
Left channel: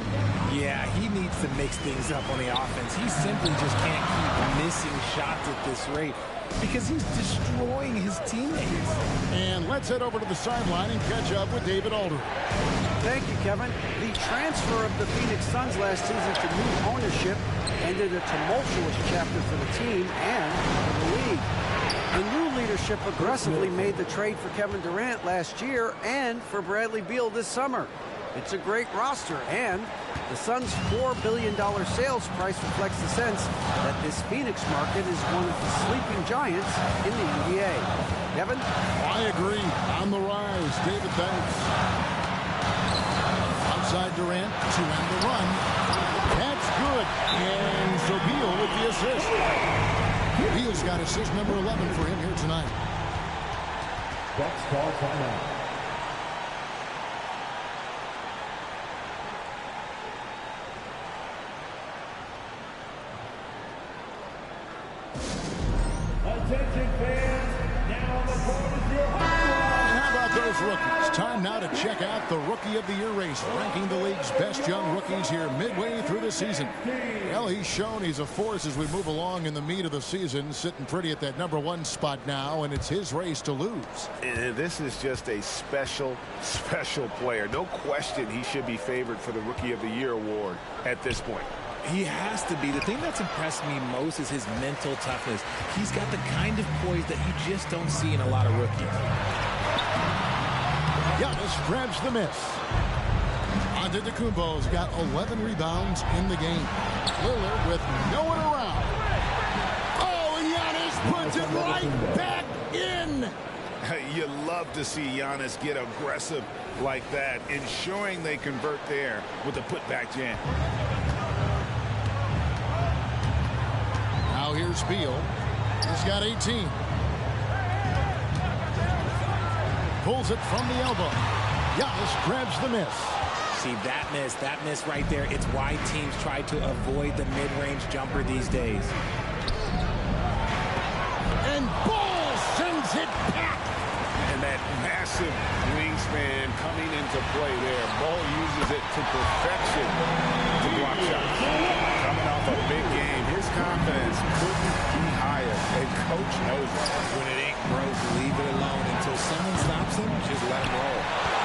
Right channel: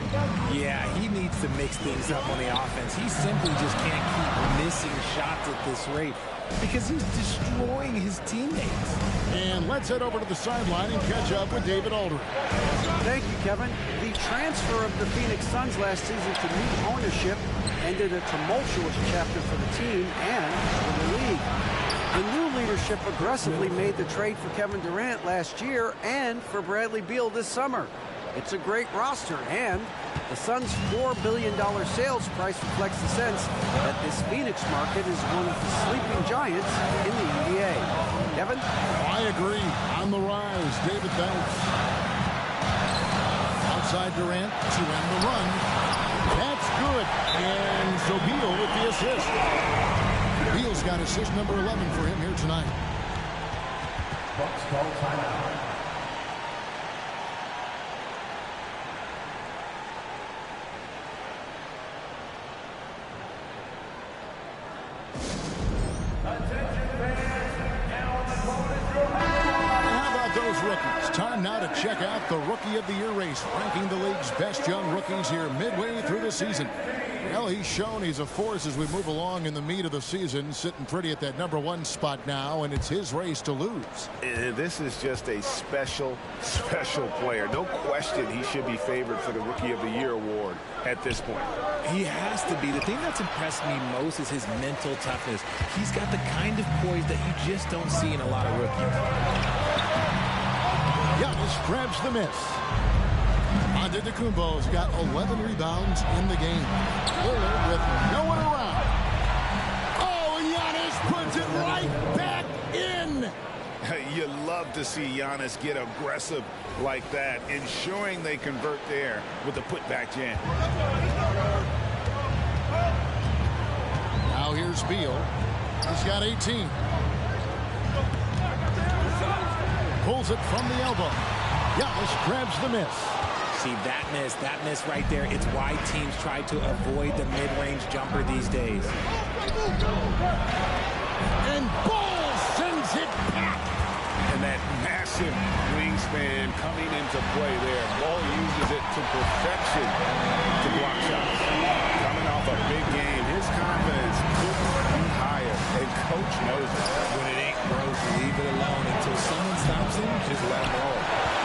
Yeah, he needs to mix things up on the offense. He simply just can't keep missing shots at this rate because he's destroying his teammates. And let's head over to the sideline and catch up with David Aldridge. Thank you, Kevin. The transfer of the Phoenix Suns last season to new ownership ended a tumultuous chapter for the team and for the league. The new leadership aggressively made the trade for Kevin Durant last year and for Bradley Beal this summer. It's a great roster, and the Suns' $4 billion sales price reflects the sense that this Phoenix market is one of the sleeping giants in the NBA. Kevin? I agree. On the rise, David, thanks. Outside Durant to end the run. That's good. And so Beal with the assist. Beal's got assist number 11 for him here tonight. Bucks call timeout. Those rookies. Time now to check out the Rookie of the Year race, ranking the league's best young rookies here midway through the season. Well, he's shown he's a force as we move along in the meat of the season, sitting pretty at that number 1 spot now, and it's his race to lose. This is just a special player. No question he should be favored for the Rookie of the Year award at this point. He has to be. The thing that's impressed me most is his mental toughness. He's got the kind of poise that you just don't see in a lot of rookies. Giannis grabs the miss. Antetokounmpo's got 11 rebounds in the game. Lillard with no one around. Oh, and Giannis puts it right back in. You love to see Giannis get aggressive like that, ensuring they convert there with the putback jam. Now here's Beal. He's got 18. Pulls it from the elbow. Giannis grabs the miss. See, that miss right there, it's why teams try to avoid the mid-range jumper these days. And Bol sends it back. And that massive wingspan coming into play there. Bol uses it to perfection to block shots. Coming off a big game, his confidence couldn't be higher, and coach knows it. When it ain't broke, leave it alone until someone stops him. Just let him roll.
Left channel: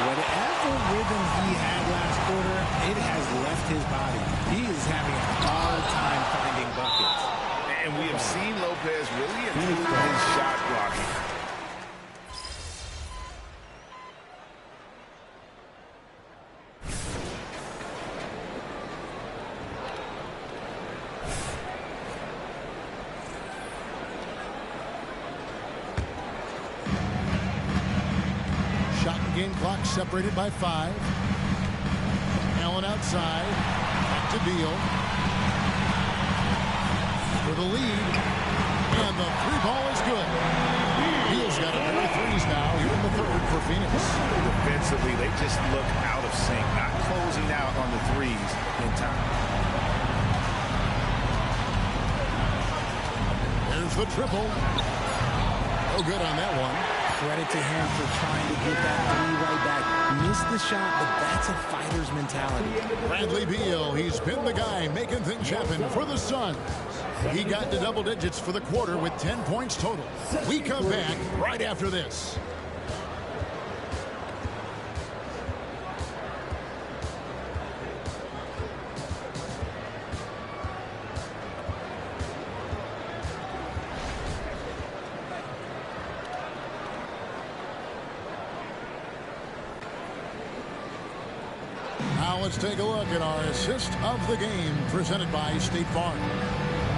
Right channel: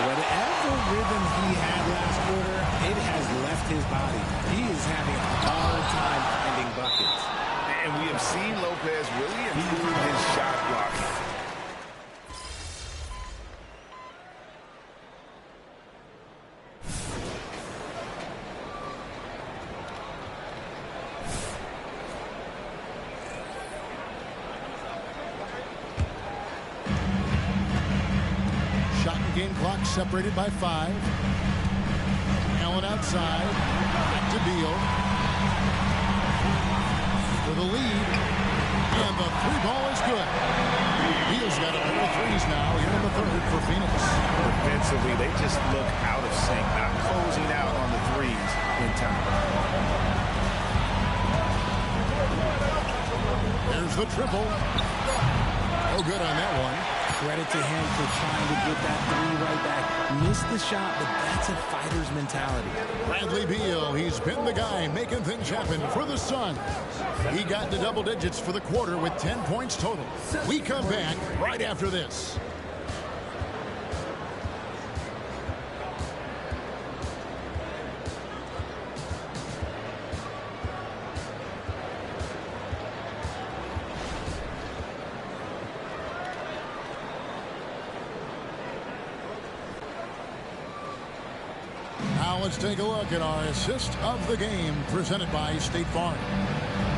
Whatever rhythm he had last quarter, it has left his body. He is having a hard time finding buckets. And we have seen Lopez really improve his shot blocking. Shot and game clock separated by 5. Allen outside. Back to Beal. For the lead. And the 3-ball is good. Beal's got a pair of threes now here in the third for Phoenix. Defensively, they just look out of sync, not closing out on the threes in time. There's the triple. No good on that one. Credit to him for trying to get that 3 right back. Missed the shot, but that's a fighter's mentality. Bradley Beal, he's been the guy making things happen for the Suns. He got to double digits for the quarter with 10 points total. We come back right after this. Now let's take a look at our assist of the game presented by State Farm.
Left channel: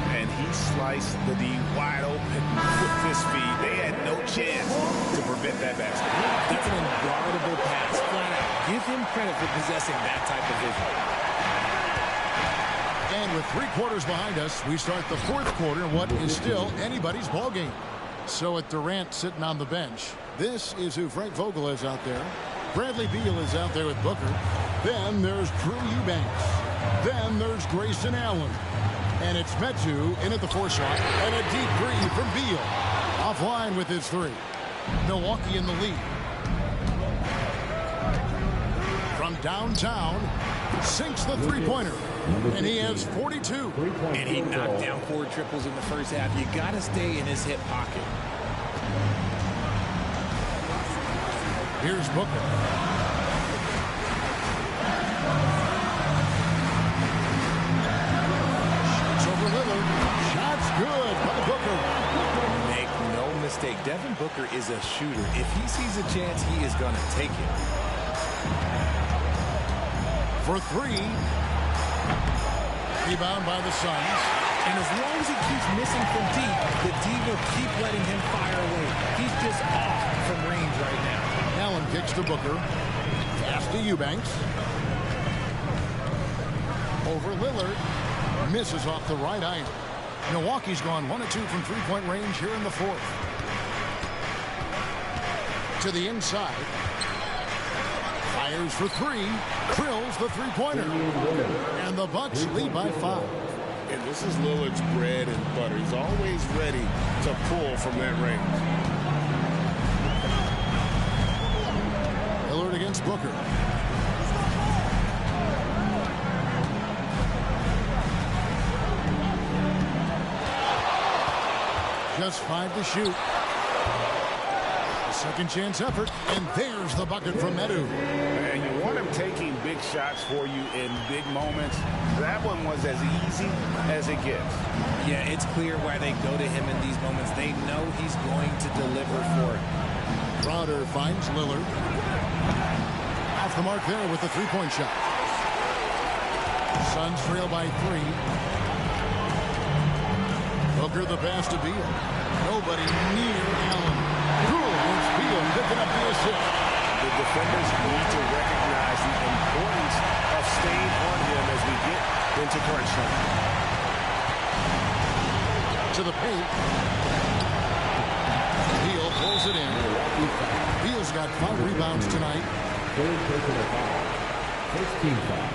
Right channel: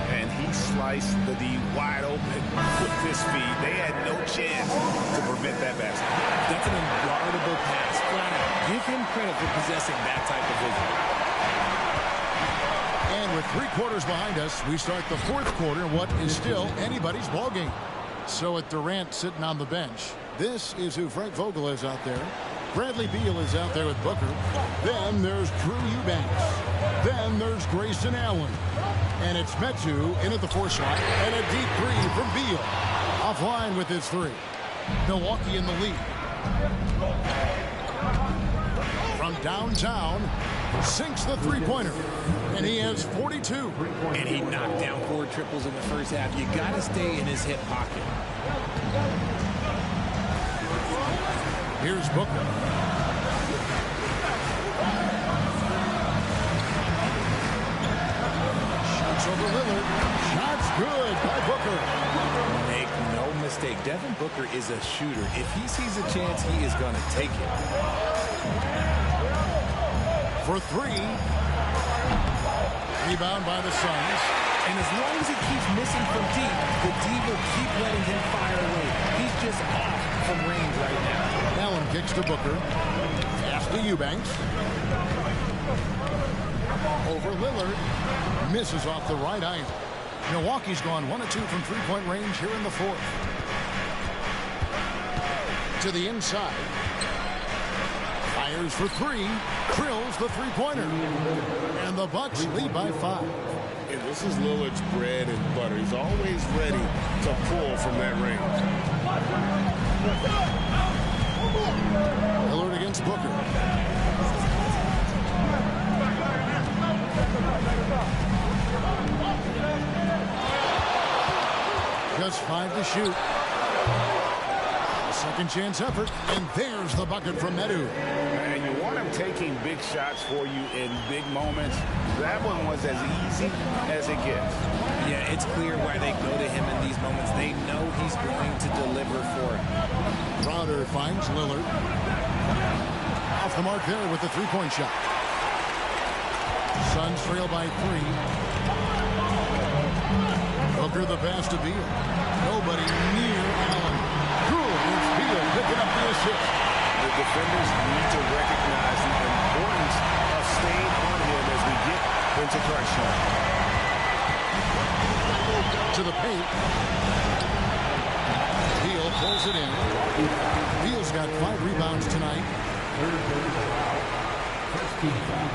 And he sliced the D wide open with his feet. They had no chance to prevent that basket. That's an unguardable pass, flat out. Give him credit for possessing that type of vision. And with 3 quarters behind us, we start the 4th quarter in what is still anybody's ball game. So with Durant sitting on the bench, this is who Frank Vogel is out there. Bradley Beal is out there with Booker. Then there's Drew Eubanks. Then there's Grayson Allen. And it's Metu in at the 4 slot. And a deep 3 from Beal. Offline with his 3. Milwaukee in the lead. From downtown, sinks the 3-pointer. And he has 42. And he knocked down 4 triples in the first half. You got to stay in his hip pocket. Here's Booker. Shoots over Lillard. Shots good by Booker. Make no mistake, Devin Booker is a shooter. If he sees a chance, he is going to take it. For 3. Rebound by the Suns. And as long as he keeps missing from deep, the D will keep letting him fire away. He's just off from range right now. Allen kicks to Booker. Pass to Eubanks. Over Lillard. Misses off the right iron. Milwaukee's gone 1 of 2 from 3-point range here in the 4th. To the inside. Fires for 3. Drills the 3-pointer. And the Bucks lead by 5. And this is Lillard's bread and butter. He's always ready to pull from that range. Lillard against Booker. Just 5 to shoot. A second chance effort. And there's the bucket from Metu. And you want him taking big shots for you in big moments. That one was as easy as it gets. Yeah, it's clear why they go to him in these moments. They know he's going to deliver for him. Crowder finds Lillard. Off the mark there with the 3-point shot. Suns trail by 3. Booker the pass to Beal. Nobody near Allen. Good. It's Beal picking up the assist. The defenders need to recognize the importance of staying on him as we get into crunch time. To the paint. Beal pulls it in. Beal's got 5 rebounds tonight. Third personal foul. First team foul.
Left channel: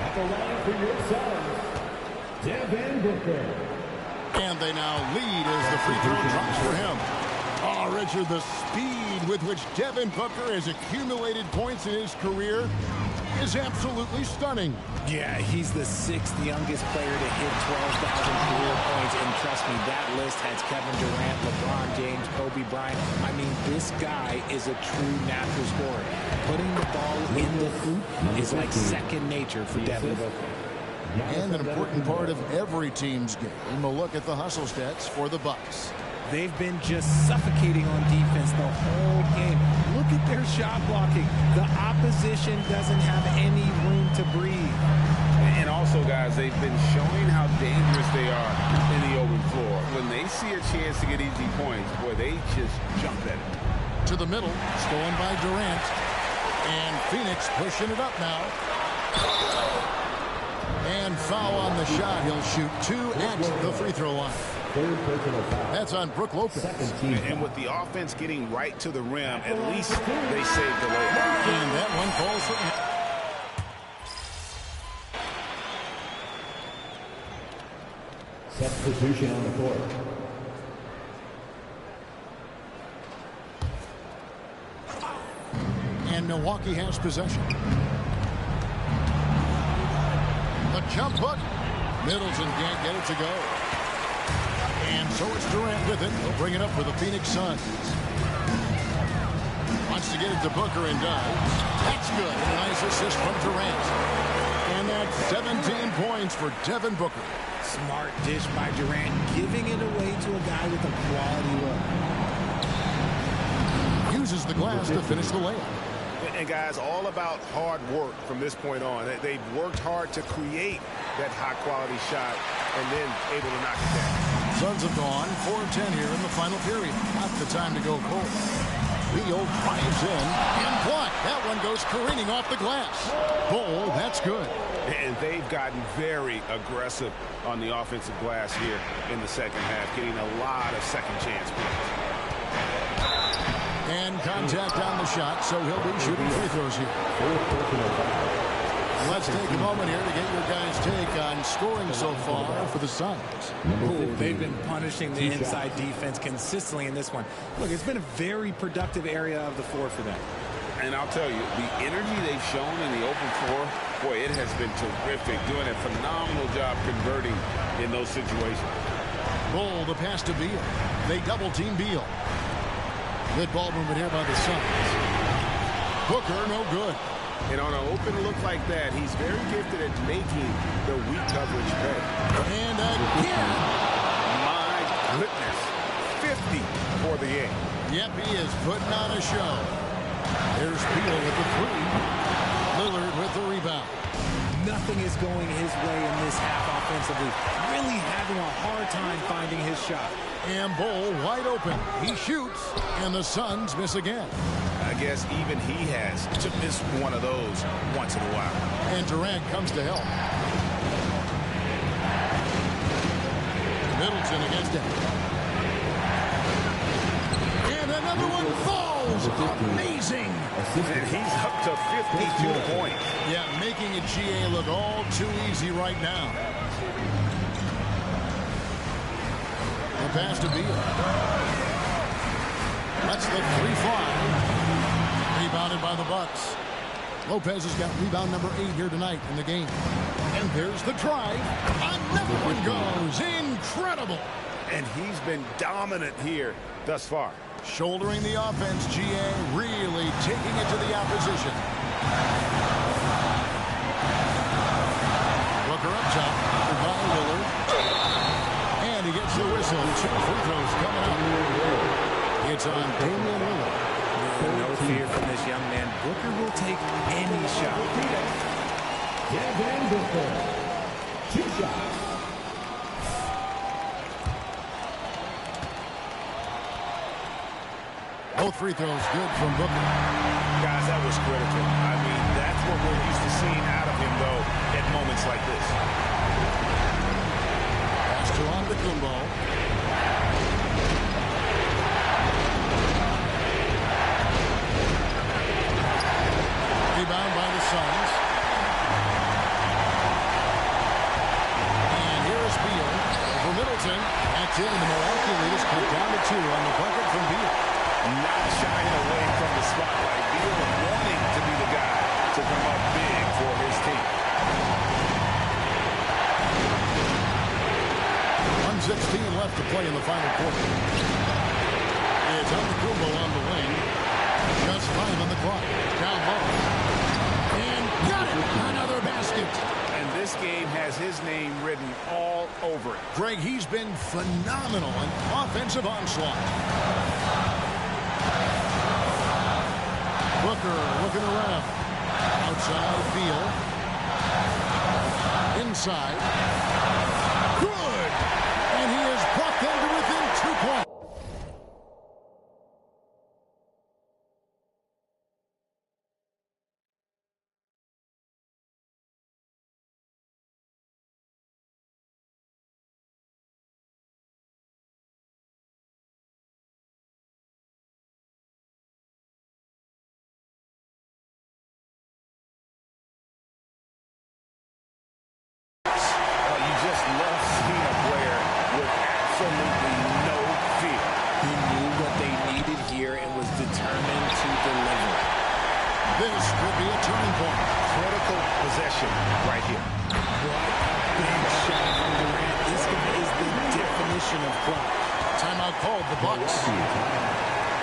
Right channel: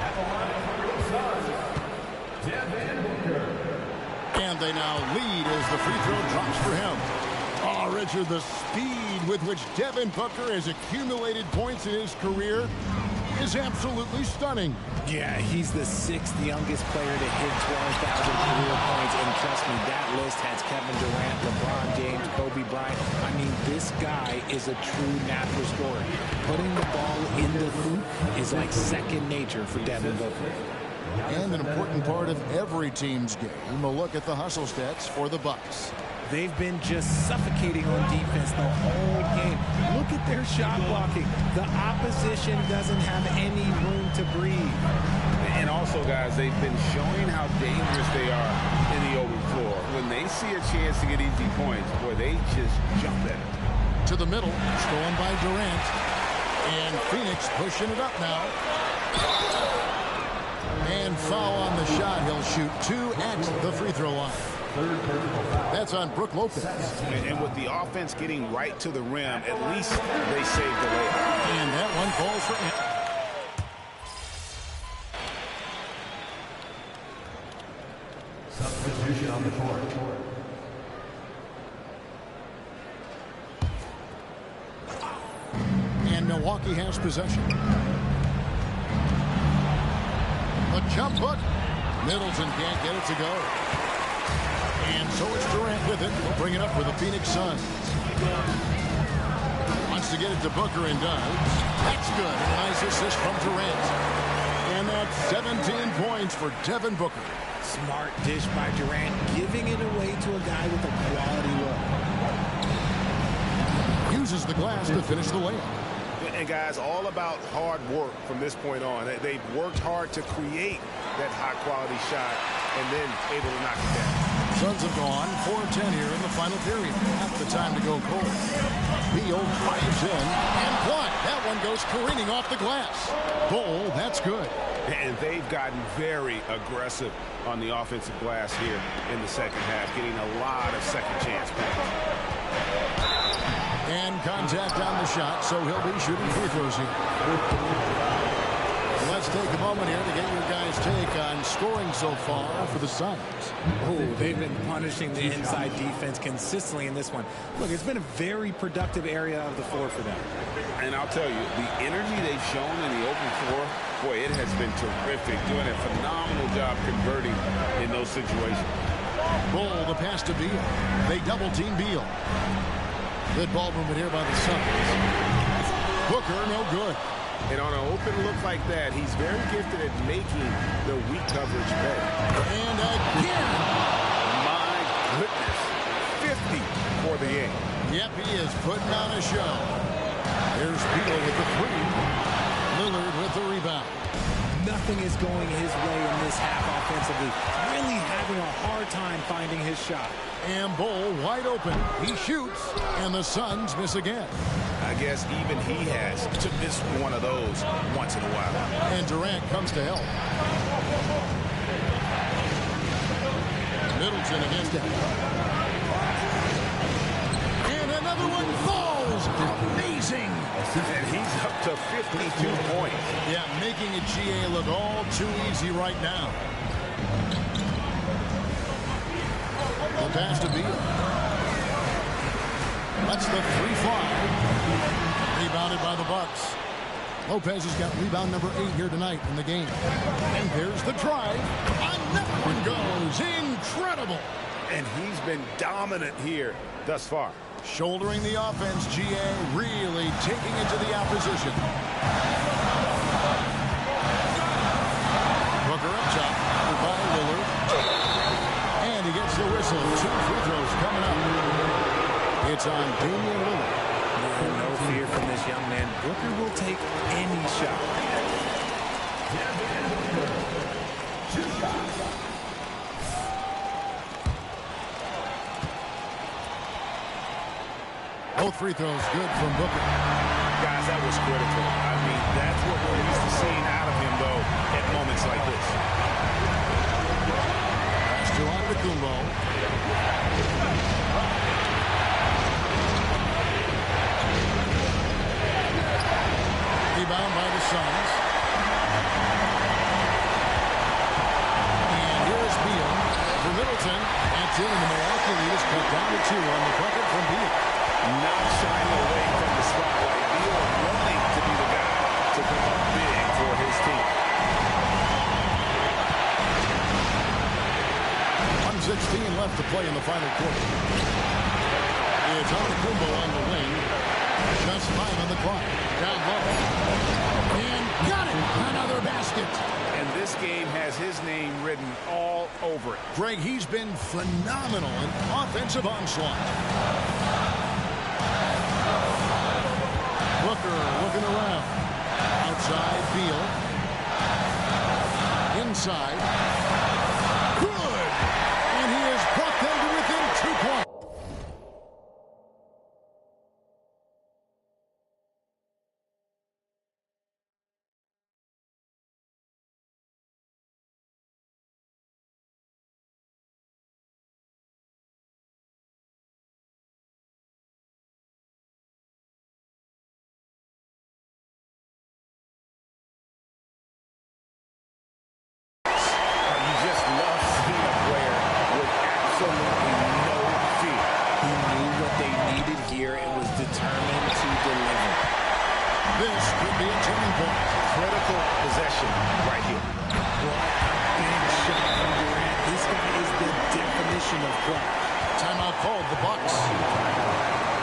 At the line for your Suns, Devin Booker. And they now lead as the free throw drops for him. Oh, Richard, the speed with which Devin Booker has accumulated points in his career. is absolutely stunning. Yeah, he's the 6th youngest player to hit 12,000 career points, and trust me, that list has Kevin Durant, LeBron James, Kobe Bryant. I mean, this guy is a true natural scorer. Putting the ball in the hoop is like second nature for Devin Booker. And an important part of every team's game, a look at the hustle stats for the Bucks. They've been just suffocating on defense the whole game. Look at their shot blocking. The opposition doesn't have any room to breathe. And also, guys, they've been showing how dangerous they are in the open floor. When they see a chance to get easy points, boy, they just jump at it. To the middle, stolen by Durant. And Phoenix pushing it up now. And foul on the shot. He'll shoot 2 at the free throw line. That's on Brook Lopez. And with the offense getting right to the rim, at least they saved the layup. And that one falls for Substitution on the court. And Milwaukee has possession. The jump hook. Middleton can't get it to go. And so it's Durant with it. He'll bring it up for the Phoenix Suns. Wants to get it to Booker and does. That's good. And a nice assist from Durant. And that's 17 points for Devin Booker. Smart dish by Durant, giving it away to a guy with a quality look. Uses the glass to finish the layup. And guys, all about hard work from this point on. They've worked hard to create that high-quality shot and then able to knock it down. Suns have gone 4 of 10 here in the final period. Not the time to go cold. Beal drives in and blocked. That one goes careening off the glass. Bull, that's good. And they've gotten very aggressive on the offensive glass here in the second half, getting a lot of second chance points. And contact on the shot, so he'll be shooting free throws here. Let's take a moment here to get your guys' take on scoring so far for the Suns. Ooh, they've been punishing the inside defense consistently in this one. Look, it's been a very productive area of the floor for them. And I'll tell you, the energy they've shown in the open floor, boy, it has been terrific, doing a phenomenal job converting in those situations. Bull, the pass to Beal. They double-team Beal. Good ball movement here by the Suns. Booker, no good. And on an open look like that, he's very gifted at making the weak coverage pay. And again. My goodness. 50 for the game. Yep, he is putting on a show. There's Beal with the 3. Lillard with the rebound. Nothing is going his way in this half offensively. Really having a hard time finding his shot. And Bull wide open. He shoots, and the Suns miss again. I guess even he has to miss one of those once in a while. And Durant comes to help. Middleton against him. And another one falls. Amazing. And he's up to 52 points. Yeah, making a GA look all too easy right now. The pass to Beal. That's the 3-5. Rebounded by the Bucks. Lopez has got rebound number 8 here tonight in the game. And there's the drive. Another one goes. Incredible. And he's been dominant here thus far. Shouldering the offense, GA really taking it to the opposition. Booker up top by Lillard. And he gets the whistle. 2 free throws coming up. It's on Damian Lillard. Yeah, no fear from this young man. Booker will take any shot. Devin Booker. 2 shots. Both free throws good from Booker. Guys, that was critical. I mean, that's what we're used to seeing out of him, though, at moments like this. Pass to Antetokounmpo. Rebound by the Suns. And here's Beal over Middleton. That's in, and the Milwaukee lead is cut down to 2 on the bucket from Beal. Not shying away from the spotlight. Beal wanting to be the guy to come up big for his team. 1:16 left to play in the final quarter. It's Antetokounmpo on the wing. Just 5 on the clock. Down low. And got it! Another basket. And this game has his name written all over it. Greg, he's been phenomenal in offensive onslaught. Booker looking around. Outside, Beal. Inside. Good! And he has brought them to within 2 points. You just love seeing a player with absolutely no fear. He knew what they needed here and was determined to deliver. This could be a turning point. Critical possession right here. What a big shot from Durant. This guy is the definition of clutch. Timeout called, the Bucks.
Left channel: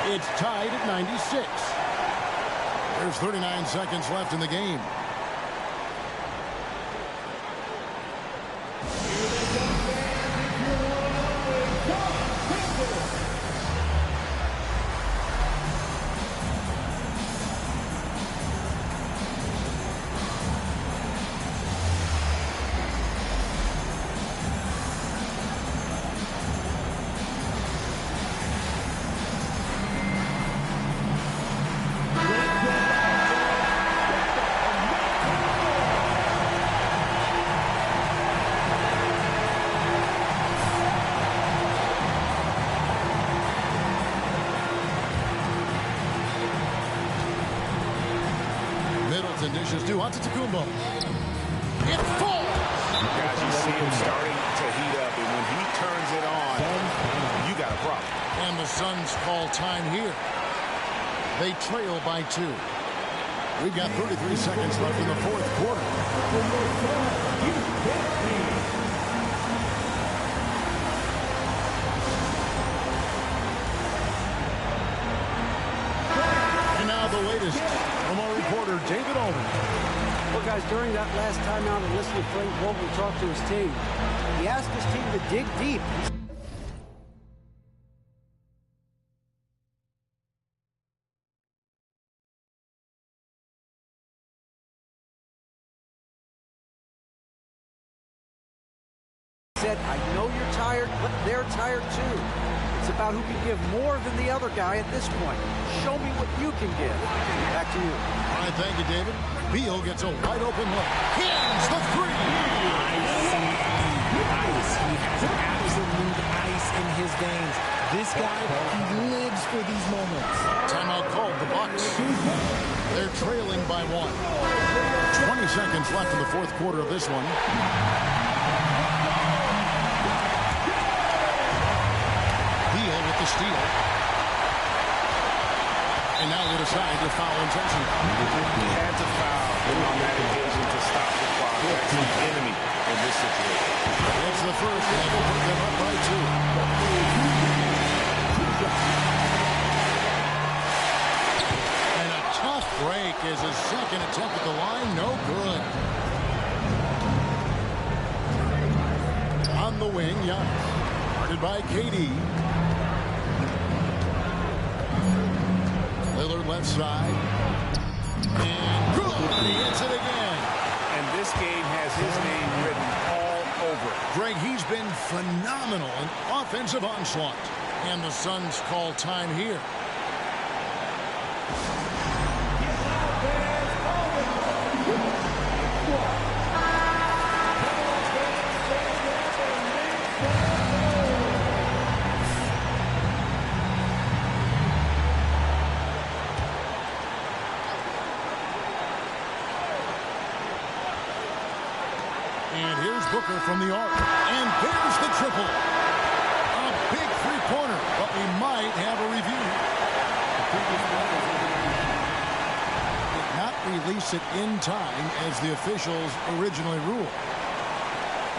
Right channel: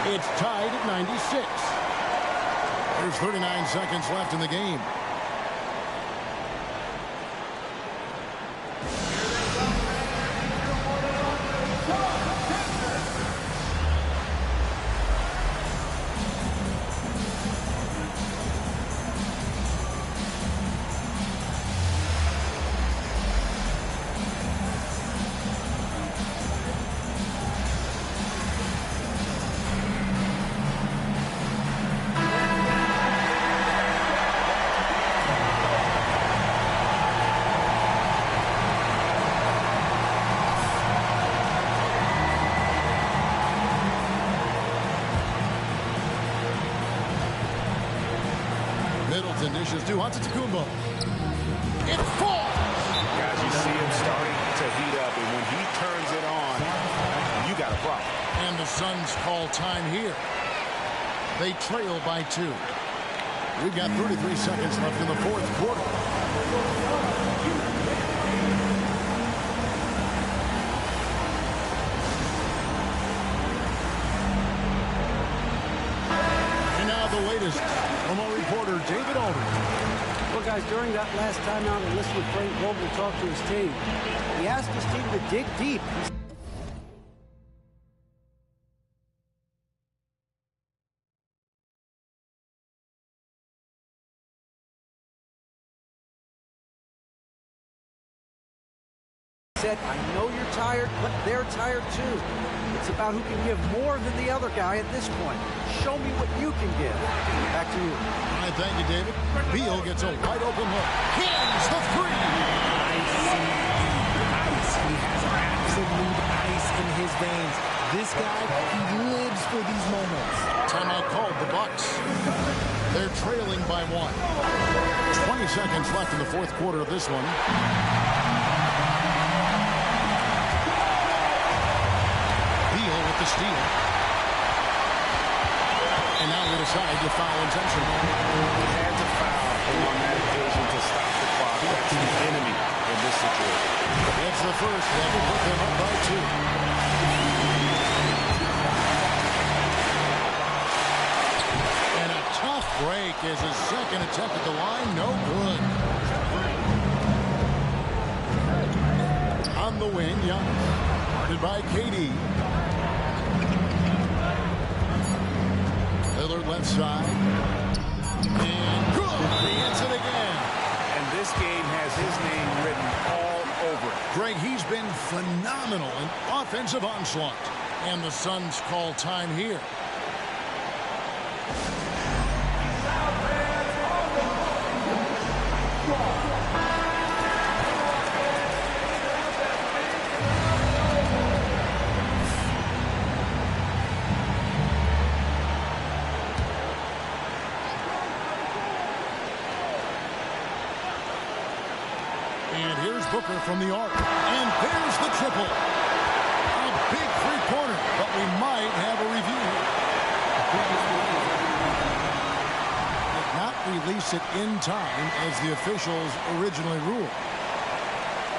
It's tied at 96. There's 39 seconds left in the game. Middleton dishes to Antetokounmpo. It falls! Guys, you see him starting to heat up, and when he turns it on, you got a problem. And the Suns call time here. They trail by 2. We've got 33 seconds left in the fourth quarter. And now the latest from our reporter, David Aldridge. Well, guys, during that last timeout, I listened to Frank Vogel talk to his team. He asked his team to dig deep. He said, I know you're tired, but they're tired too. It's about who can give more than the other guy at this point. Show me what you can give. Back to you. All right, thank you, David. Beal gets a wide open look. Hits the three. ICE. He has absolute ice in his veins. This guy, he lives for these moments. Timeout called, the Bucks. They're trailing by 1. 20 seconds left in the fourth quarter of this one. Beal with the steal. And now they decide to foul intentionally. He had to foul him on that occasion to stop the clock. That's the enemy in this situation. It's the first, and that will put them up by 2. And a tough break is his second attempt at the line. No good. On the wing, Giannis. Guarded by KD. Lillard left side. And good. He hits it again. And this game has his name written all over it. Greg, he's been phenomenal in offensive onslaught. And the Suns call time here. And here's Booker from the arc. And there's the triple. A big three-pointer, but we might have a review here. did not release it in time as the officials originally ruled.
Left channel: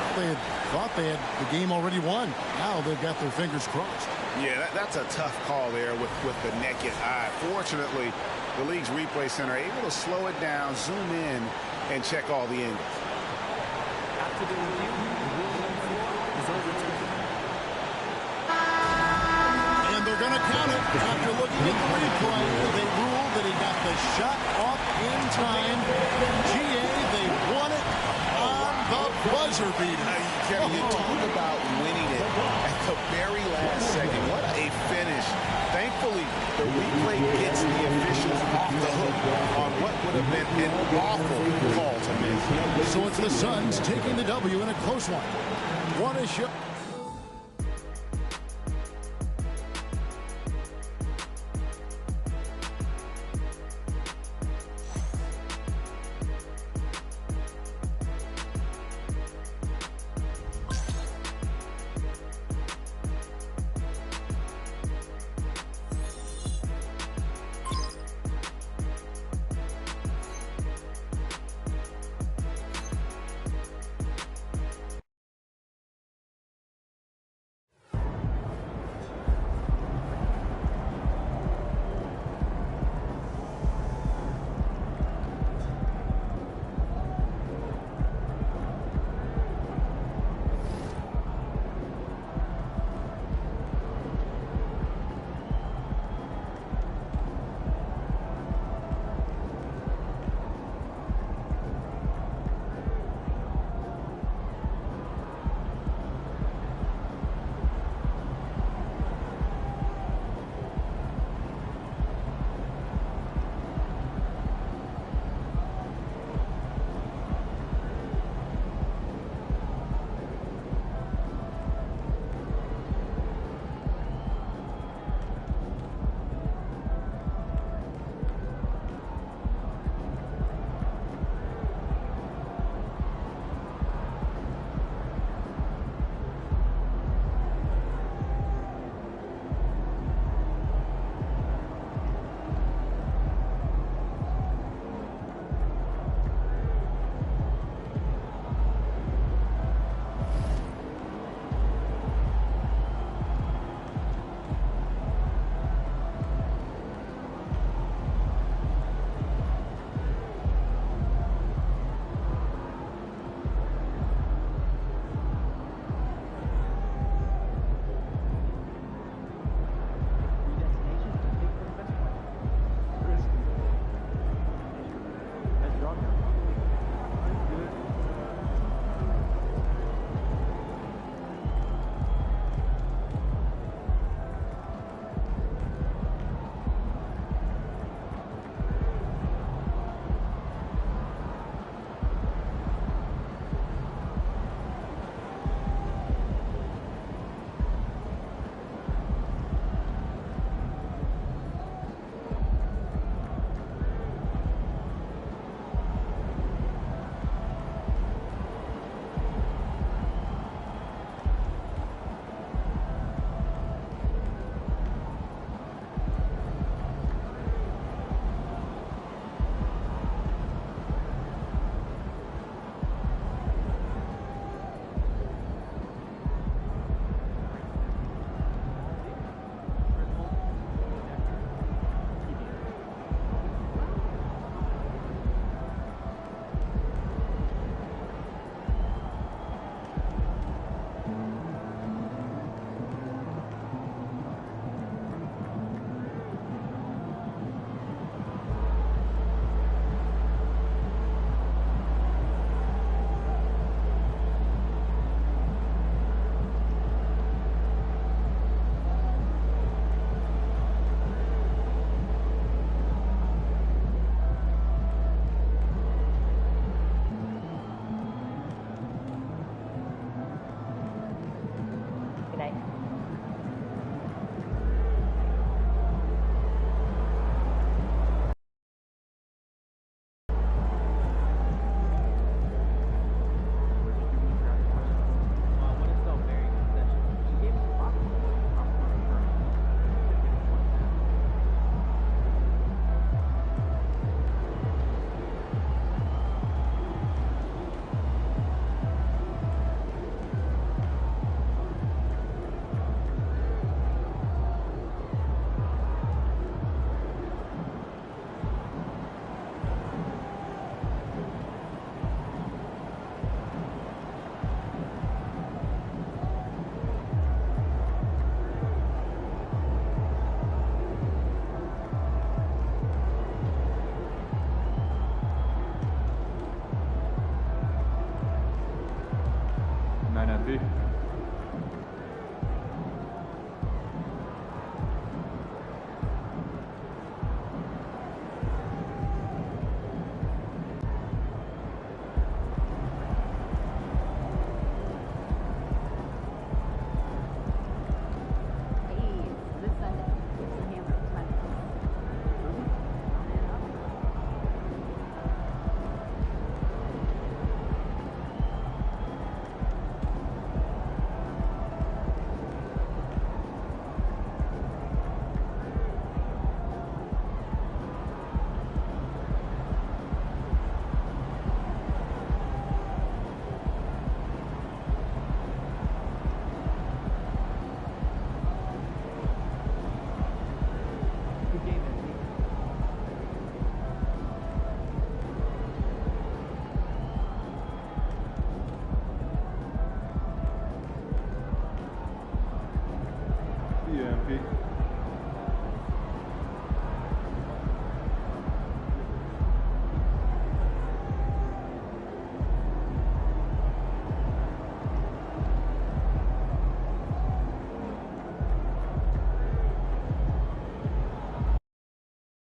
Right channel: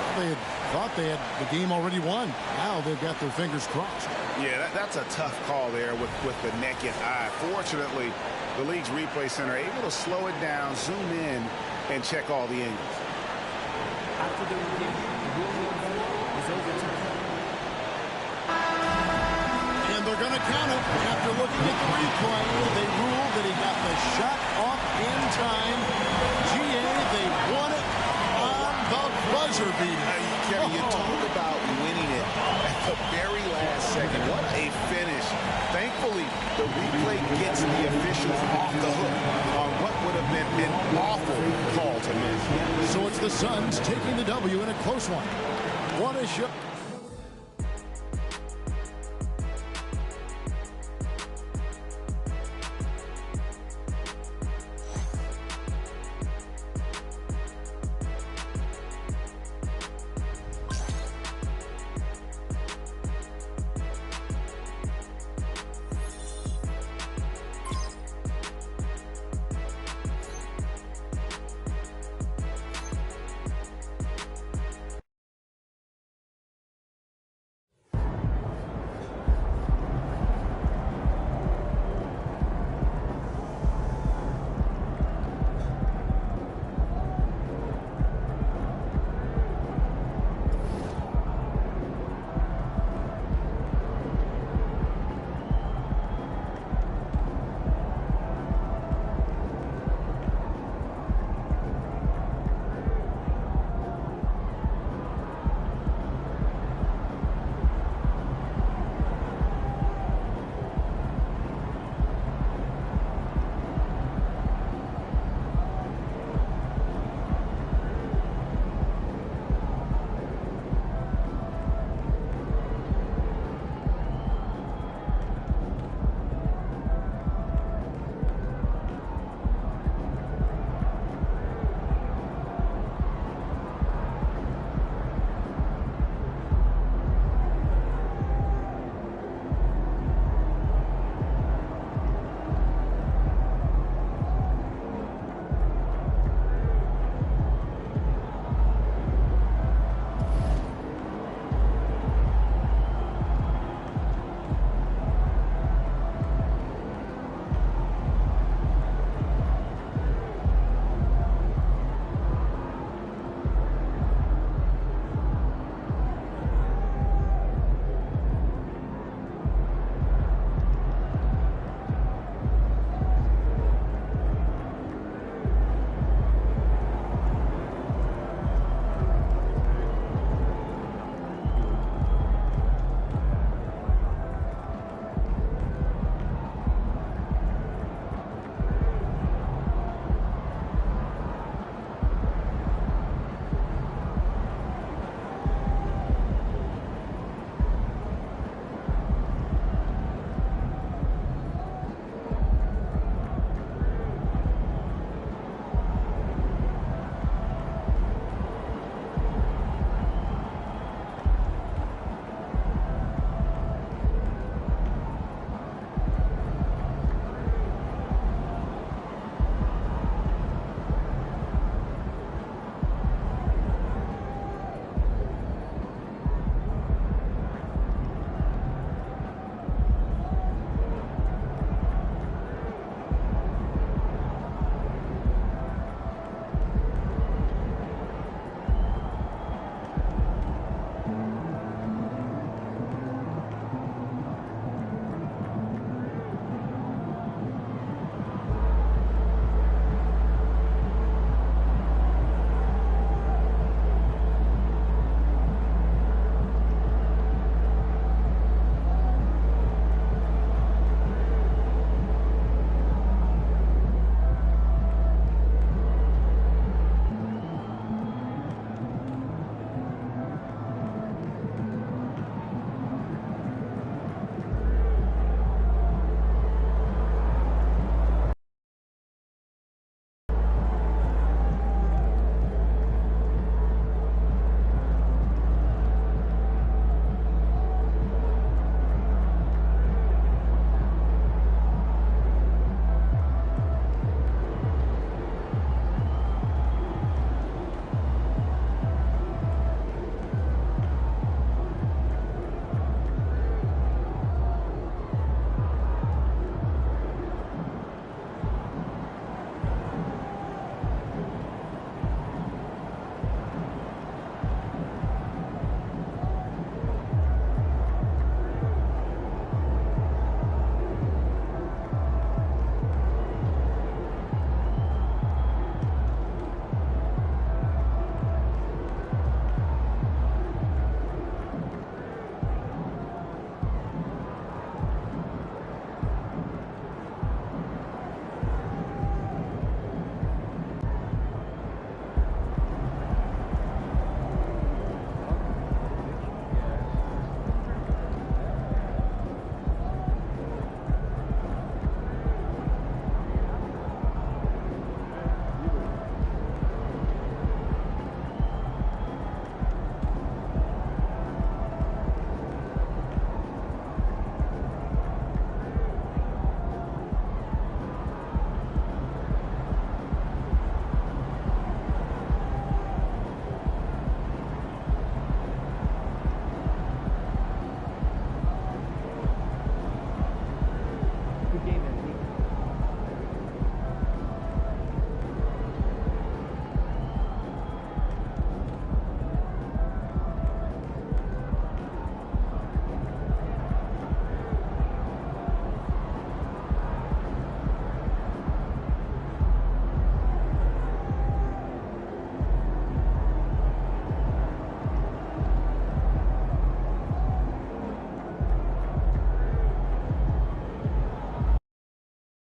Well, they had thought they had the game already won. Now they've got their fingers crossed. Yeah, that's a tough call there with the naked eye. Fortunately, the league's replay center able to slow it down, zoom in, and check all the angles. After the review, the ruling on the floor is overturned. And they're going to count it. After looking at the replay, they ruled that he got the shot off in time. GA, they won it on the buzzer beater. Kevin, you talk about winning it at the very last second. What a finish. Thankfully, the replay gets the officials off the hook on what would have been an awful call to miss. So it's the Suns taking the W in a close one. What a shot.